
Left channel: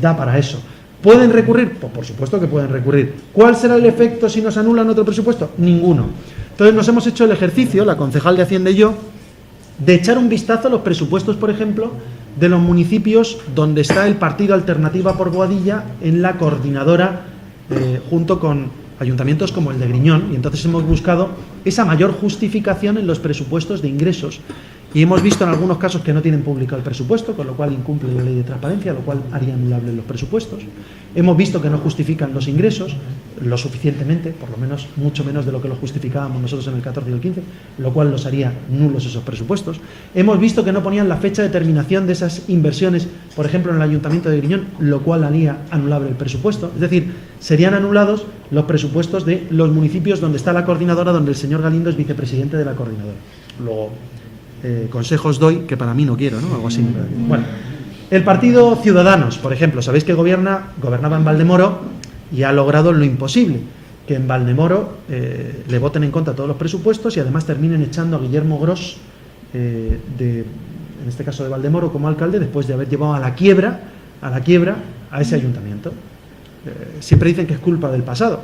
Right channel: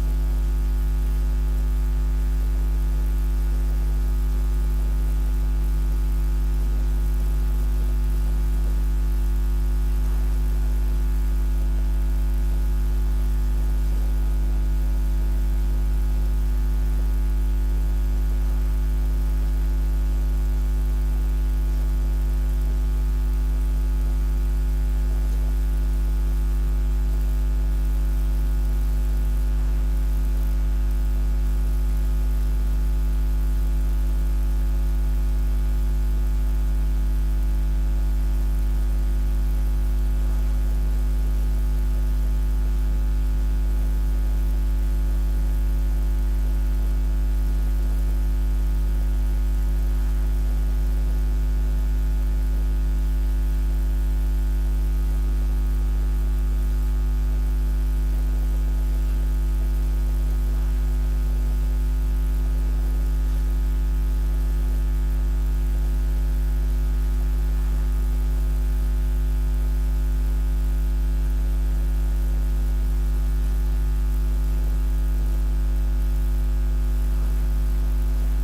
Da para eso. ¿Pueden recurrir? Pues por supuesto que pueden recurrir. ¿Cuál será el efecto si nos anulan otro presupuesto? Ninguno. Entonces nos hemos hecho el ejercicio, la concejal de Hacienda y yo, de echar un vistazo a los presupuestos, por ejemplo, de los municipios donde está el partido Alternativa por Boadilla en la coordinadora, junto con ayuntamientos como el de Griñón, y entonces hemos buscado esa mayor justificación en los presupuestos de ingresos. Y hemos visto en algunos casos que no tienen publicado el presupuesto, con lo cual incumple la ley de transparencia, lo cual haría anulables los presupuestos. Hemos visto que no justifican los ingresos lo suficientemente, por lo menos mucho menos de lo que lo justificábamos nosotros en el 14 y el 15, lo cual los haría nulos esos presupuestos. Hemos visto que no ponían la fecha de terminación de esas inversiones, por ejemplo en el Ayuntamiento de Griñón, lo cual haría anulable el presupuesto. Es decir, serían anulados los presupuestos de los municipios donde está la coordinadora, donde el señor Galindo es vicepresidente de la coordinadora. Luego, consejos doy que para mí no quiero, ¿no? Algo así. Bueno, el partido Ciudadanos, por ejemplo, sabéis que gobernaba en Valdemoro y ha logrado lo imposible, que en Valdemoro le voten en contra todos los presupuestos y además terminen echando a Guillermo Gros, en este caso de Valdemoro, como alcalde, después de haber llevado a la quiebra a ese ayuntamiento. Siempre dicen que es culpa del pasado.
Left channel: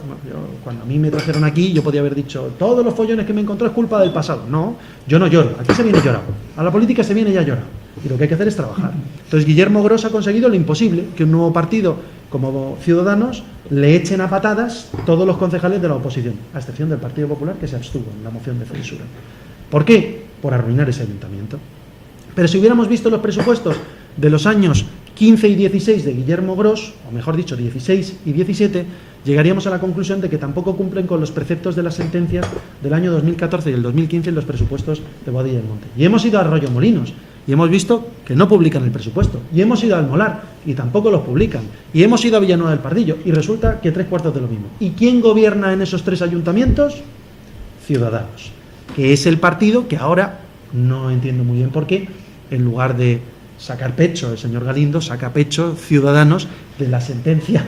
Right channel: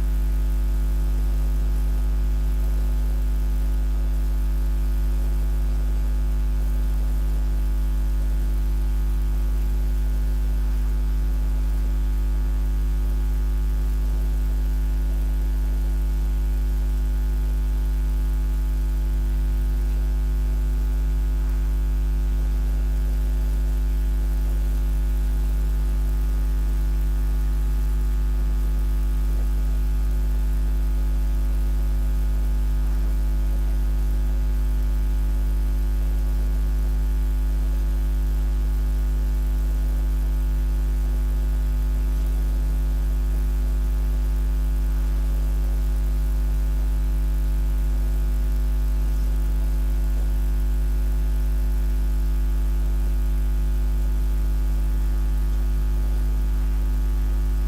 Cuando a mí me trajeron aquí, yo podía haber dicho, todos los follones que me encontró es culpa del pasado. No, yo no lloro, aquí se viene llorado. A la política se viene ya llorado. Y lo que hay que hacer es trabajar. Entonces Guillermo Gros ha conseguido lo imposible, que un nuevo partido como Ciudadanos le echen a patadas todos los concejales de la oposición, a excepción del Partido Popular, que se abstuvo en la moción de censura. ¿Por qué? Por arruinar ese ayuntamiento. Pero si hubiéramos visto los presupuestos de los años 15 y 16 de Guillermo Gros, o mejor dicho, 16 y 17, llegaríamos a la conclusión de que tampoco cumplen con los preceptos de las sentencias del año 2014 y el 2015 en los presupuestos de Boadilla y Monte. Y hemos ido a Arroyomolinos y hemos visto que no publican el presupuesto. Y hemos ido al Molar y tampoco los publican. Y hemos ido a Villanueva del Pardillo y resulta que 3/4 de lo mismo. ¿Y quién gobierna en esos 3 ayuntamientos? Ciudadanos, que es el partido que ahora no entiendo muy bien por qué, en lugar de sacar pecho el señor Galindo, saca pecho Ciudadanos de la sentencia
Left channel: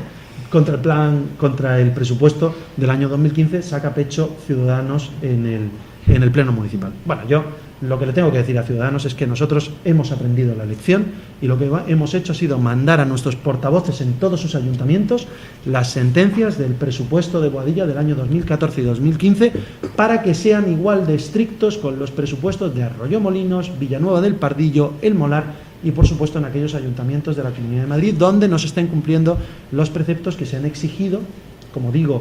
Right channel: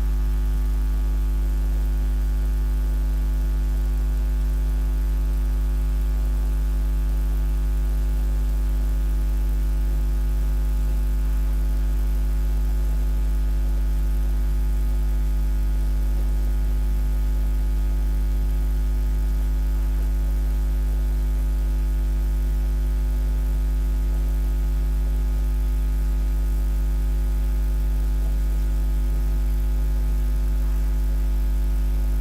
contra el presupuesto del año 2015, saca pecho Ciudadanos en el pleno municipal. Bueno, yo lo que le tengo que decir a Ciudadanos es que nosotros hemos aprendido la lección y lo que hemos hecho ha sido mandar a nuestros portavoces en todos sus ayuntamientos las sentencias del presupuesto de Boadilla del año 2014 y 2015 para que sean igual de estrictos con los presupuestos de Arroyomolinos, Villanueva del Pardillo, El Molar y por supuesto en aquellos ayuntamientos de la Comunidad de Madrid donde no se estén cumpliendo los preceptos que se han exigido, como digo,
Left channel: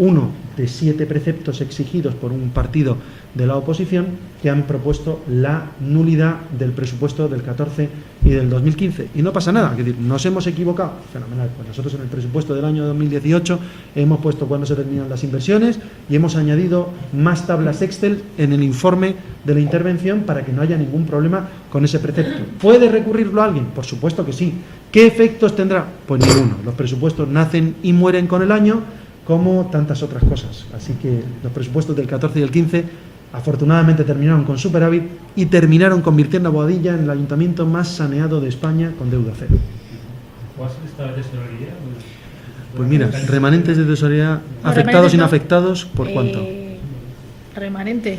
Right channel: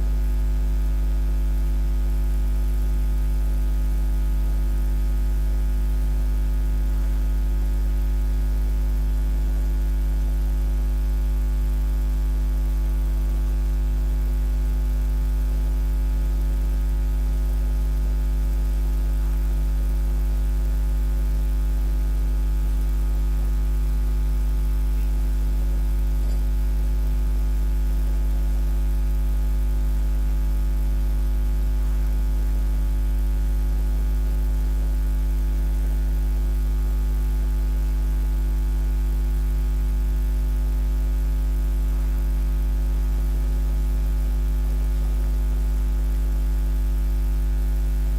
uno de 7 preceptos exigidos por un partido de la oposición que han propuesto la nulidad del presupuesto del 14 y del 2015. Y no pasa nada, es decir, nos hemos equivocado, fenomenal. Pues nosotros en el presupuesto del año 2018 hemos puesto cuándo se terminan las inversiones y hemos añadido más tablas Excel en el informe de la intervención para que no haya ningún problema con ese precepto. ¿Puede recurrirlo alguien? Por supuesto que sí. ¿Qué efectos tendrá? Pues ninguno. Los presupuestos nacen y mueren con el año, como tantas otras cosas. Así que los presupuestos del 14 y el 15 afortunadamente terminaron con superávit y terminaron convirtiendo a Boadilla en el ayuntamiento más saneado de España con deuda cero. ¿Cuál es esta tesorería? Pues mira, remanentes de tesorería Los afectados, remanentes no. inafectados, ¿por cuánto? Remanentes,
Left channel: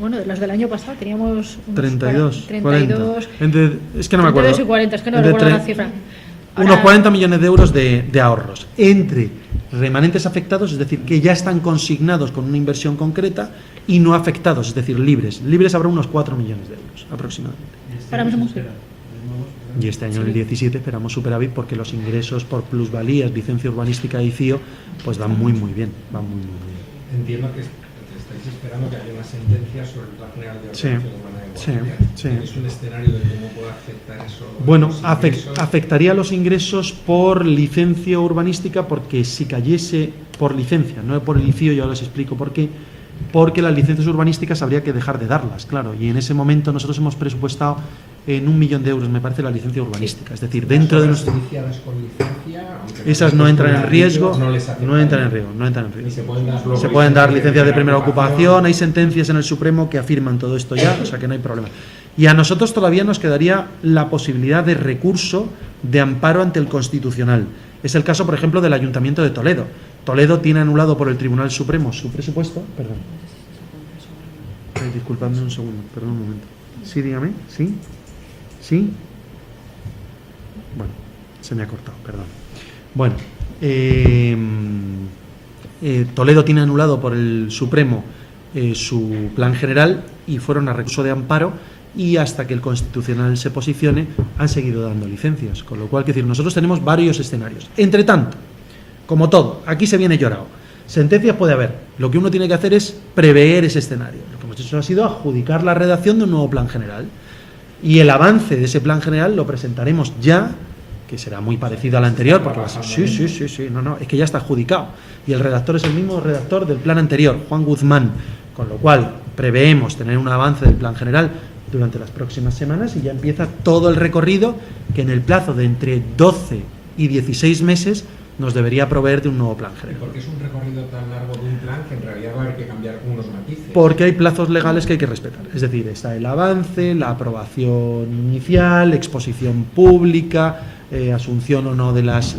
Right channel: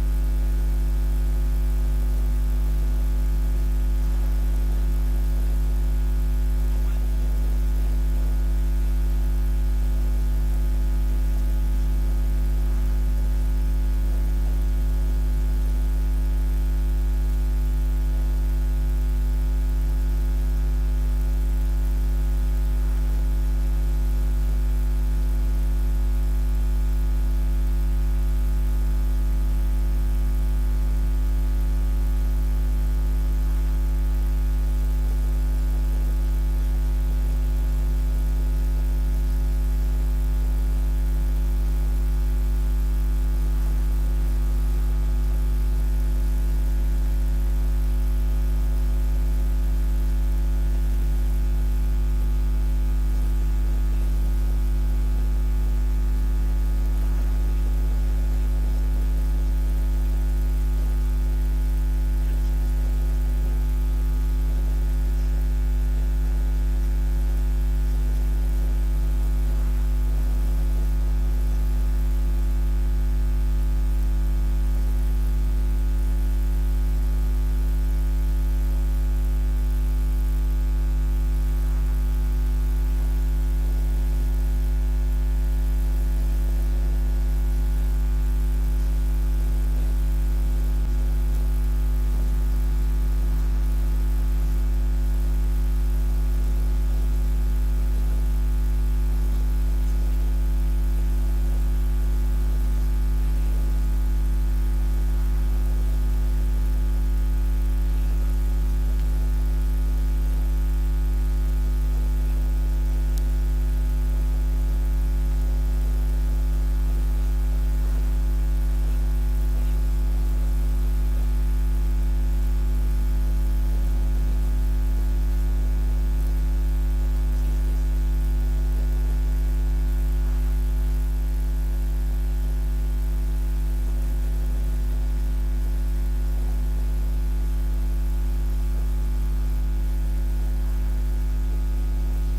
bueno, de los del año pasado teníamos unos 32, 32, 40. Es que no me acuerdo. 32 y 40, es que no Entre recuerdo la tre- cifra. Unos Ahora, 40 millones de euros de ahorros entre remanentes afectados, es decir, que ya están consignados con una inversión concreta, y no afectados, es decir, libres. Libres habrá unos 4 millones de euros aproximadamente. Ahora mismo sí. Y este año, en el 17, esperamos superávit porque los ingresos por plusvalías, licencia urbanística y CIO, pues van muy bien, van muy bien. Entiendo que estáis esperando que haya una sentencia sobre el plan general de Sí, ordenación urbana de sí, Boadilla. sí. Es un escenario de cómo puede afectar eso. Bueno, los ingresos. afectaría los ingresos por licencia urbanística, porque si cayese por licencia, no por el ICIO, yo les explico por qué, porque las licencias urbanísticas habría que dejar de darlas, claro, y en ese momento nosotros hemos presupuestado en 1 millón de euros, me parece, la licencia urbanística, es decir, dentro de Las nuestro... obras iniciadas con licencia, aunque Esas no entran en riesgo, no les afecta. no entran en riesgo, no entran en Ni riesgo. se pueden dar luego Se pueden dar licencias de primera ocupación. ocupación, hay sentencias en el Supremo que afirman todo esto ya, o sea que no hay problema. Y a nosotros todavía nos quedaría la posibilidad de recurso de amparo ante el Constitucional. Es el caso, por ejemplo, del Ayuntamiento de Toledo. Toledo tiene anulado por el Tribunal Supremo su presupuesto. Perdón. Disculpadme un segundo, perdón un momento. Sí, dígame. ¿Sí? ¿Sí? Bueno, se me ha cortado, perdón. Bueno, Toledo tiene anulado por el Supremo su plan general y fueron a recurso de amparo, y hasta que el Constitucional se posicione han seguido dando licencias, con lo cual, quiero decir, nosotros tenemos varios escenarios. Entre tanto, como todo, aquí se viene llorado. Sentencias puede haber, lo que uno tiene que hacer es prever ese escenario. Lo que hemos hecho ha sido adjudicar la redacción de un nuevo plan general, y el avance de ese plan general lo presentaremos ya, que será muy parecido al anterior, porque sí, es que ya está adjudicado, y el redactor es el mismo redactor del plan anterior, Juan Guzmán, con lo cual preveemos tener un avance del plan general durante las próximas semanas, y ya empieza todo el recorrido que en el plazo de entre 12 y 16 meses nos debería proveer de un nuevo plan general. Porque es un recorrido tan largo de un plan que en realidad va a haber que cambiar unos matices. Porque hay plazos legales que hay que respetar. Es decir, está el avance, la aprobación inicial, exposición pública, asunción o no de las...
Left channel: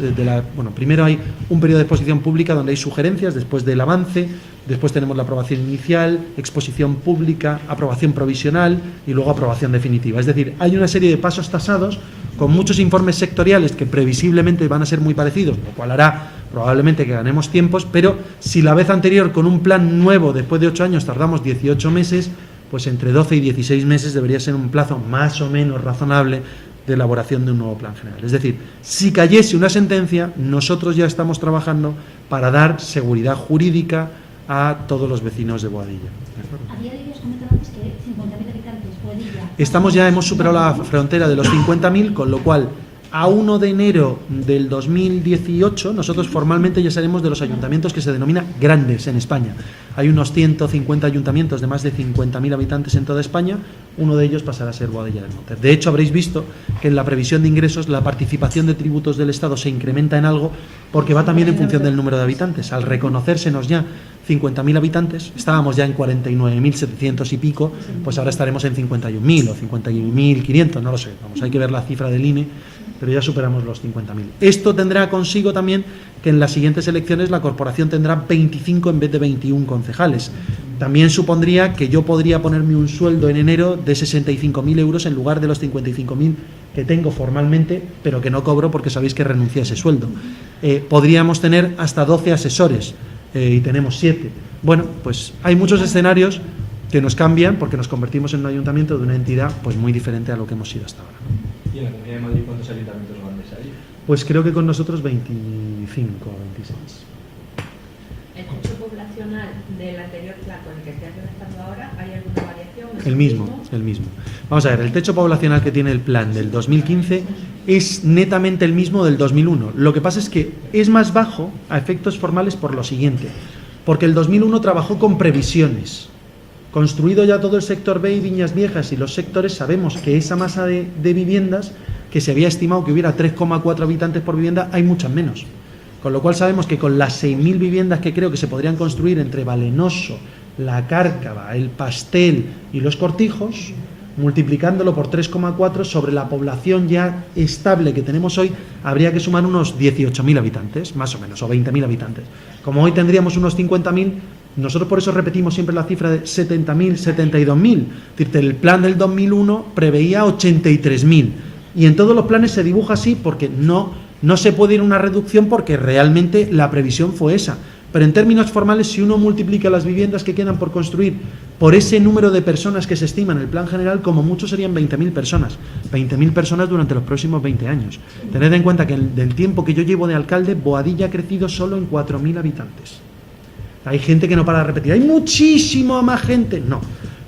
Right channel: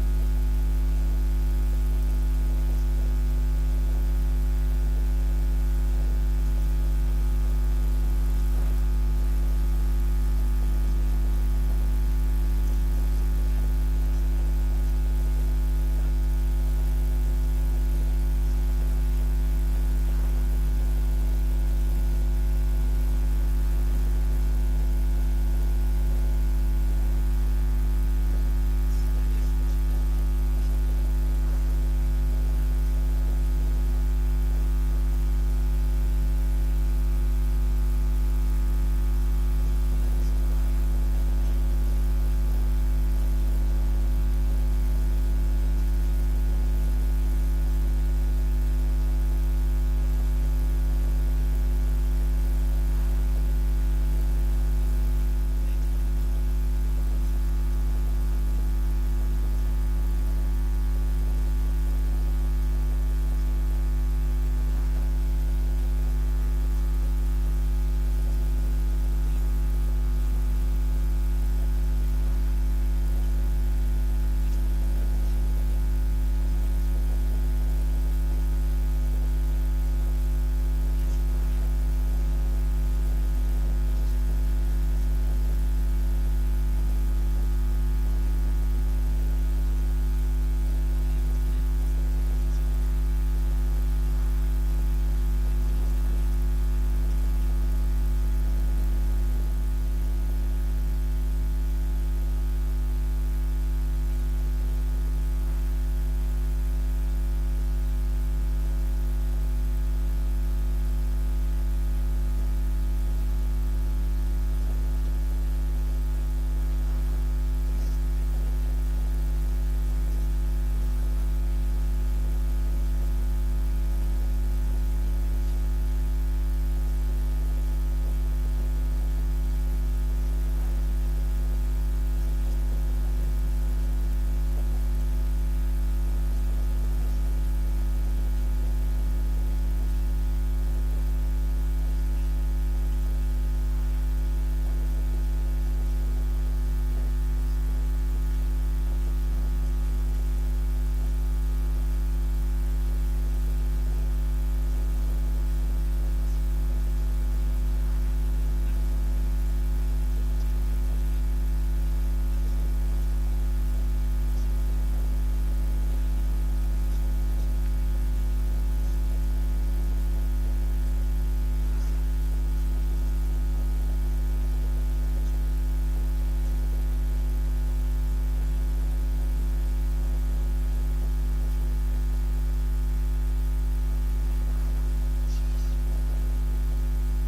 bueno, primero hay un periodo de exposición pública donde hay sugerencias, después del avance, después tenemos la aprobación inicial, exposición pública, aprobación provisional y luego aprobación definitiva. Es decir, hay una serie de pasos tasados con muchos informes sectoriales que previsiblemente van a ser muy parecidos, lo cual hará probablemente que ganemos tiempos, pero si la vez anterior con un plan nuevo después de 8 años tardamos 18 meses, pues entre 12 y 16 meses debería ser un plazo más o menos razonable de elaboración de un nuevo plan general. Es decir, si cayese una sentencia, nosotros ya estamos trabajando para dar seguridad jurídica a todos los vecinos de Boadilla. A día de hoy os comentaba antes que 50.000 habitantes, Boadilla. Hemos superado la frontera de los 50.000, con lo cual a 1 de enero del 2018 nosotros formalmente ya seremos de los ayuntamientos que se denominan grandes en España. Hay unos 150 ayuntamientos de más de 50.000 habitantes en toda España, uno de ellos pasará a ser Boadilla del Monte. De hecho, habréis visto que en la previsión de ingresos la participación de tributos del Estado se incrementa en algo, porque va también en función del número de habitantes. Al reconocérsenos ya 50.000 habitantes, estábamos ya en 49.700 y pico, pues ahora estaremos en 51.000 o 51.500, no lo sé, vamos, hay que ver la cifra del INE, pero ya superamos los 50.000. Esto tendrá consigo también que en las siguientes elecciones la corporación tendrá 25 en vez de 21 concejales. También supondría que yo podría ponerme un sueldo en enero de 65.000 euros en lugar de los 55.000 que tengo formalmente, pero que no cobro porque sabéis que renuncié a ese sueldo. Podríamos tener hasta 12 asesores y tenemos 7. Bueno, pues hay muchos escenarios que nos cambian porque nos convertimos en un ayuntamiento de una entidad pues muy diferente a lo que hemos sido hasta ahora. ¿Y en la Comunidad de Madrid cuántos ayuntamientos grandes hay? Pues creo que con nosotros 25 o 26. ¿El techo poblacional del anterior plan con el que estás redactando ahora, hay alguna variación? ¿Es El mismo. Vamos a ver, el techo poblacional que tiene el plan del 2015 es netamente el mismo del 2001. Lo que pasa es que es más bajo a efectos formales por lo siguiente, porque el 2001 trabajó con previsiones Construido ya todo el sector B y Viñas Viejas y los sectores, sabemos que esa masa de viviendas, que se había estimado que hubiera 3,4 habitantes por vivienda, hay muchas menos. Con lo cual sabemos que con las 6.000 viviendas que creo que se podrían construir entre Valenoso, La Cárcava, El Pastel y Los Cortijos, multiplicándolo por 3,4 sobre la población ya estable que tenemos hoy, habría que sumar unos 18.000 habitantes, más o menos, o 20.000 habitantes. Como hoy tendríamos unos 50.000, nosotros por eso repetimos siempre la cifra de 70.000, 72.000. Es decir, el plan del 2001 preveía 83.000. Y en todos los planes se dibuja así porque no se puede ir a una reducción porque realmente la previsión fue esa. Pero en términos formales, si uno multiplica las viviendas que quedan por construir por ese número de personas que se estima en el plan general, como mucho serían 20.000 personas. 20.000 personas durante los próximos 20 años. Tened en cuenta que del tiempo que yo llevo de alcalde, Boadilla ha crecido solo en 4.000 habitantes. Hay gente que no para de repetir, hay muchísimo más gente. No,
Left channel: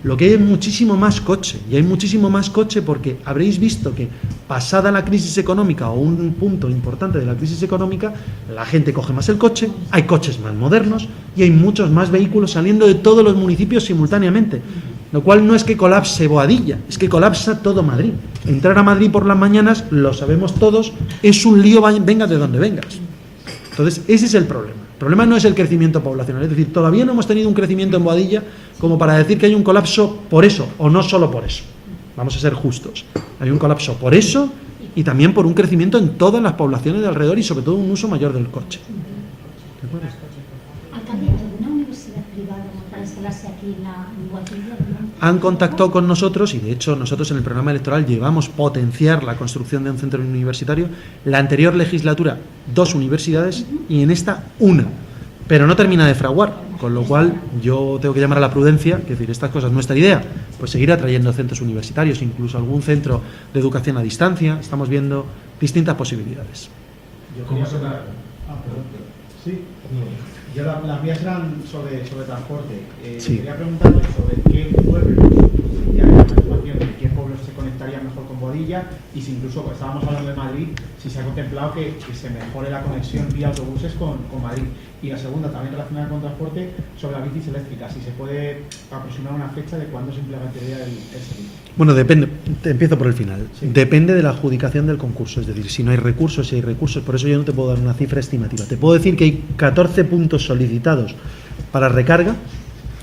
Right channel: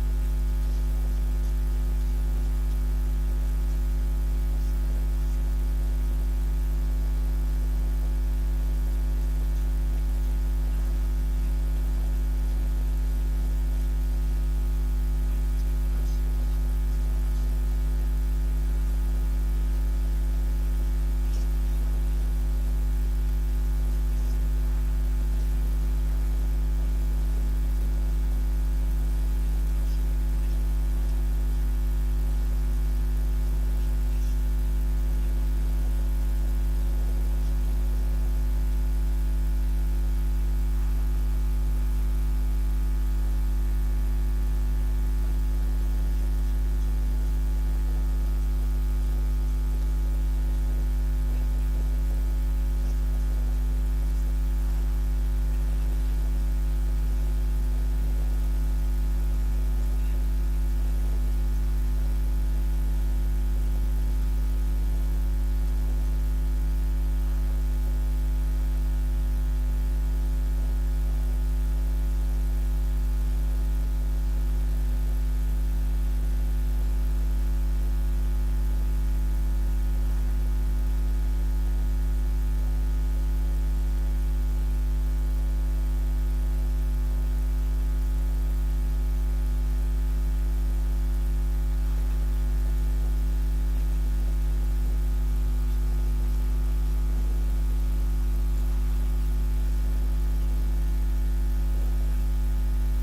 lo que hay es muchísimo más coche. Y hay muchísimo más coche porque habréis visto que pasada la crisis económica o un punto importante de la crisis económica, la gente coge más el coche, hay coches más modernos y hay muchos más vehículos saliendo de todos los municipios simultáneamente. Lo cual no es que colapse Boadilla, es que colapsa todo Madrid. Entrar a Madrid por las mañanas, lo sabemos todos, es un lío, venga de donde vengas. Entonces, ese es el problema. El problema no es el crecimiento poblacional, es decir, todavía no hemos tenido un crecimiento en Boadilla como para decir que hay un colapso por eso, o no solo por eso. Vamos a ser justos. Hay un colapso por eso y también por un crecimiento en todas las poblaciones de alrededor y sobre todo un uso mayor del coche. ¿De acuerdo? ¿Alcalde, alguna universidad privada para instalarse aquí en Boadilla? Han contactado con nosotros y de hecho nosotros en el programa electoral llevamos potenciar la construcción de un centro universitario. La anterior legislatura 2 universidades y en esta 1, pero no termina de fraguar, con lo cual yo tengo que llamar a la prudencia, que decir, estas cosas, nuestra idea, pues seguir atrayendo centros universitarios, incluso algún centro de educación a distancia. Estamos viendo distintas posibilidades. ¿Cómo se va? Sí, yo las mías eran sobre transporte. Sí. Quería preguntarle sobre qué pueblos, si hay una situación de qué pueblos se conectaría mejor con Boadilla y si incluso, pues, estábamos hablando de Madrid, si se ha contemplado que se mejore la conexión vía autobuses con Madrid. Y la segunda, también relacionada con transporte, sobre las bicis eléctricas, si se puede aproximar una fecha de cuándo se implementaría el servicio. Bueno, depende, empiezo por el final. Sí. Depende de la adjudicación del concurso, es decir, si no hay recursos, si hay recursos, por eso yo no te puedo dar una cifra estimativa. Te puedo decir que hay 14 puntos solicitados para recarga.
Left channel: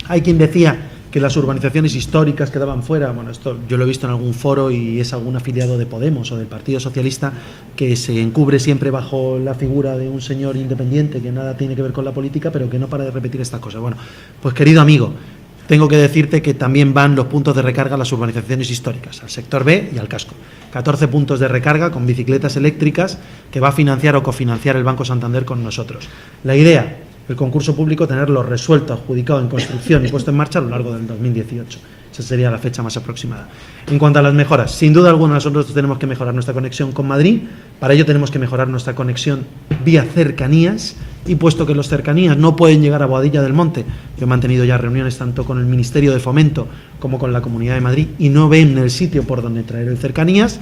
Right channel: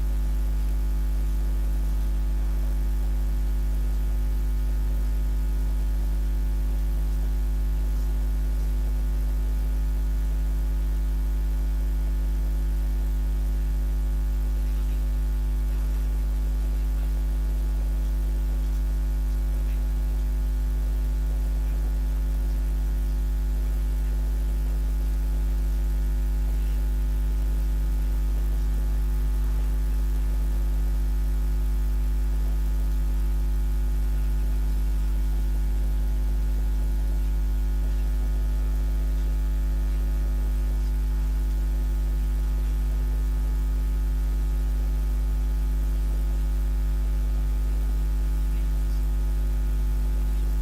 Hay quien decía que las urbanizaciones históricas quedaban fuera. Bueno, esto yo lo he visto en algún foro y es algún afiliado de Podemos o del Partido Socialista que se encubre siempre bajo la figura de un señor independiente que nada tiene que ver con la política, pero que no para de repetir estas cosas. Bueno, pues querido amigo, tengo que decirte que también van los puntos de recarga a las urbanizaciones históricas, al sector B y al casco. 14 puntos de recarga con bicicletas eléctricas que va a financiar o cofinanciar el Banco Santander con nosotros. La idea, el concurso público, tenerlo resuelto, adjudicado en construcción y puesto en marcha a lo largo del 2018. Esa sería la fecha más aproximada. En cuanto a las mejoras, sin duda alguna nosotros tenemos que mejorar nuestra conexión con Madrid. Para ello tenemos que mejorar nuestra conexión vía cercanías. Y puesto que los cercanías no pueden llegar a Boadilla del Monte, yo he mantenido ya reuniones tanto con el Ministerio de Fomento como con la Comunidad de Madrid y no ven el sitio por donde traer el cercanías,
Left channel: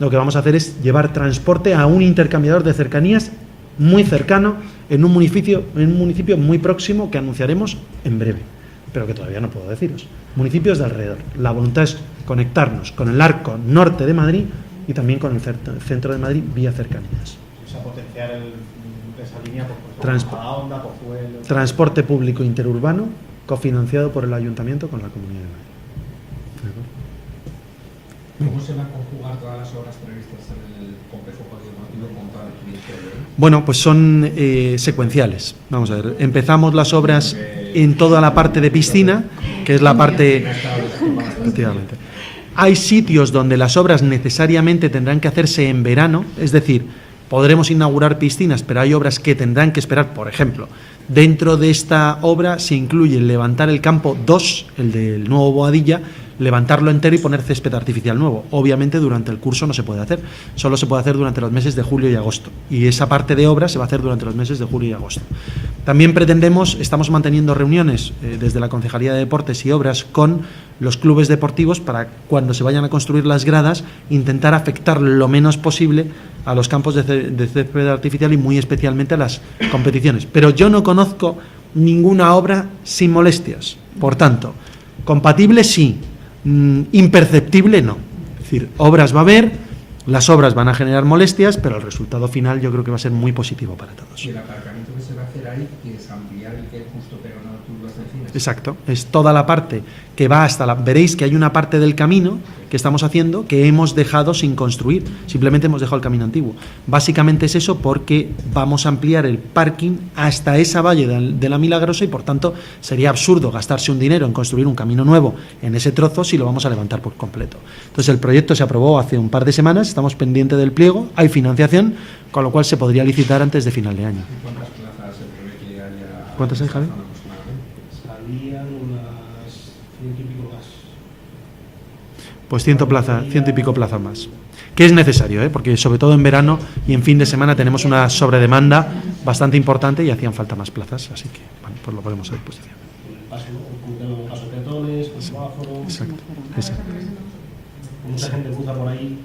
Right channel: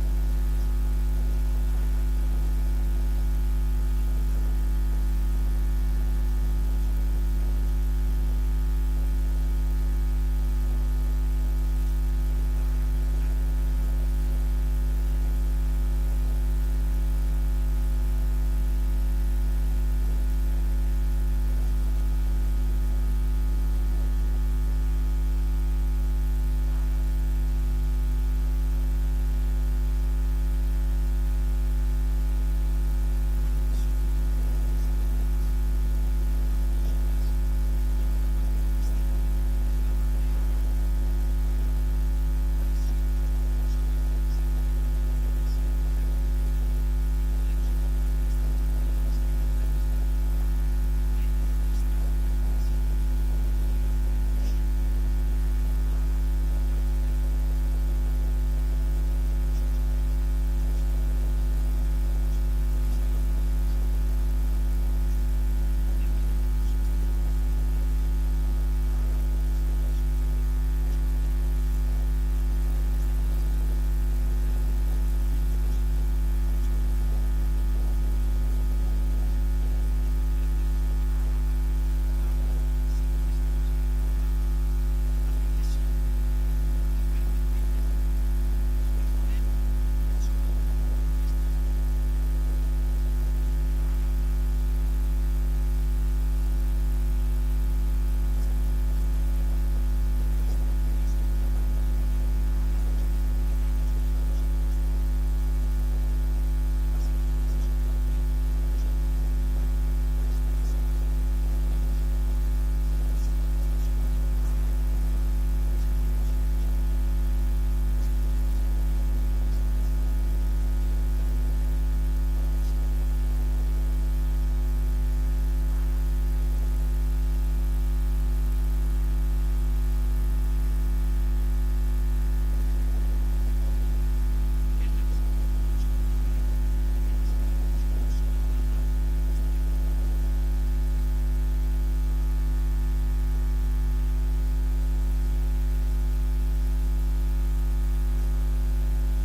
lo que vamos a hacer es llevar transporte a un intercambiador de cercanías muy cercano en un municipio muy próximo que anunciaremos en breve, pero que todavía no puedo deciros. Municipios de alrededor. La voluntad es conectarnos con el arco norte de Madrid y también con el centro de Madrid vía cercanías. O sea, potenciar esa línea por onda, por fuel. Transporte público interurbano cofinanciado por el Ayuntamiento con la Comunidad de Madrid. ¿Cómo se van a conjugar todas las obras previstas en el complejo participativo con para el Ministerio? Bueno, pues son secuenciales. Vamos a ver, empezamos las obras en toda la parte de piscina, que es la parte... Efectivamente. Hay sitios donde las obras necesariamente tendrán que hacerse en verano, es decir, podremos inaugurar piscinas, pero hay obras que tendrán que esperar. Por ejemplo, dentro de esta obra se incluye levantar el campo 2, el del nuevo Boadilla, levantarlo entero y poner césped artificial nuevo. Obviamente durante el curso no se puede hacer, solo se puede hacer durante los meses de julio y agosto, y esa parte de obra se va a hacer durante los meses de julio y agosto. También estamos manteniendo reuniones desde la Concejalía de Deportes y Obras con los clubes deportivos para cuando se vayan a construir las gradas intentar afectar lo menos posible a los campos de césped artificial y muy especialmente a las competiciones. Pero yo no conozco ninguna obra sin molestias. Por tanto, Compatible sí, imperceptible no. Es decir, obras va a haber, las obras van a generar molestias, pero el resultado final yo creo que va a ser muy positivo para todos. Y el aparcamiento que se va a hacer ahí, que es ampliar el que justo pega una curva hacia encima. Exacto, es toda la parte que va hasta la... Veréis que hay una parte del camino que estamos haciendo que hemos dejado sin construir, simplemente hemos dejado el camino antiguo. Básicamente es eso, porque vamos a ampliar el parking hasta esa valle de la Milagrosa y por tanto sería absurdo gastarse un dinero en construir un camino nuevo en ese trozo si lo vamos a levantar por completo. Entonces el proyecto se aprobó hace un par de semanas, estamos pendientes del pliego, hay financiación, con lo cual se podría licitar antes de final de año. ¿Cuántas plazas se prevé que haya? ¿Cuántas hay, Javi? Habían unas 100 y pico más. Pues 100 y pico plazas más. Que es necesario, porque sobre todo en verano y en fin de semana tenemos una sobredemanda bastante importante y hacían falta más plazas, así que bueno, pues lo ponemos a disposición. Paso de peatones, semáforos. Exacto. Ese. Mucha gente cruza por ahí.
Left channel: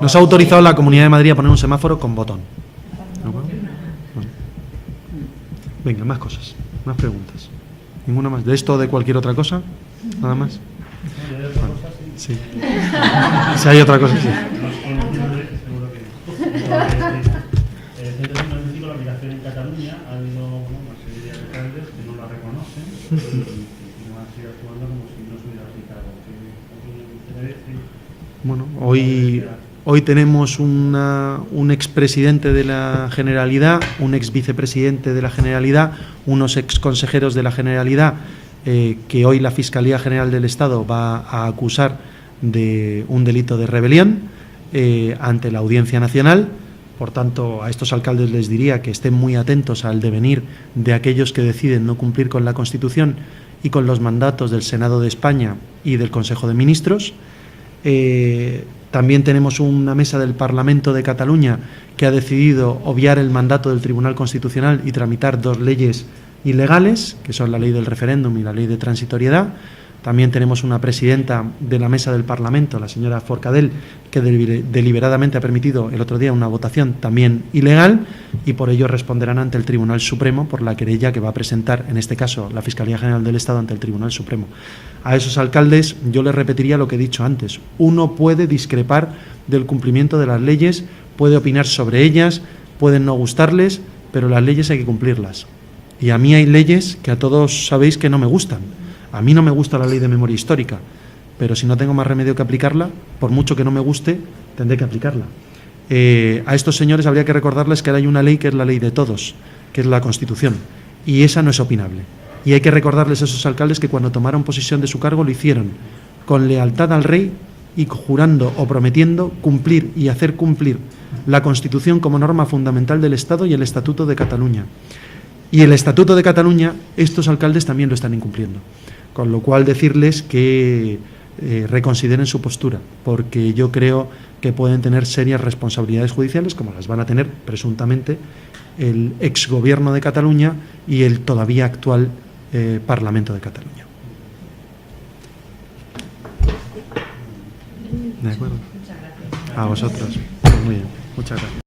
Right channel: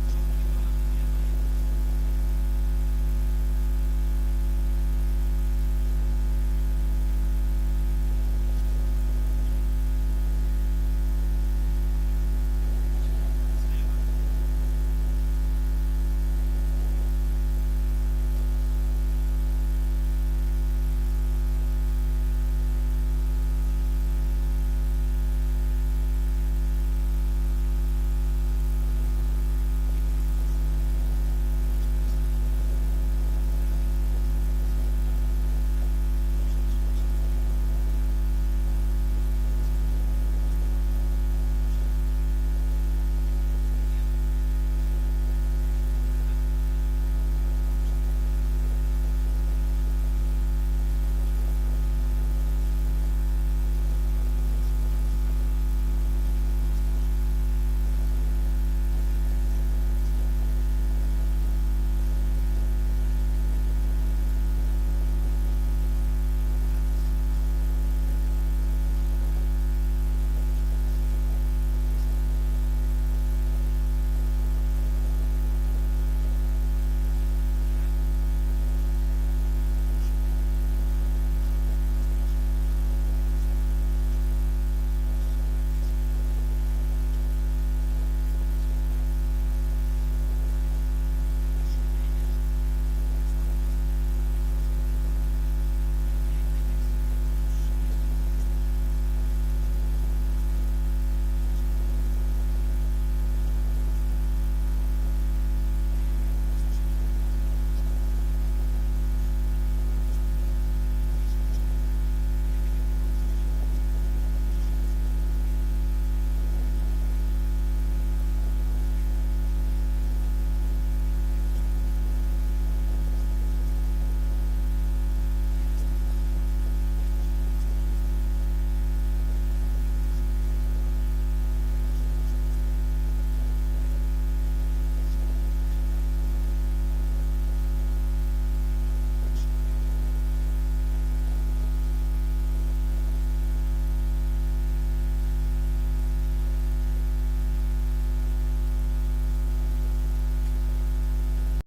Nos ha autorizado la Comunidad de Madrid a poner un semáforo con botón. ¿No? Venga, más cosas, más preguntas. ¿Ninguna más? ¿De esto o de cualquier otra cosa? ¿Nada más? Bueno, sí. Si hay otra cosa, sí. El centro tecnológico, la aplicación en Cataluña, ha habido una serie de alcaldes que no la reconocen y no van a seguir actuando como si no se hubiera aplicado. Bueno, hoy tenemos un expresidente de la Generalidad, un ex vicepresidente de la Generalidad, unos ex consejeros de la Generalidad que hoy la Fiscalía General del Estado va a acusar de un delito de rebelión ante la Audiencia Nacional. Por tanto, a estos alcaldes les diría que estén muy atentos al devenir de aquellos que deciden no cumplir con la Constitución y con los mandatos del Senado de España y del Consejo de Ministros. También tenemos una mesa del Parlamento de Cataluña que ha decidido obviar el mandato del Tribunal Constitucional y tramitar dos leyes ilegales, que son la ley del referéndum y la ley de transitoriedad. También tenemos una presidenta de la mesa del Parlamento, la señora Forcadell, que deliberadamente ha permitido el otro día una votación también ilegal y por ello responderán ante el Tribunal Supremo por la querella que va a presentar, en este caso, la Fiscalía General del Estado ante el Tribunal Supremo. A esos alcaldes yo les repetiría lo que he dicho antes. Uno puede discrepar del cumplimiento de las leyes, puede opinar sobre ellas, pueden no gustarles, pero las leyes hay que cumplirlas. Y a mí hay leyes que a todos sabéis que no me gustan. A mí no me gusta la ley de memoria histórica, pero si no tengo más remedio que aplicarla, por mucho que no me guste, tendré que aplicarla. A estos señores habría que recordarles que hay una ley que es la ley de todos, que es la Constitución, y esa no es opinable. Y hay que recordarles a esos alcaldes que cuando tomaron posesión de su cargo lo hicieron con lealtad al rey y jurando o prometiendo cumplir y hacer cumplir la Constitución como norma fundamental del Estado y el Estatuto de Cataluña. Y el Estatuto de Cataluña, estos alcaldes también lo están incumpliendo. Con lo cual decirles que reconsideren su postura, porque yo creo que pueden tener serias responsabilidades judiciales, como las van a tener presuntamente el exgobierno de Cataluña y el todavía actual Parlamento de Cataluña. ¿De acuerdo? A vosotros. Muy bien. Muchas gracias.